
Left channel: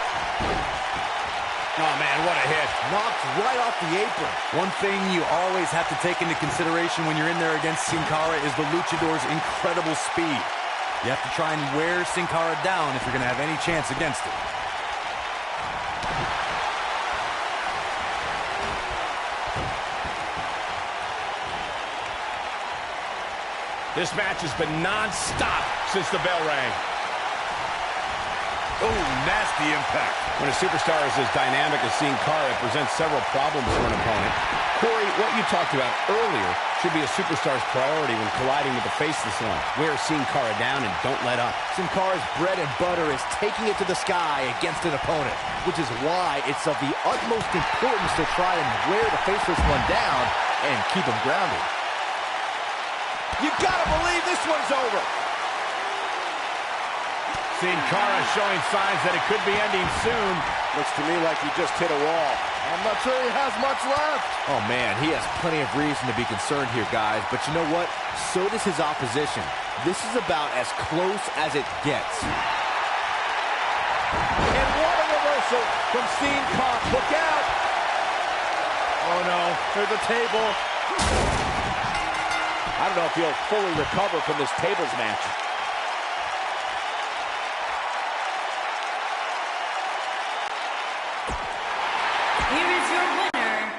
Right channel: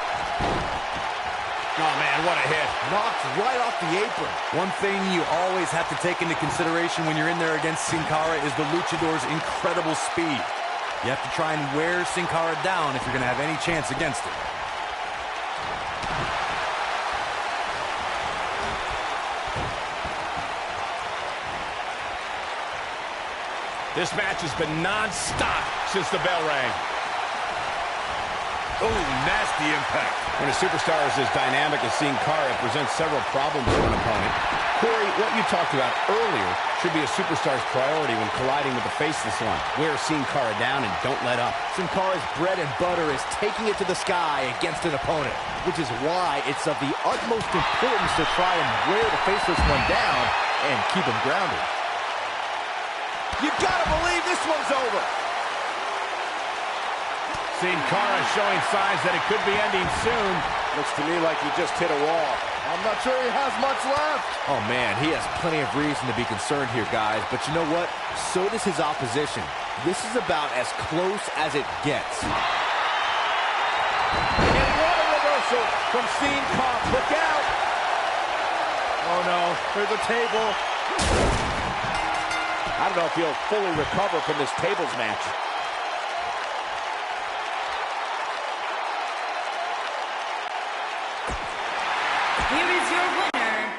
Oh, man, what a hit. Knocked right off the apron. One thing you always have to take into consideration when you're in there against Sin Cara is the luchador's incredible speed. You have to try and wear Sin Cara down if you're going to have any chance against him. This match has been non-stop since the bell rang. Oh, nasty impact. When a superstar is as dynamic as Sin Cara, it presents several problems for an opponent. Corey, what you talked about earlier should be a superstar's priority when colliding with the faceless one. Wear Sin Cara down and don't let up. Sin Cara's bread and butter is taking it to the sky against an opponent, which is why it's of the utmost importance to try and wear the faceless one down and keep him grounded. You gotta believe this one's over. Sin Cara showing signs that it could be ending soon. Looks to me like he just hit a wall. I'm not sure he has much left. Oh, man, he has plenty of reason to be concerned here, guys. But you know what? So does his opposition. This is about as close as it gets. And what a reversal from Sin Cara. Look out. Oh, no. There's a table. I don't know if he'll fully recover from this tables match. Here is your winner,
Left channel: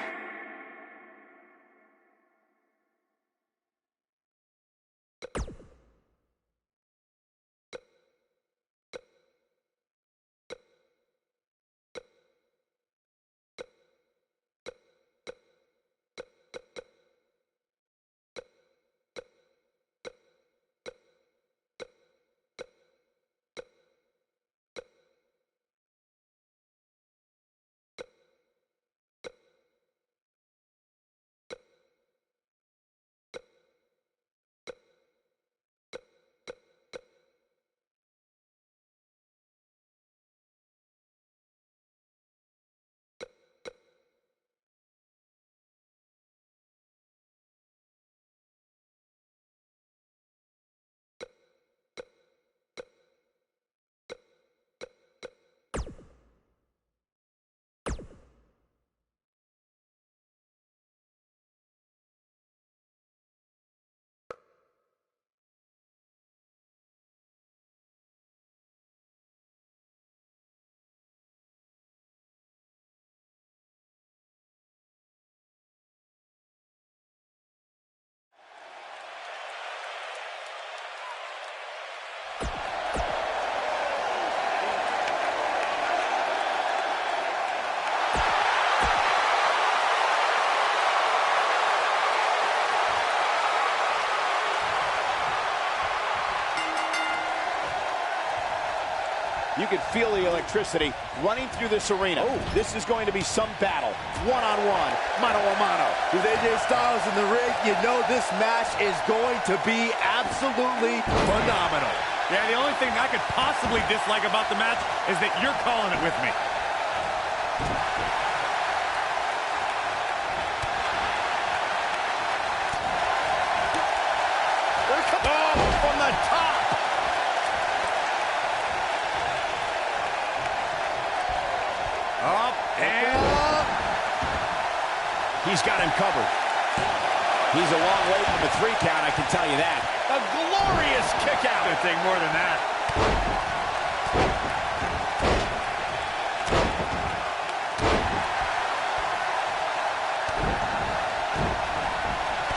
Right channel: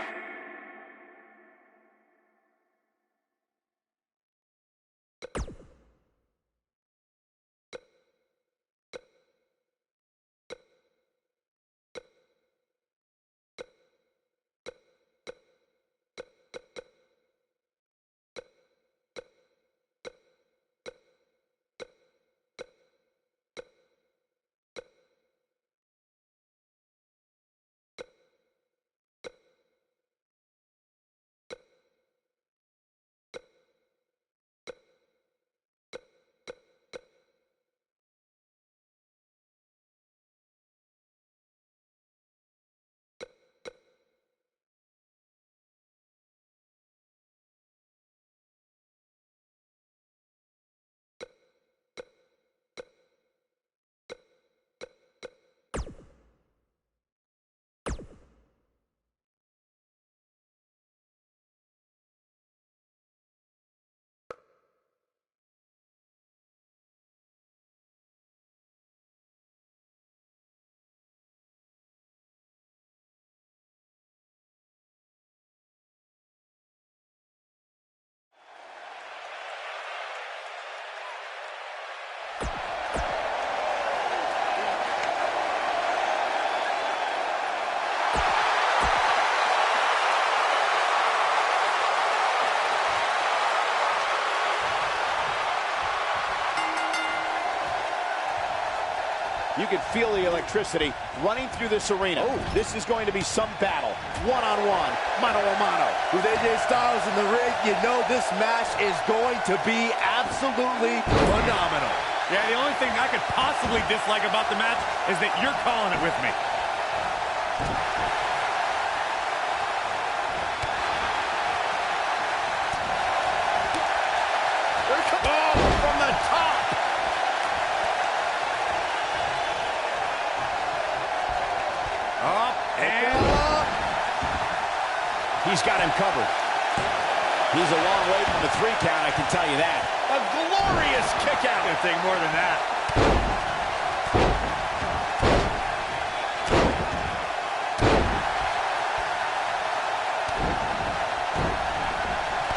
You can feel the electricity running through this arena. This is going to be some battle. One-on-one, mano-a-mano. With AJ Styles in the ring, you know this match is going to be absolutely phenomenal. Yeah, the only thing I could possibly dislike about the match is that you're calling it with me. Oh, from the top. Up and up. He's got him covered. He's a long way from a 3 count, I can tell you that. A glorious kick out. It's gonna take more than that.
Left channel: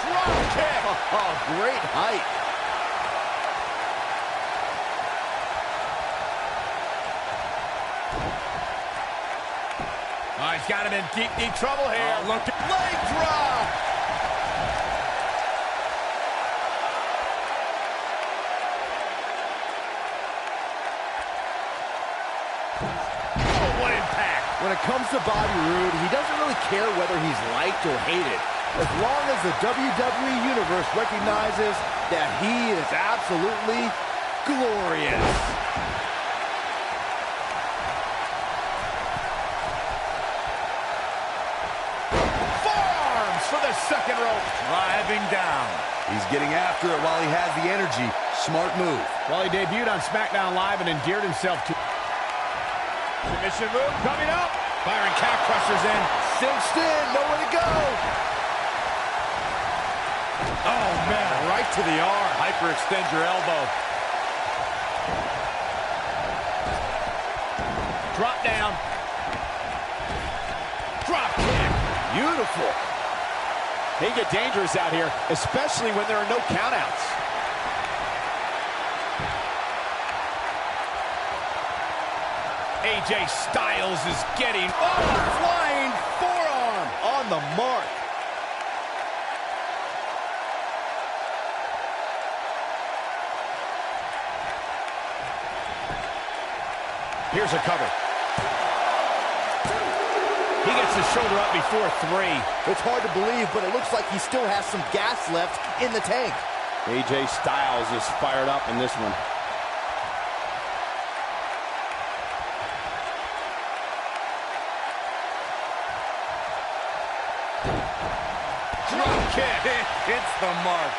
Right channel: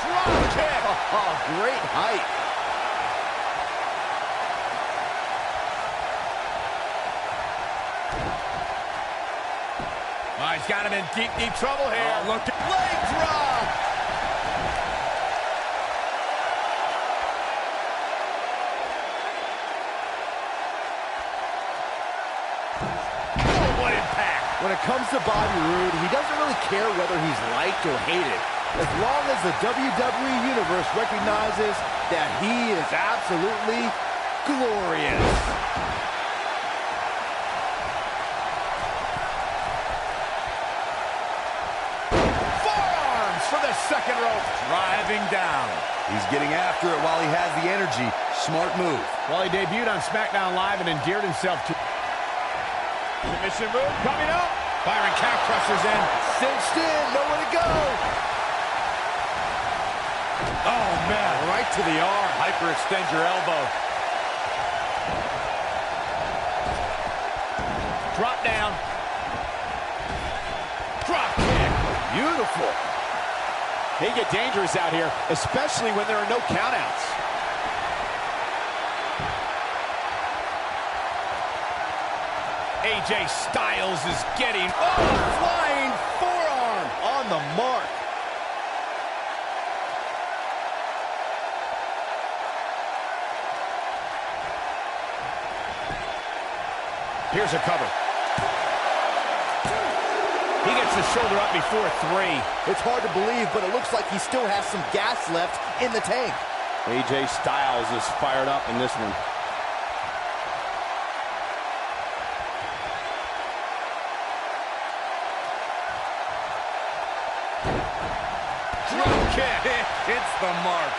Drop kick. Oh, great height. Oh, he's got him in deep, deep trouble here. Oh, look. Leg drop. Oh, what impact. When it comes to Bobby Roode, he doesn't really care whether he's liked or hated, as long as the WWE Universe recognizes that he is absolutely glorious. Forearms for the second rope. Driving down. He's getting after it while he has the energy. Smart move. Well, he debuted on SmackDown Live and endeared himself to... Submission move coming up. Byron calf crushers in. Cinched in, nowhere to go. Oh, man, right to the arm. Hyperextend your elbow. Drop down. Drop kick. Beautiful. They get dangerous out here, especially when there are no countouts. AJ Styles is getting... Oh, flying forearm. On the mark. Here's a cover. He gets his shoulder up before 3. It's hard to believe, but it looks like he still has some gas left in the tank. AJ Styles is fired up in this one. Drop kick. It hits the mark.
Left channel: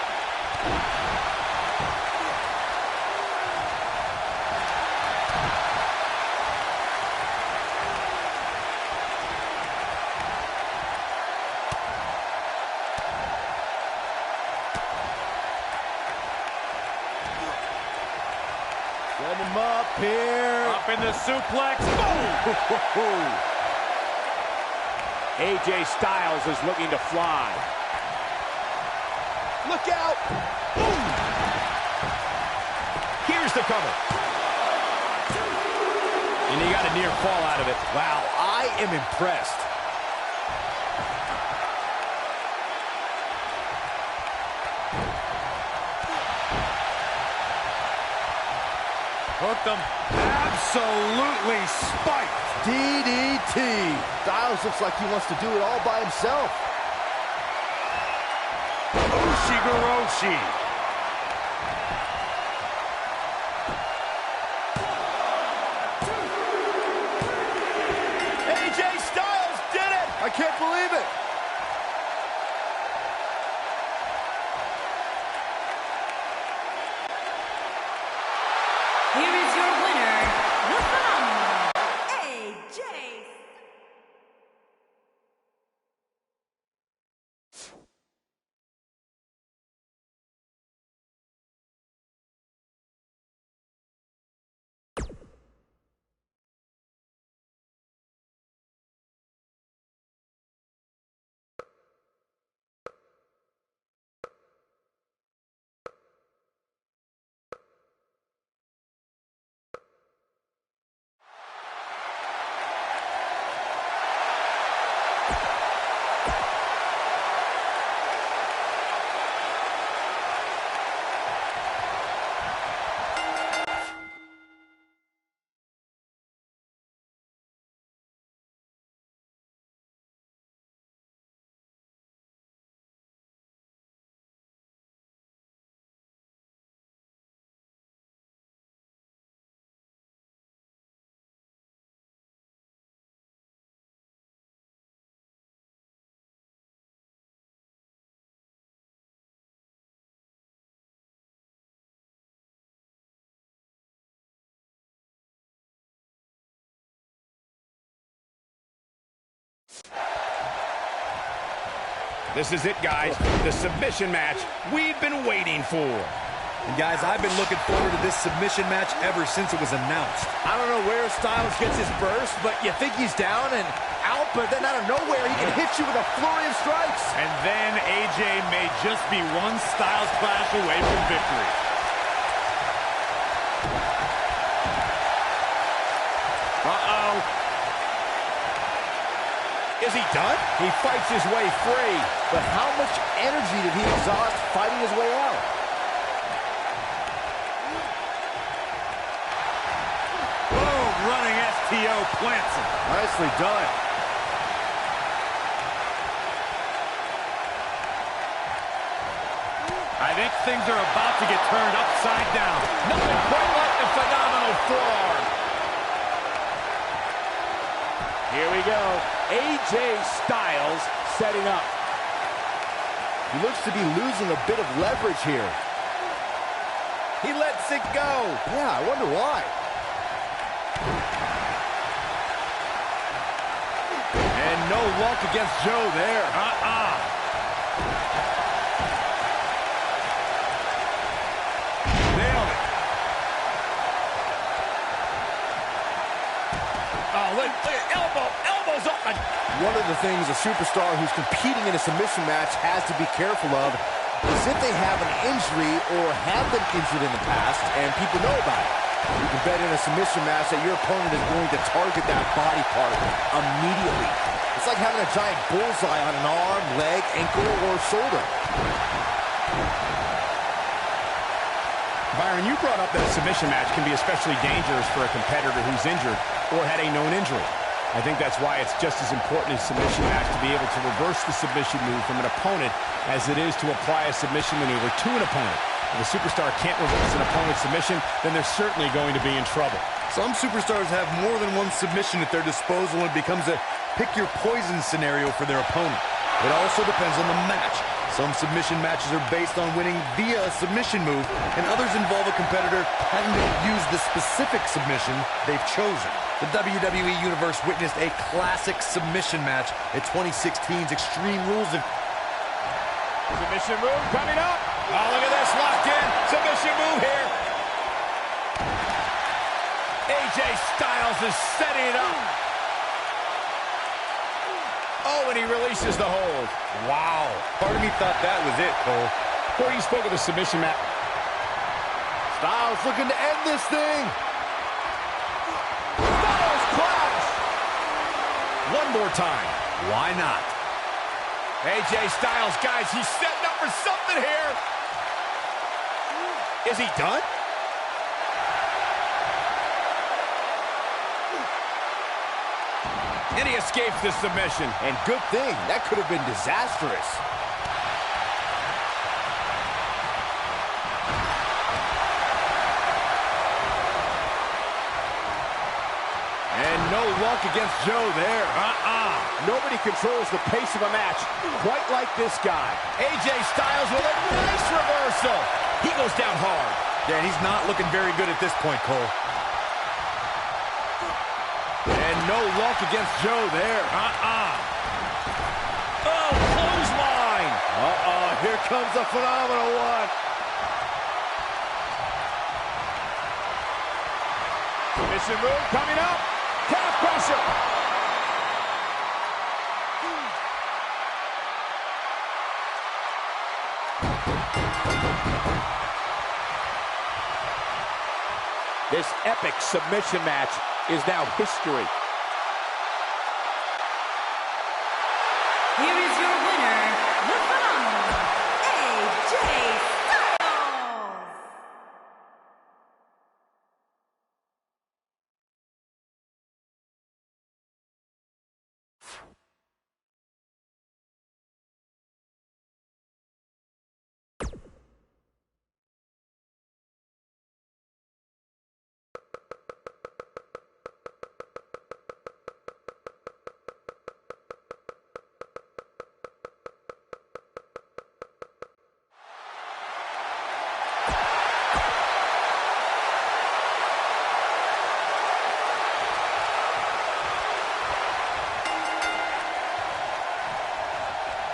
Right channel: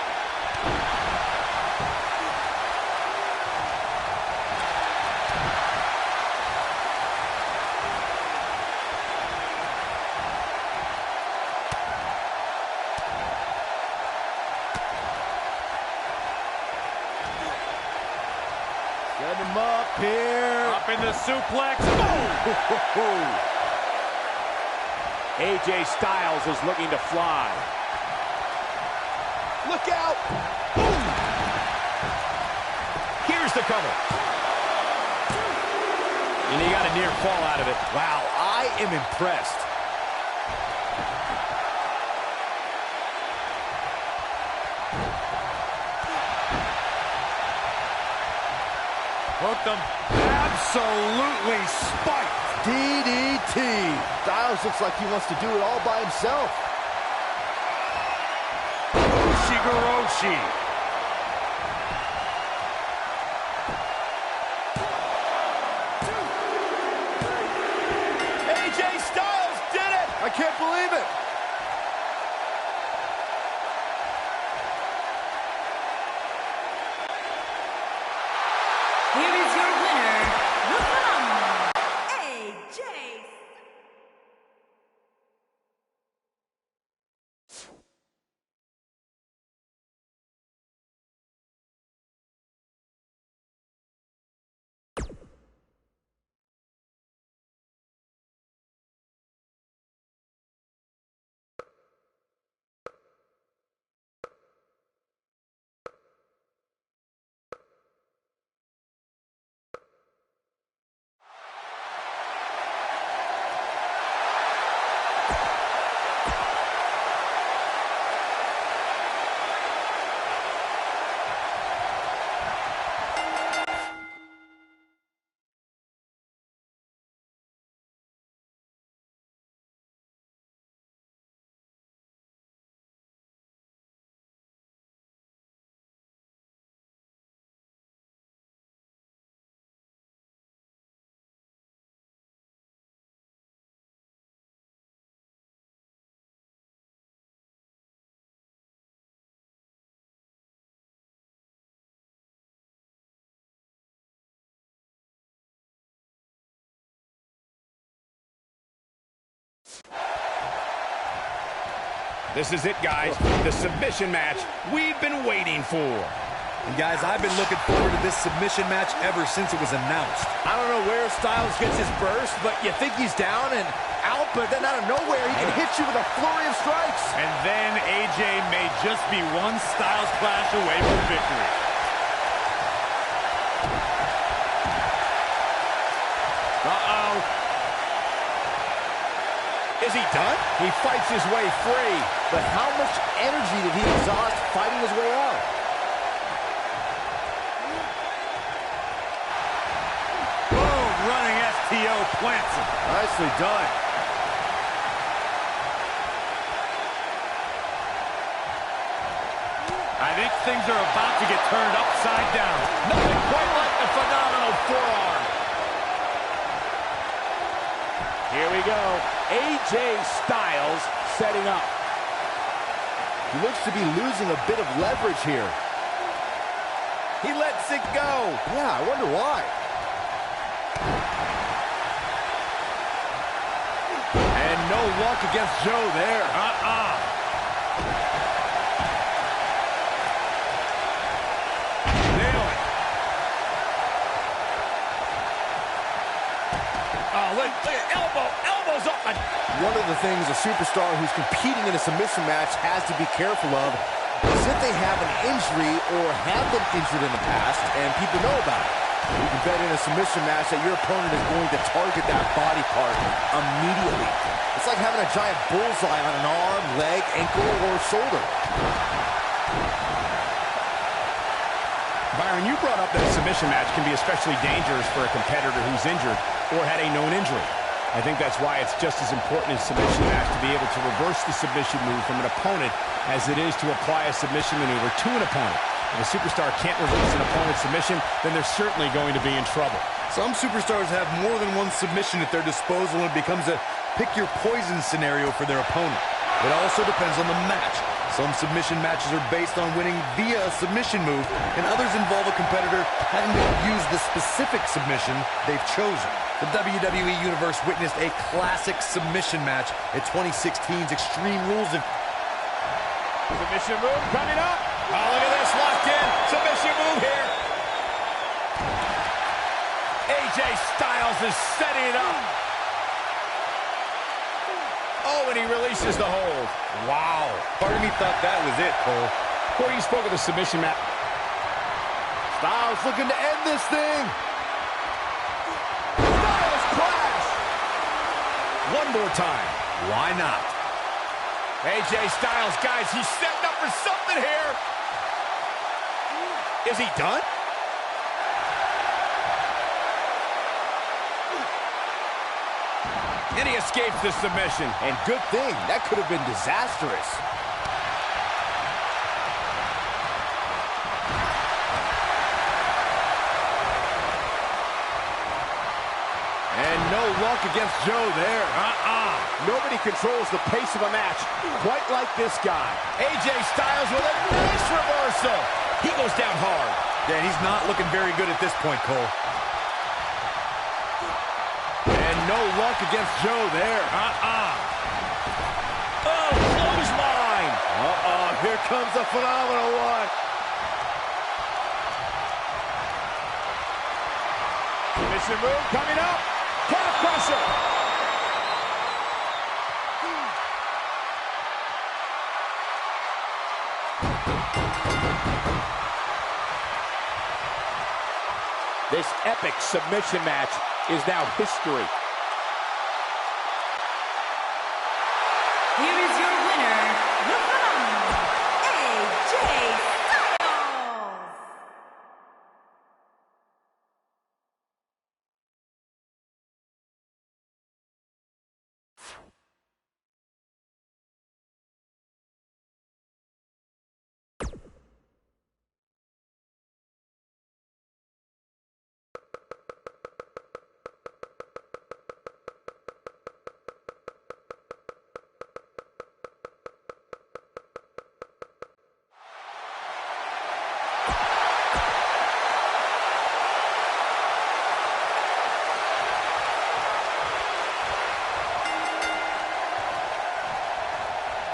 Set him up here. Up in the suplex. Boom! AJ Styles is looking to fly. Look out! Boom! Here's the cover. And he got a near fall out of it. Wow, I am impressed. Hooked him. Absolutely spiked. DDT. Styles looks like he wants to do it all by himself. Ushigoroshi. AJ Styles did it! I can't believe it. Here is your winner, the phenomenal AJ. This is it, guys. The submission match we've been waiting for. And guys, I've been looking forward to this submission match ever since it was announced. I don't know where Styles gets his burst, but you think he's down and out, but then out of nowhere, he can hit you with a flurry of strikes. And then AJ may just be one Styles clash away from victory. Uh-oh. Is he done? He fights his way free. But how much energy did he exhaust fighting his way out? Boom, running ST RKO plants him. Nicely done. I think things are about to get turned upside down. Nothing quite like the phenomenal forearm. Here we go. AJ Styles setting up. He looks to be losing a bit of leverage here. He lets it go. Yeah, I wonder why. And no luck against Joe there. Nailed it. Oh, look at elbows up. One of the things a superstar who's competing in a submission match has to be careful of is if they have an injury or have been injured in the past and people know about it. You can bet in a submission match that your opponent is going to target that body part immediately. It's like having a giant bullseye on an arm, leg, ankle, or shoulder. Byron, you brought up that a submission match can be especially dangerous for a competitor who's injured or had a known injury. I think that's why it's just as important in a submission match to be able to reverse the submission move from an opponent as it is to apply a submission maneuver to an opponent. If a superstar can't reverse an opponent's submission, then they're certainly going to be in trouble. Some superstars have more than one submission at their disposal, and it becomes a pick-your-poison scenario for their opponent. It also depends on the match. Some submission matches are based on winning via a submission move, and others involve a competitor having to use the specific submission they've chosen. The WWE Universe witnessed a classic submission match at 2016's Extreme Rules of... Submission move coming up. Oh, look at this, locked in. Submission move here. AJ Styles is setting it up. Oh, and he releases the hold. Wow. Part of me thought that was it, Cole. Corey, you spoke of the submission match. Styles looking to end this thing. Styles clash. One more time. Why not? AJ Styles, guys, he's setting up for something here. Is he done? And he escapes the submission. And good thing, that could have been disastrous. And no luck against Joe there. Nobody controls the pace of a match quite like this guy. AJ Styles with a nice reversal. He goes down hard. Yeah, he's not looking very good at this point, Cole. And no luck against Joe there. Oh, clothesline. Here comes the phenomenal one. Submission move coming up. Calf crusher. This epic submission match is now history. Here is your winner, the phenomenal AJ Styles.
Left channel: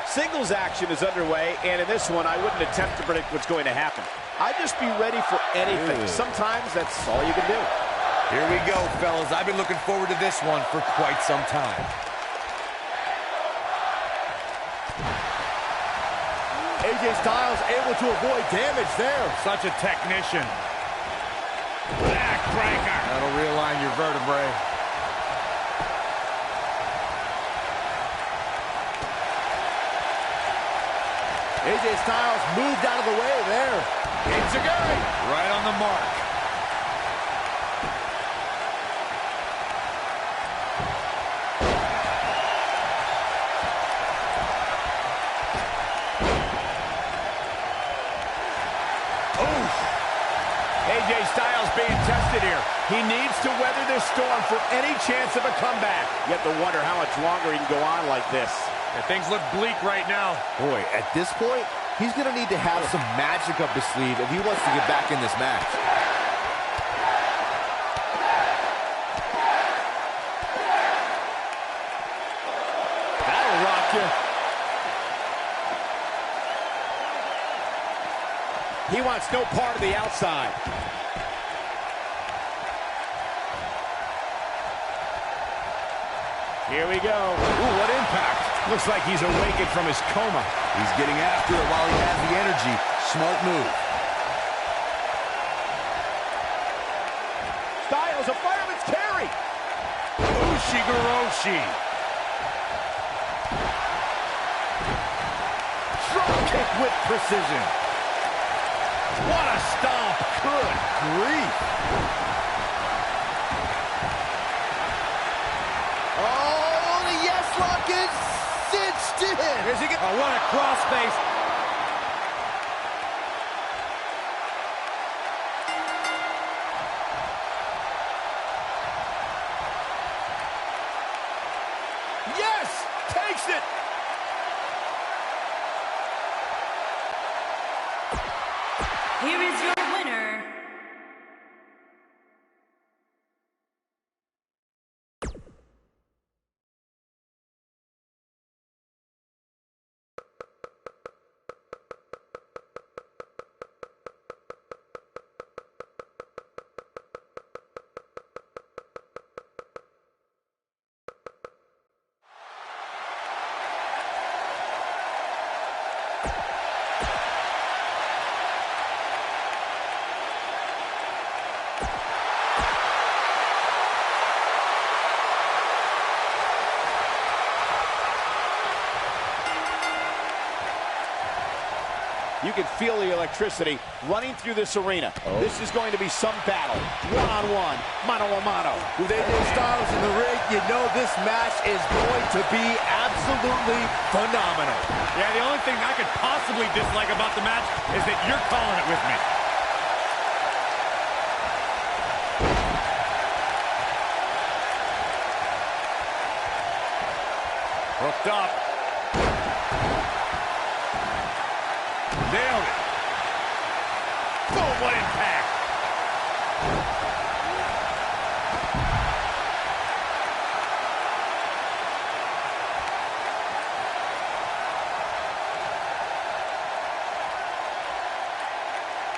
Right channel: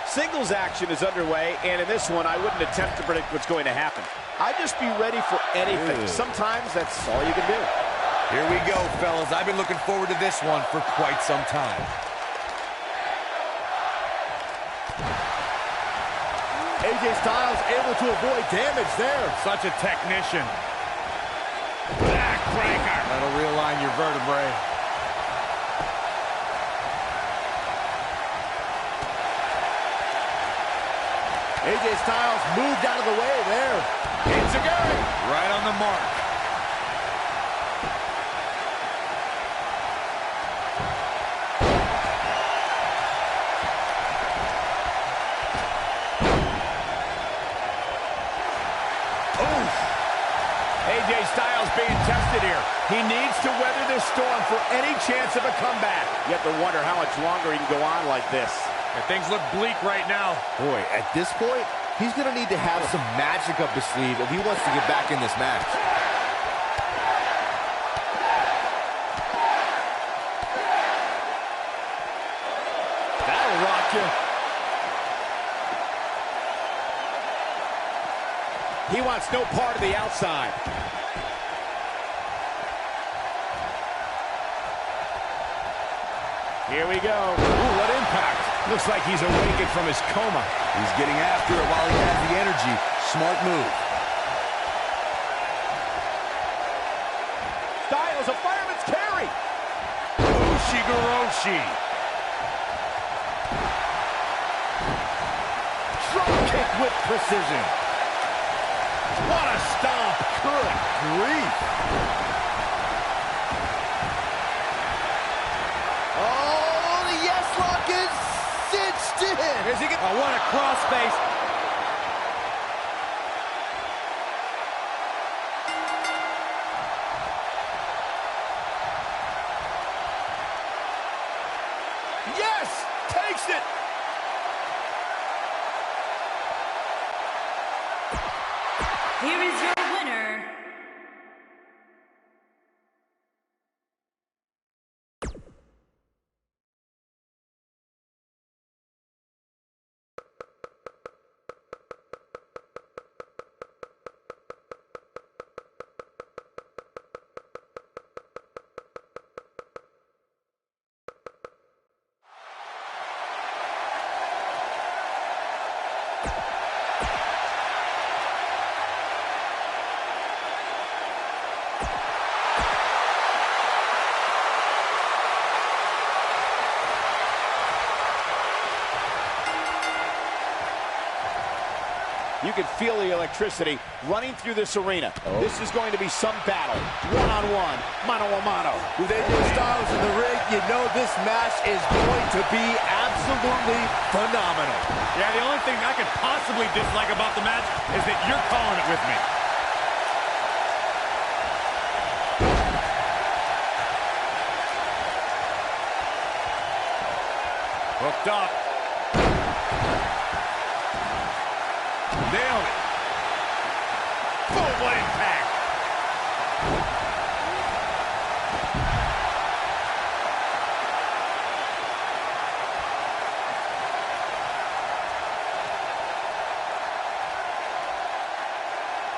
Singles action is underway, and in this one, I wouldn't attempt to predict what's going to happen. I'd just be ready for anything. Sometimes that's all you can do. Here we go, fellas. I've been looking forward to this one for quite some time. AJ Styles able to avoid damage there. Such a technician. Backbreaker. That'll realign your vertebrae. AJ Styles moved out of the way there. Enziguri. Right on the mark. AJ Styles being tested here. He needs to weather this storm for any chance of a comeback. You have to wonder how much longer he can go on like this. Yeah, things look bleak right now. Boy, at this point, he's going to need to have some magic up his sleeve if he wants to get back in this match. That'll rock you. He wants no part of the outside. Here we go. Ooh, what impact. Looks like he's awakened from his coma. He's getting after it while he has the energy. Smart move. Styles, a fireman's carry. Ushigoroshi. Drop kick with precision. What a stomp. Good grief. Oh, the yes lock is cinched in. Is he get? Oh, what a crossface. Yes, takes it. Here is your winner, You can feel the electricity running through this arena. This is going to be some battle. One-on-one, mano-a-mano. With AJ Styles in the ring, you know this match is going to be absolutely phenomenal. Yeah, the only thing I could possibly dislike about the match is that you're calling it with me. Hooked up. Nailed it. Boom, what impact.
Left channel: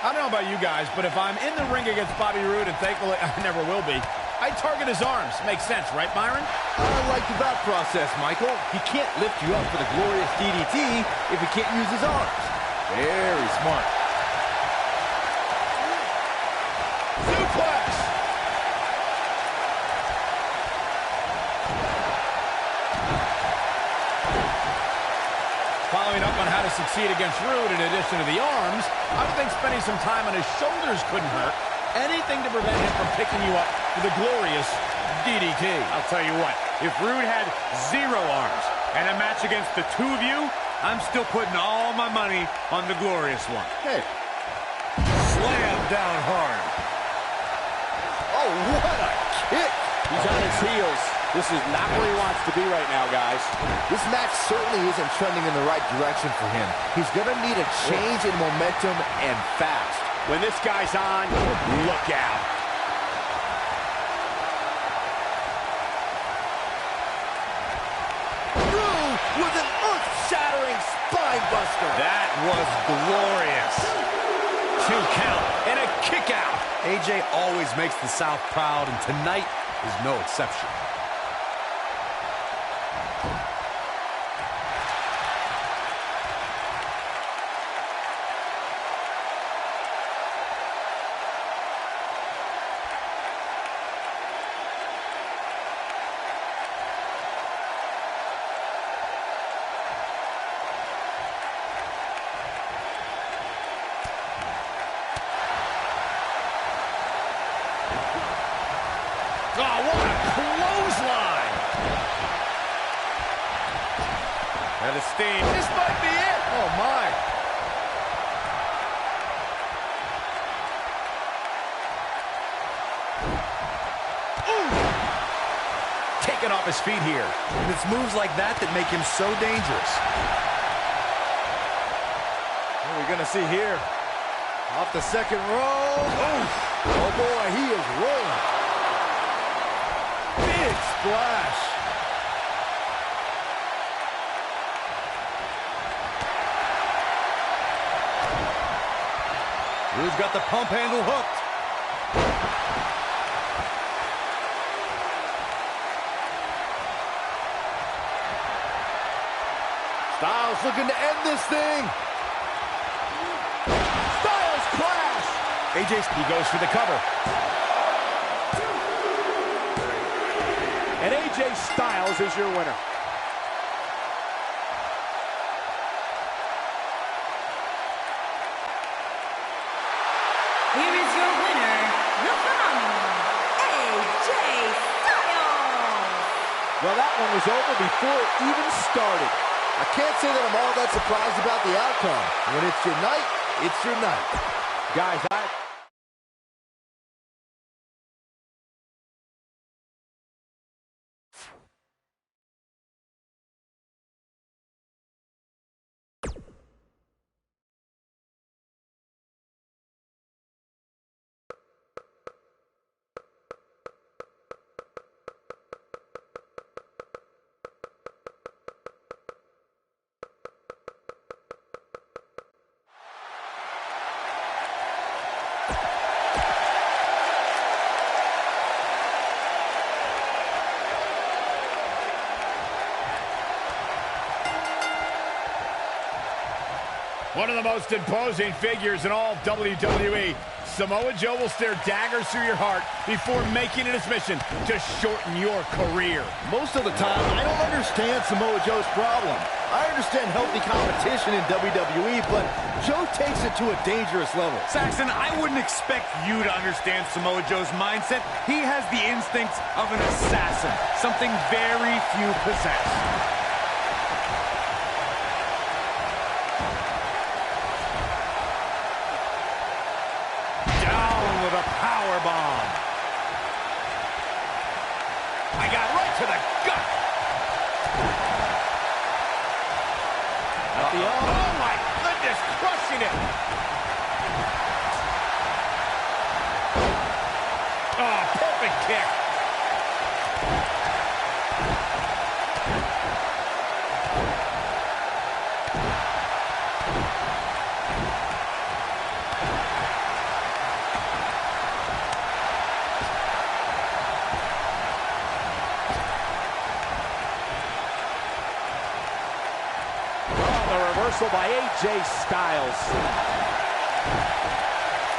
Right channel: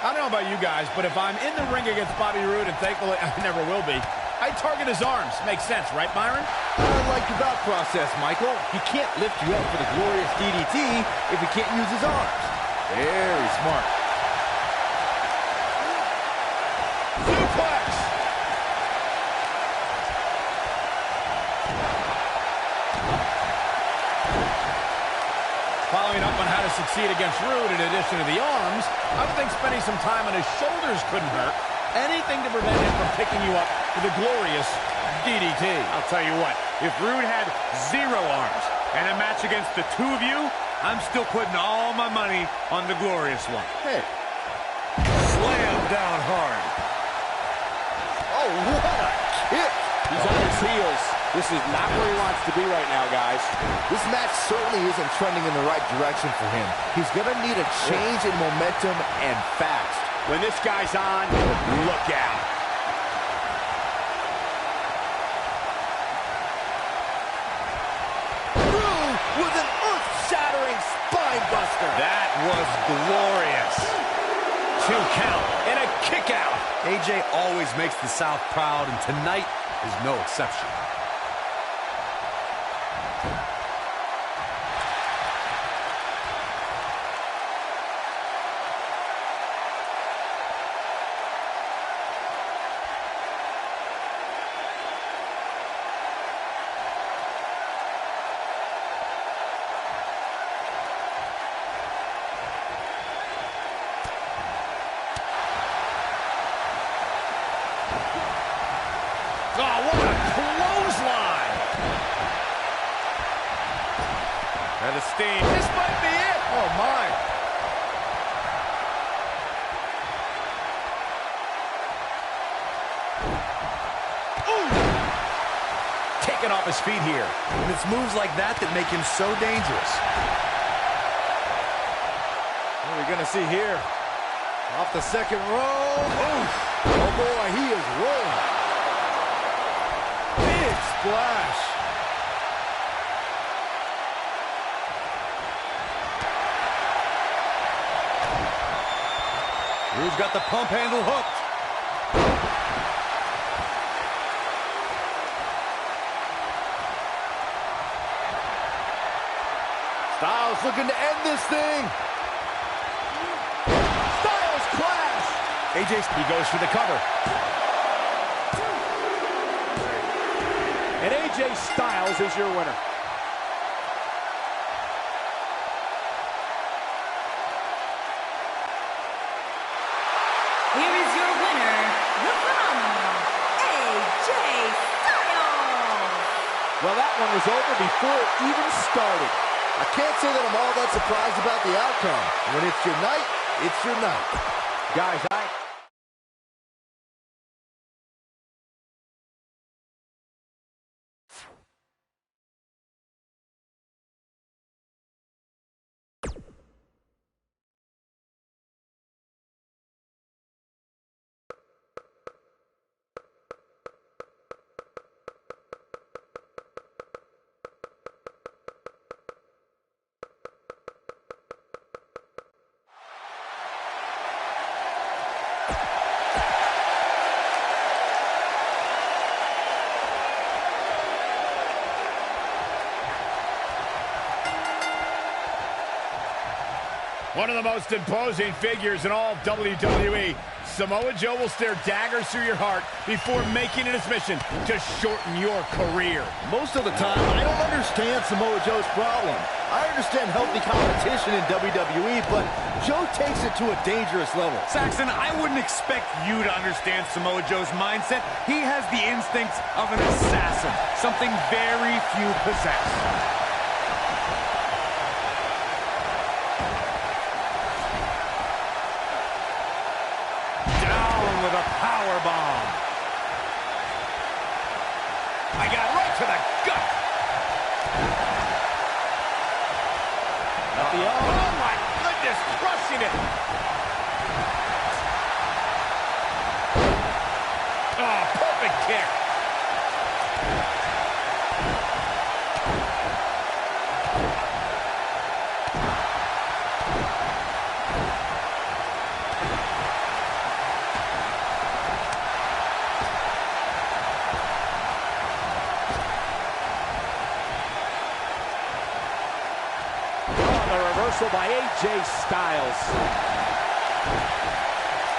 I don't know about you guys, but if I'm in the ring against Bobby Roode, and thankfully I never will be, I'd target his arms. Makes sense, right, Byron? I like your thought process, Michael. He can't lift you up for the glorious DDT if he can't use his arms. Very smart. Suplex. Following up on how to succeed against Roode in addition to the arms, I would think spending some time on his shoulders couldn't hurt. Anything to prevent him from picking you up with a glorious DDT. I'll tell you what, if Roode had 0 arms and a match against the two of you, I'm still putting all my money on the glorious one. Hey. Slam down hard. Oh, what a kick. He's on his heels. This is not where he wants to be right now, guys. This match certainly isn't trending in the right direction for him. He's going to need a change in momentum and fast. When this guy's on, look out. Roode with an earth-shattering spine buster. That was glorious. 2 count and a kick out. AJ always makes the South proud, and tonight is no exception. Oh, what a clothesline. And the steam. This might be it. Oh, my. off his feet here. And it's moves like that that make him so dangerous. What are we going to see here? Off the second row. Oh boy, he is rolling. Big splash. Drew's got the pump handle hooked. Styles looking to end this thing. Styles clash. He goes for the cover. And AJ Styles is your winner. Here is your winner, the phenomenal AJ Styles. Well, that one was over before it even started. I can't say that I'm all that surprised about the outcome. When it's your night, it's your night. Guys, One of the most imposing figures in all of WWE. Samoa Joe will stare daggers through your heart before making it his mission to shorten your career. Most of the time, I don't understand Samoa Joe's problem. I understand healthy competition in WWE, but Joe takes it to a dangerous level. Saxton, I wouldn't expect you to understand Samoa Joe's mindset. He has the instincts of an assassin, something very few possess. With a power bomb. I got right to the gut. Oh my goodness, crushing it. Oh, perfect kick. the reversal by AJ Styles.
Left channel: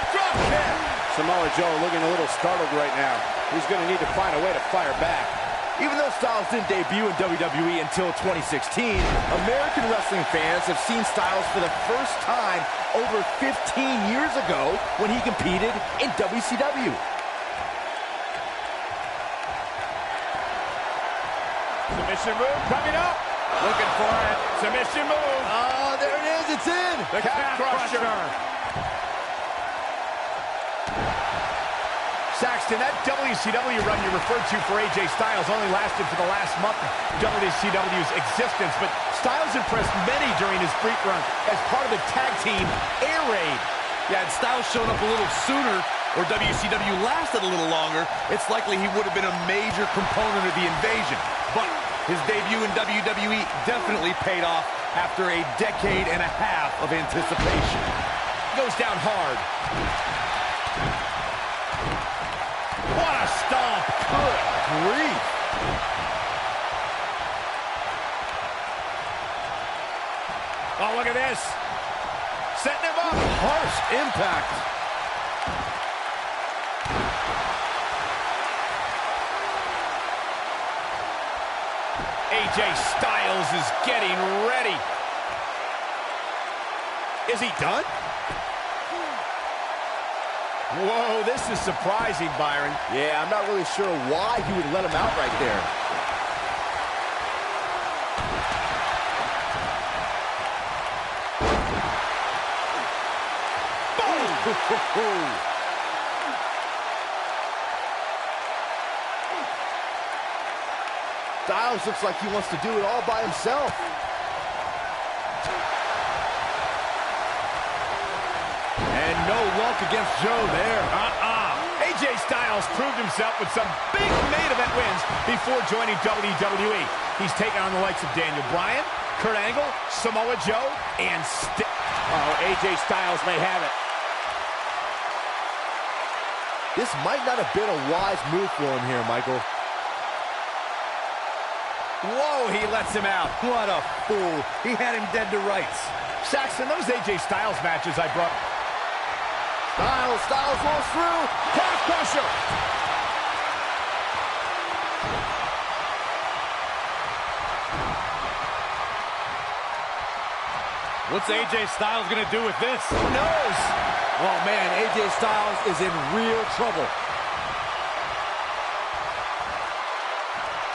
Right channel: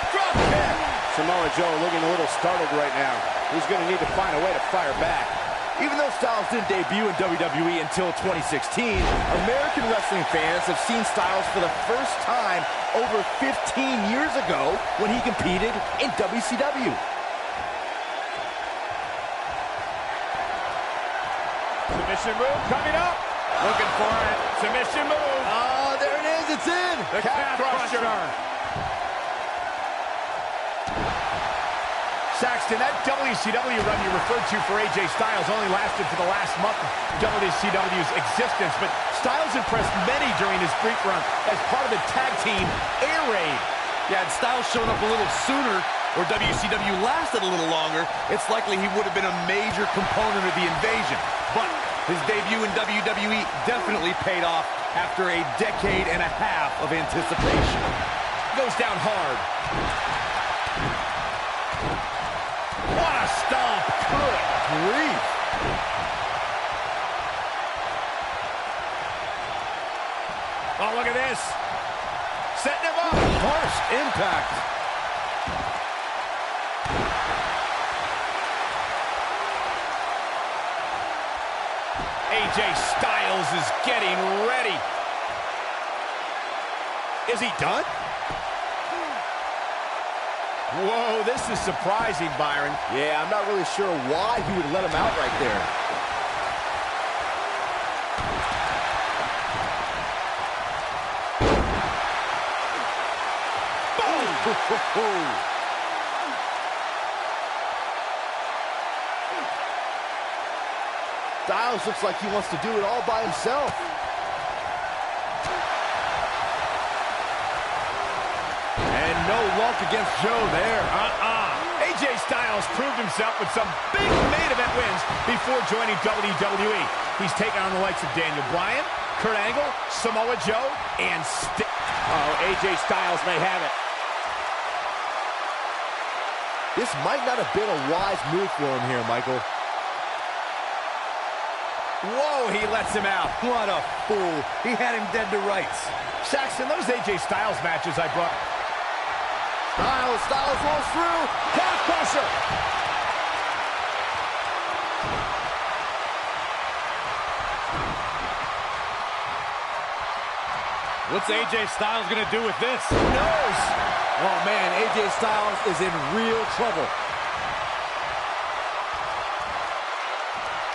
Drop kick. Samoa Joe looking a little startled right now. He's going to need to find a way to fire back. Even though Styles didn't debut in WWE until 2016, American wrestling fans have seen Styles for the first time over 15 years ago when he competed in WCW. Submission move coming up. Looking for it. Submission move. Oh, there it is. It's in. The calf crusher. Saxton, that WCW run you referred to for AJ Styles only lasted for the last month of WCW's existence, but Styles impressed many during his brief run as part of the tag team Air Raid. Yeah, had Styles shown up a little sooner, or WCW lasted a little longer, it's likely he would have been a major component of the invasion. But his debut in WWE definitely paid off after a decade and a half of anticipation. Goes down hard. What a stomp. Good grief. Oh, look at this. Setting him up. Harsh impact. AJ Styles is getting ready. Is he done? Whoa, this is surprising, Byron. Yeah, I'm not really sure why he would let him out right there. Boom! Styles looks like he wants to do it all by himself. And no luck against Joe there. AJ Styles proved himself with some big main event wins before joining WWE. He's taken on the likes of Daniel Bryan, Kurt Angle, Samoa Joe, and AJ Styles may have it. This might not have been a wise move for him here, Michael. Whoa, he lets him out. What a fool. He had him dead to rights. Saxton, those AJ Styles matches I brought... Styles rolls through. Calf crusher. What's AJ Styles going to do with this? Who knows? Oh, man, AJ Styles is in real trouble.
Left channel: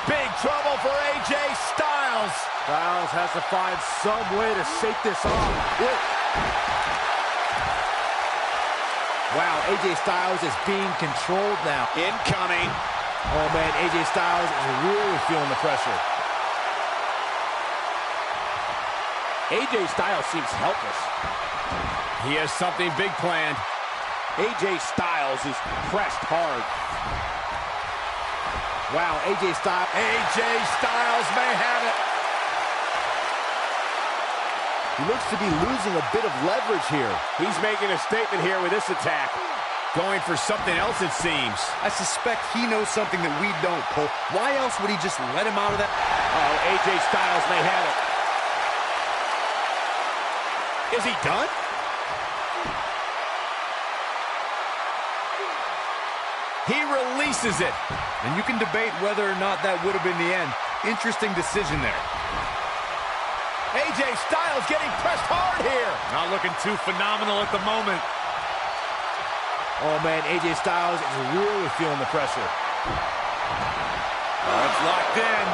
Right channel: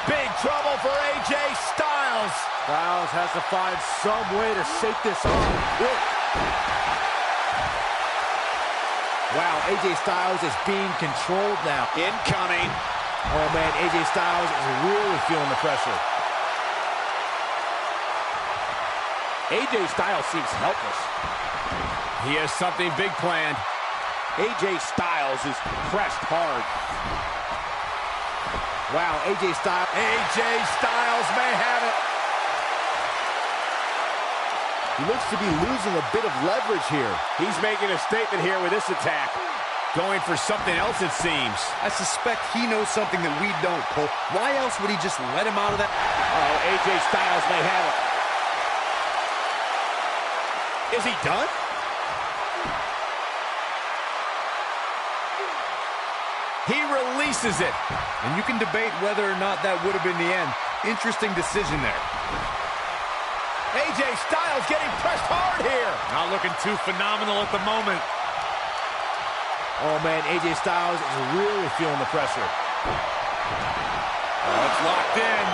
Big trouble for AJ Styles. Styles has to find some way to shake this off quick. Wow, AJ Styles is being controlled now. Incoming. Oh, man, AJ Styles is really feeling the pressure. AJ Styles seems helpless. He has something big planned. AJ Styles is pressed hard. Wow, AJ Styles. AJ Styles may have it. He looks to be losing a bit of leverage here. He's making a statement here with this attack. Going for something else, it seems. I suspect he knows something that we don't, Cole. Why else would he just let him out of that? Oh, AJ Styles may have it. Is he done? He releases it. And you can debate whether or not that would have been the end. Interesting decision there. AJ Styles getting pressed hard here. Not looking too phenomenal at the moment. Oh, man, AJ Styles is really feeling the pressure. Oh, it's locked in.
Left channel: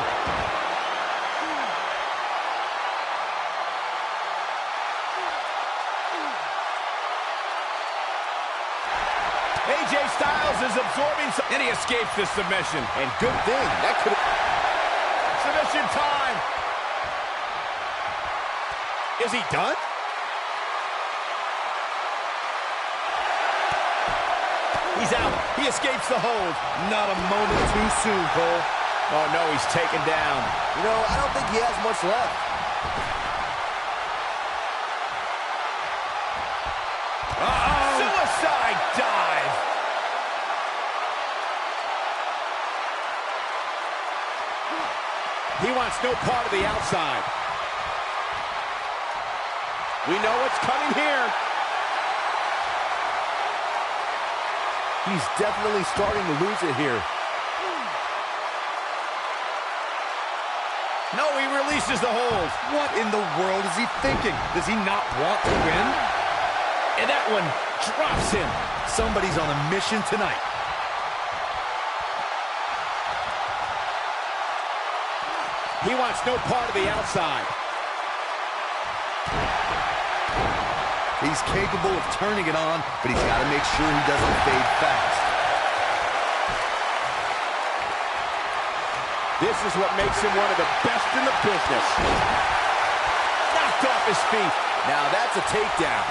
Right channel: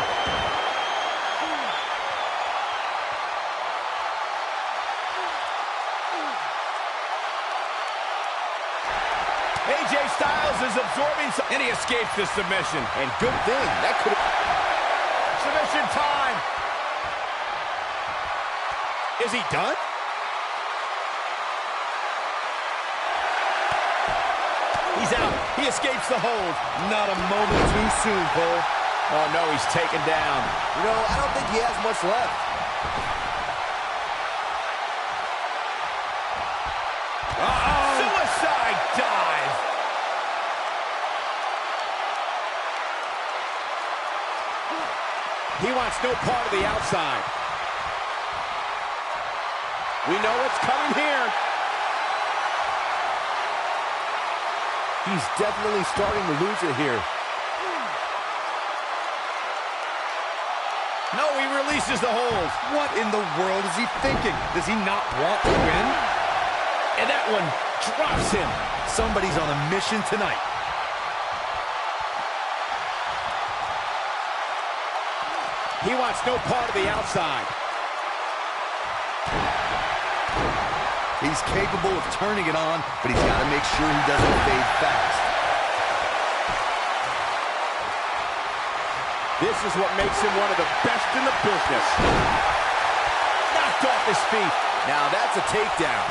AJ Styles is absorbing some... And he escapes this submission. And good thing. That could have... Submission time. Is he done? He's out. He escapes the hold. Not a moment too soon, Cole. Oh, no, he's taken down. You know, I don't think he has much left. Suicide dive. He wants no part of the outside. We know what's coming here. He's definitely starting to lose it here. No, he releases the hold. What in the world is he thinking? Does he not want to win? And that one drops him. Somebody's on a mission tonight. He wants no part of the outside. He's capable of turning it on, but he's got to make sure he doesn't fade fast. This is what makes him one of the best in the business. Knocked off his feet. Now that's a takedown.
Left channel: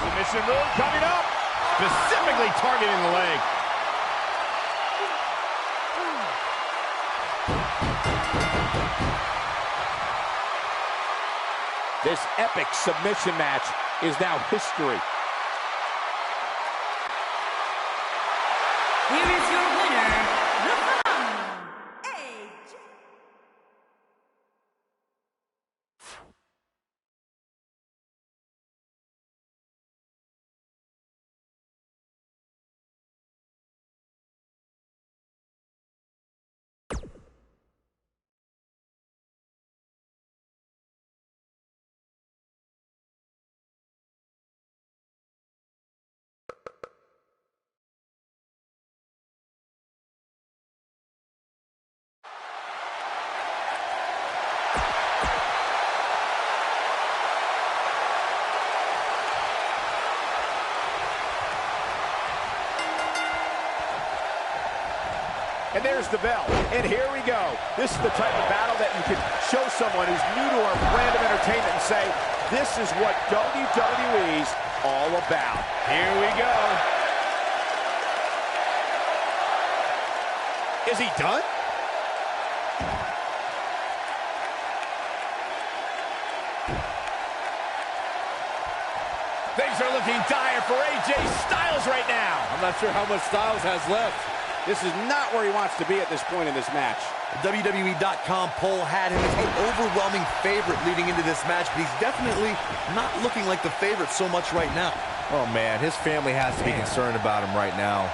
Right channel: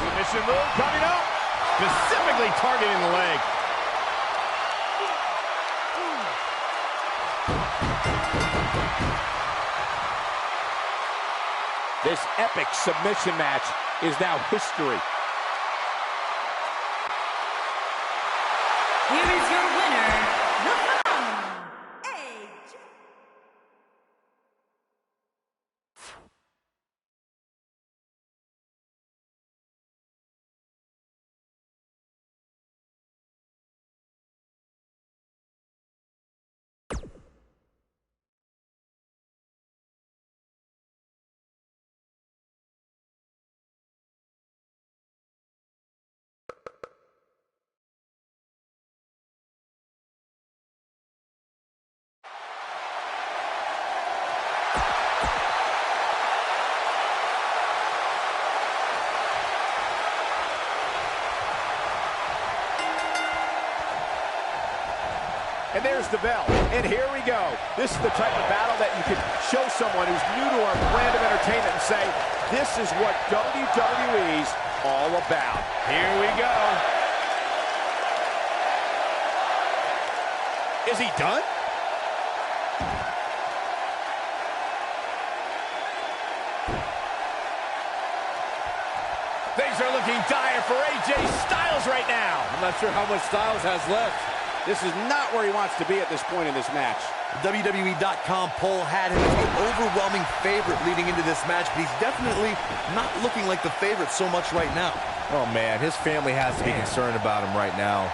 Submission move coming up. Specifically targeting the leg. This epic submission match is now history. Here is your winner, the And there's the bell. And here we go. This is the type of battle that you can show someone who's new to our brand of entertainment and say, this is what WWE's all about. Here we go. Is he done? Things are looking dire for AJ Styles right now. I'm not sure how much Styles has left. This is not where he wants to be at this point in this match. The WWE.com poll had him as the overwhelming favorite leading into this match, but he's definitely not looking like the favorite so much right now. Oh, man, his family has to be concerned about him right now.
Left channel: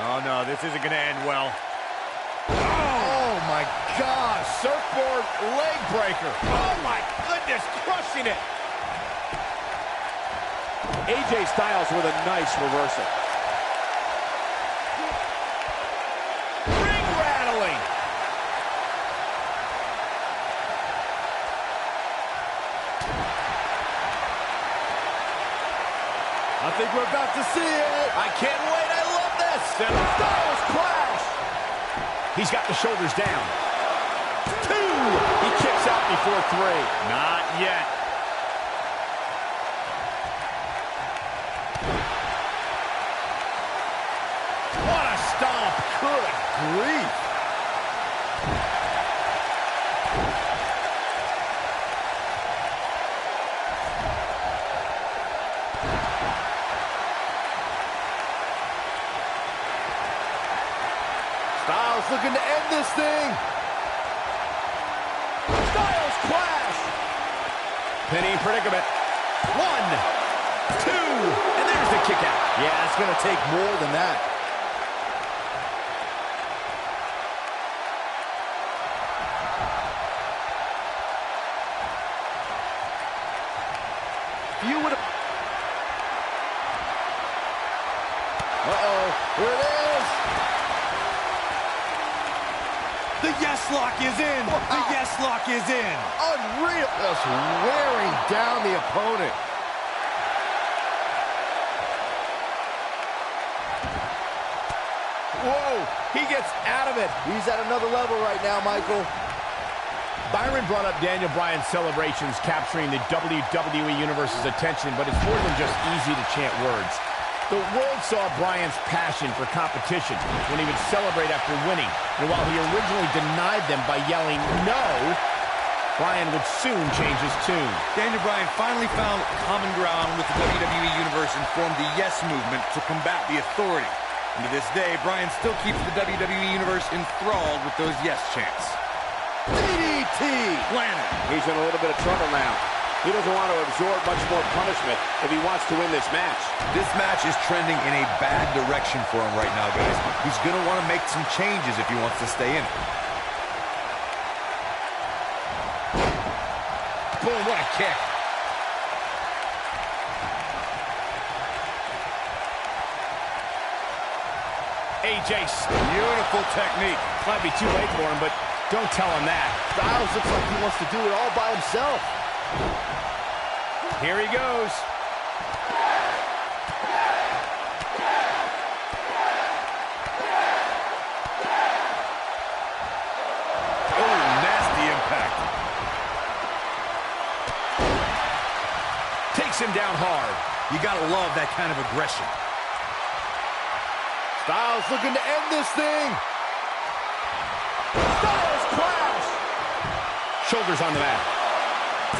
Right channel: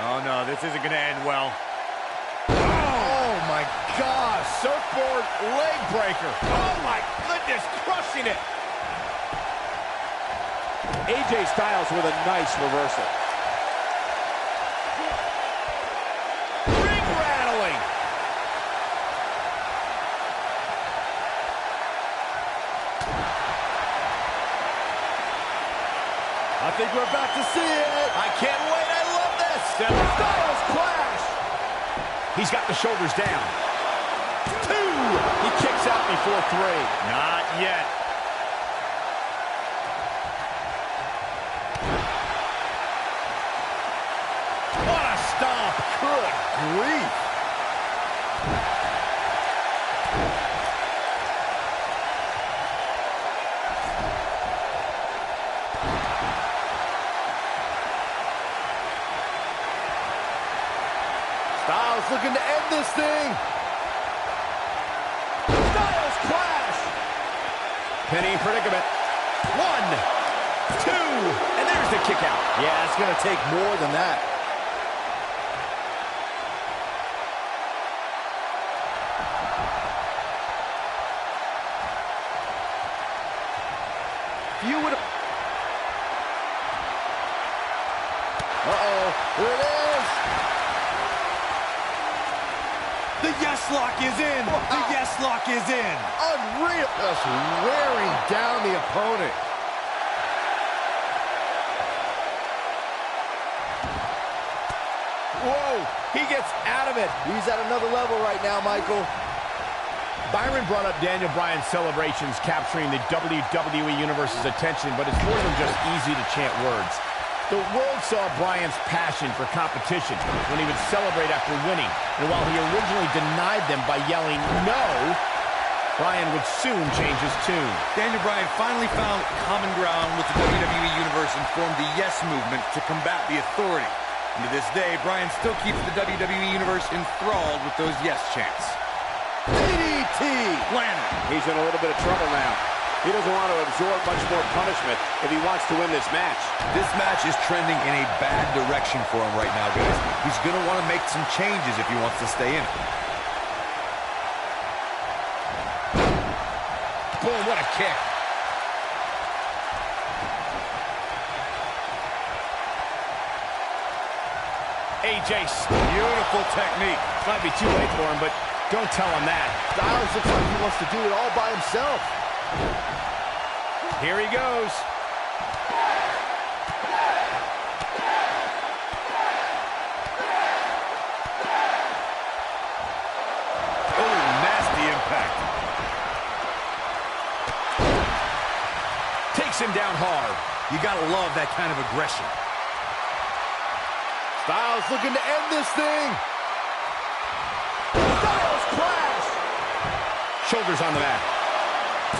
Oh, no, this isn't going to end well. Oh, my gosh. Surfboard leg breaker. Oh, my goodness, crushing it. AJ Styles with a nice reversal. Ring rattling. I think we're about to see it. I can't wait. I love this. Styles clash. He's got the shoulders down. 2. He kicks out before 3. Not yet. What a stomp. Good grief. Styles looking to end this thing. Styles clash. Penny predicament. 1, 2, and there's the kick out. Yeah, it's going to take more than that. You would have... Uh-oh, here it is. The yes lock is in. Wow. The yes lock is in. Unreal. Just wearing down the opponent. Whoa, he gets out of it. He's at another level right now, Michael. Byron brought up Daniel Bryan's celebrations capturing the WWE Universe's attention, but it's more than just easy to chant words. The world saw Bryan's passion for competition when he would celebrate after winning, and while he originally denied them by yelling no, Bryan would soon change his tune. Daniel Bryan finally found common ground with the WWE Universe and formed the Yes Movement to combat the Authority. And to this day, Bryan still keeps the WWE Universe enthralled with those yes chants. DDT. Landed. He's in a little bit of trouble now. He doesn't want to absorb much more punishment if he wants to win this match. This match is trending in a bad direction for him right now, guys. He's going to want to make some changes if he wants to stay in it. Boom, what a kick. AJ, Beautiful technique. might be too late for him, but don't tell him that. Styles looks like he wants to do it all by himself. Here he goes. Oh, nasty impact. Takes him down hard. You got to love that kind of aggression. Styles looking to end this thing. Styles clash. Shoulders on the mat.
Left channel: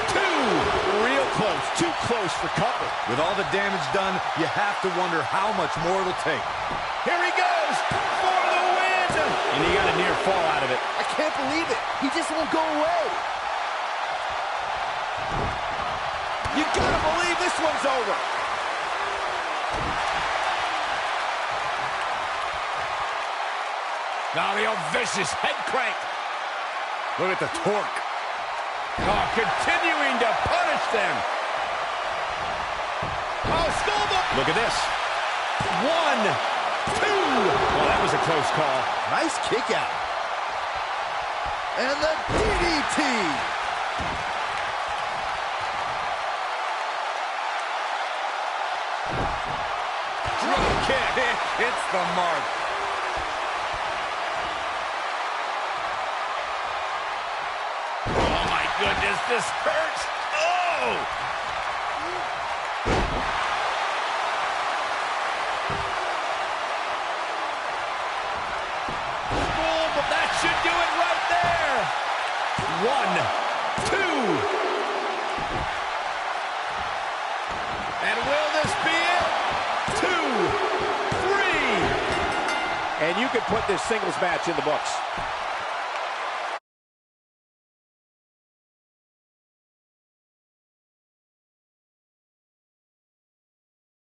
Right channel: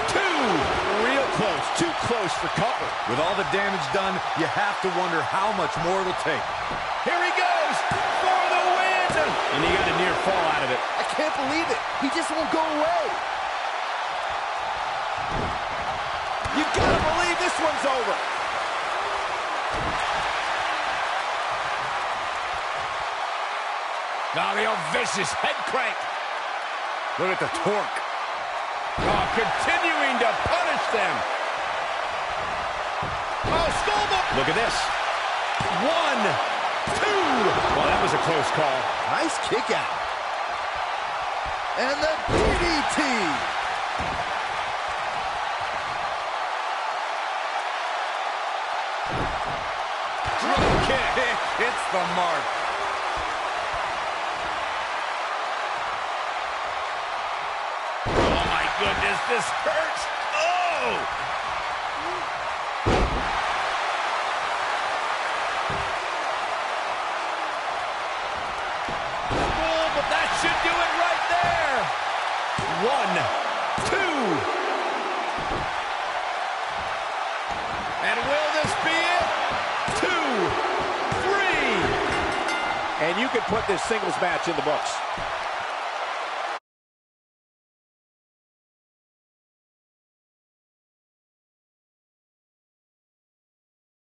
2. Real close. Too close for comfort. With all the damage done, you have to wonder how much more it'll take. Here he goes for the win. And he got a near fall out of it. I can't believe it. He just won't go away. You gotta believe this one's over. Now the old vicious head crank. Look at the torque. Oh, continuing to punish them. Oh, skullball. Look at this. 1, 2. Well, that was a close call. Nice kick out. And the DDT. Drop kick. It hits the mark. Oh, my goodness, this hurts. Oh! Boom, but that should do it right there. 1, 2. And will this be it? 2, 3. And you can put this singles match in the books.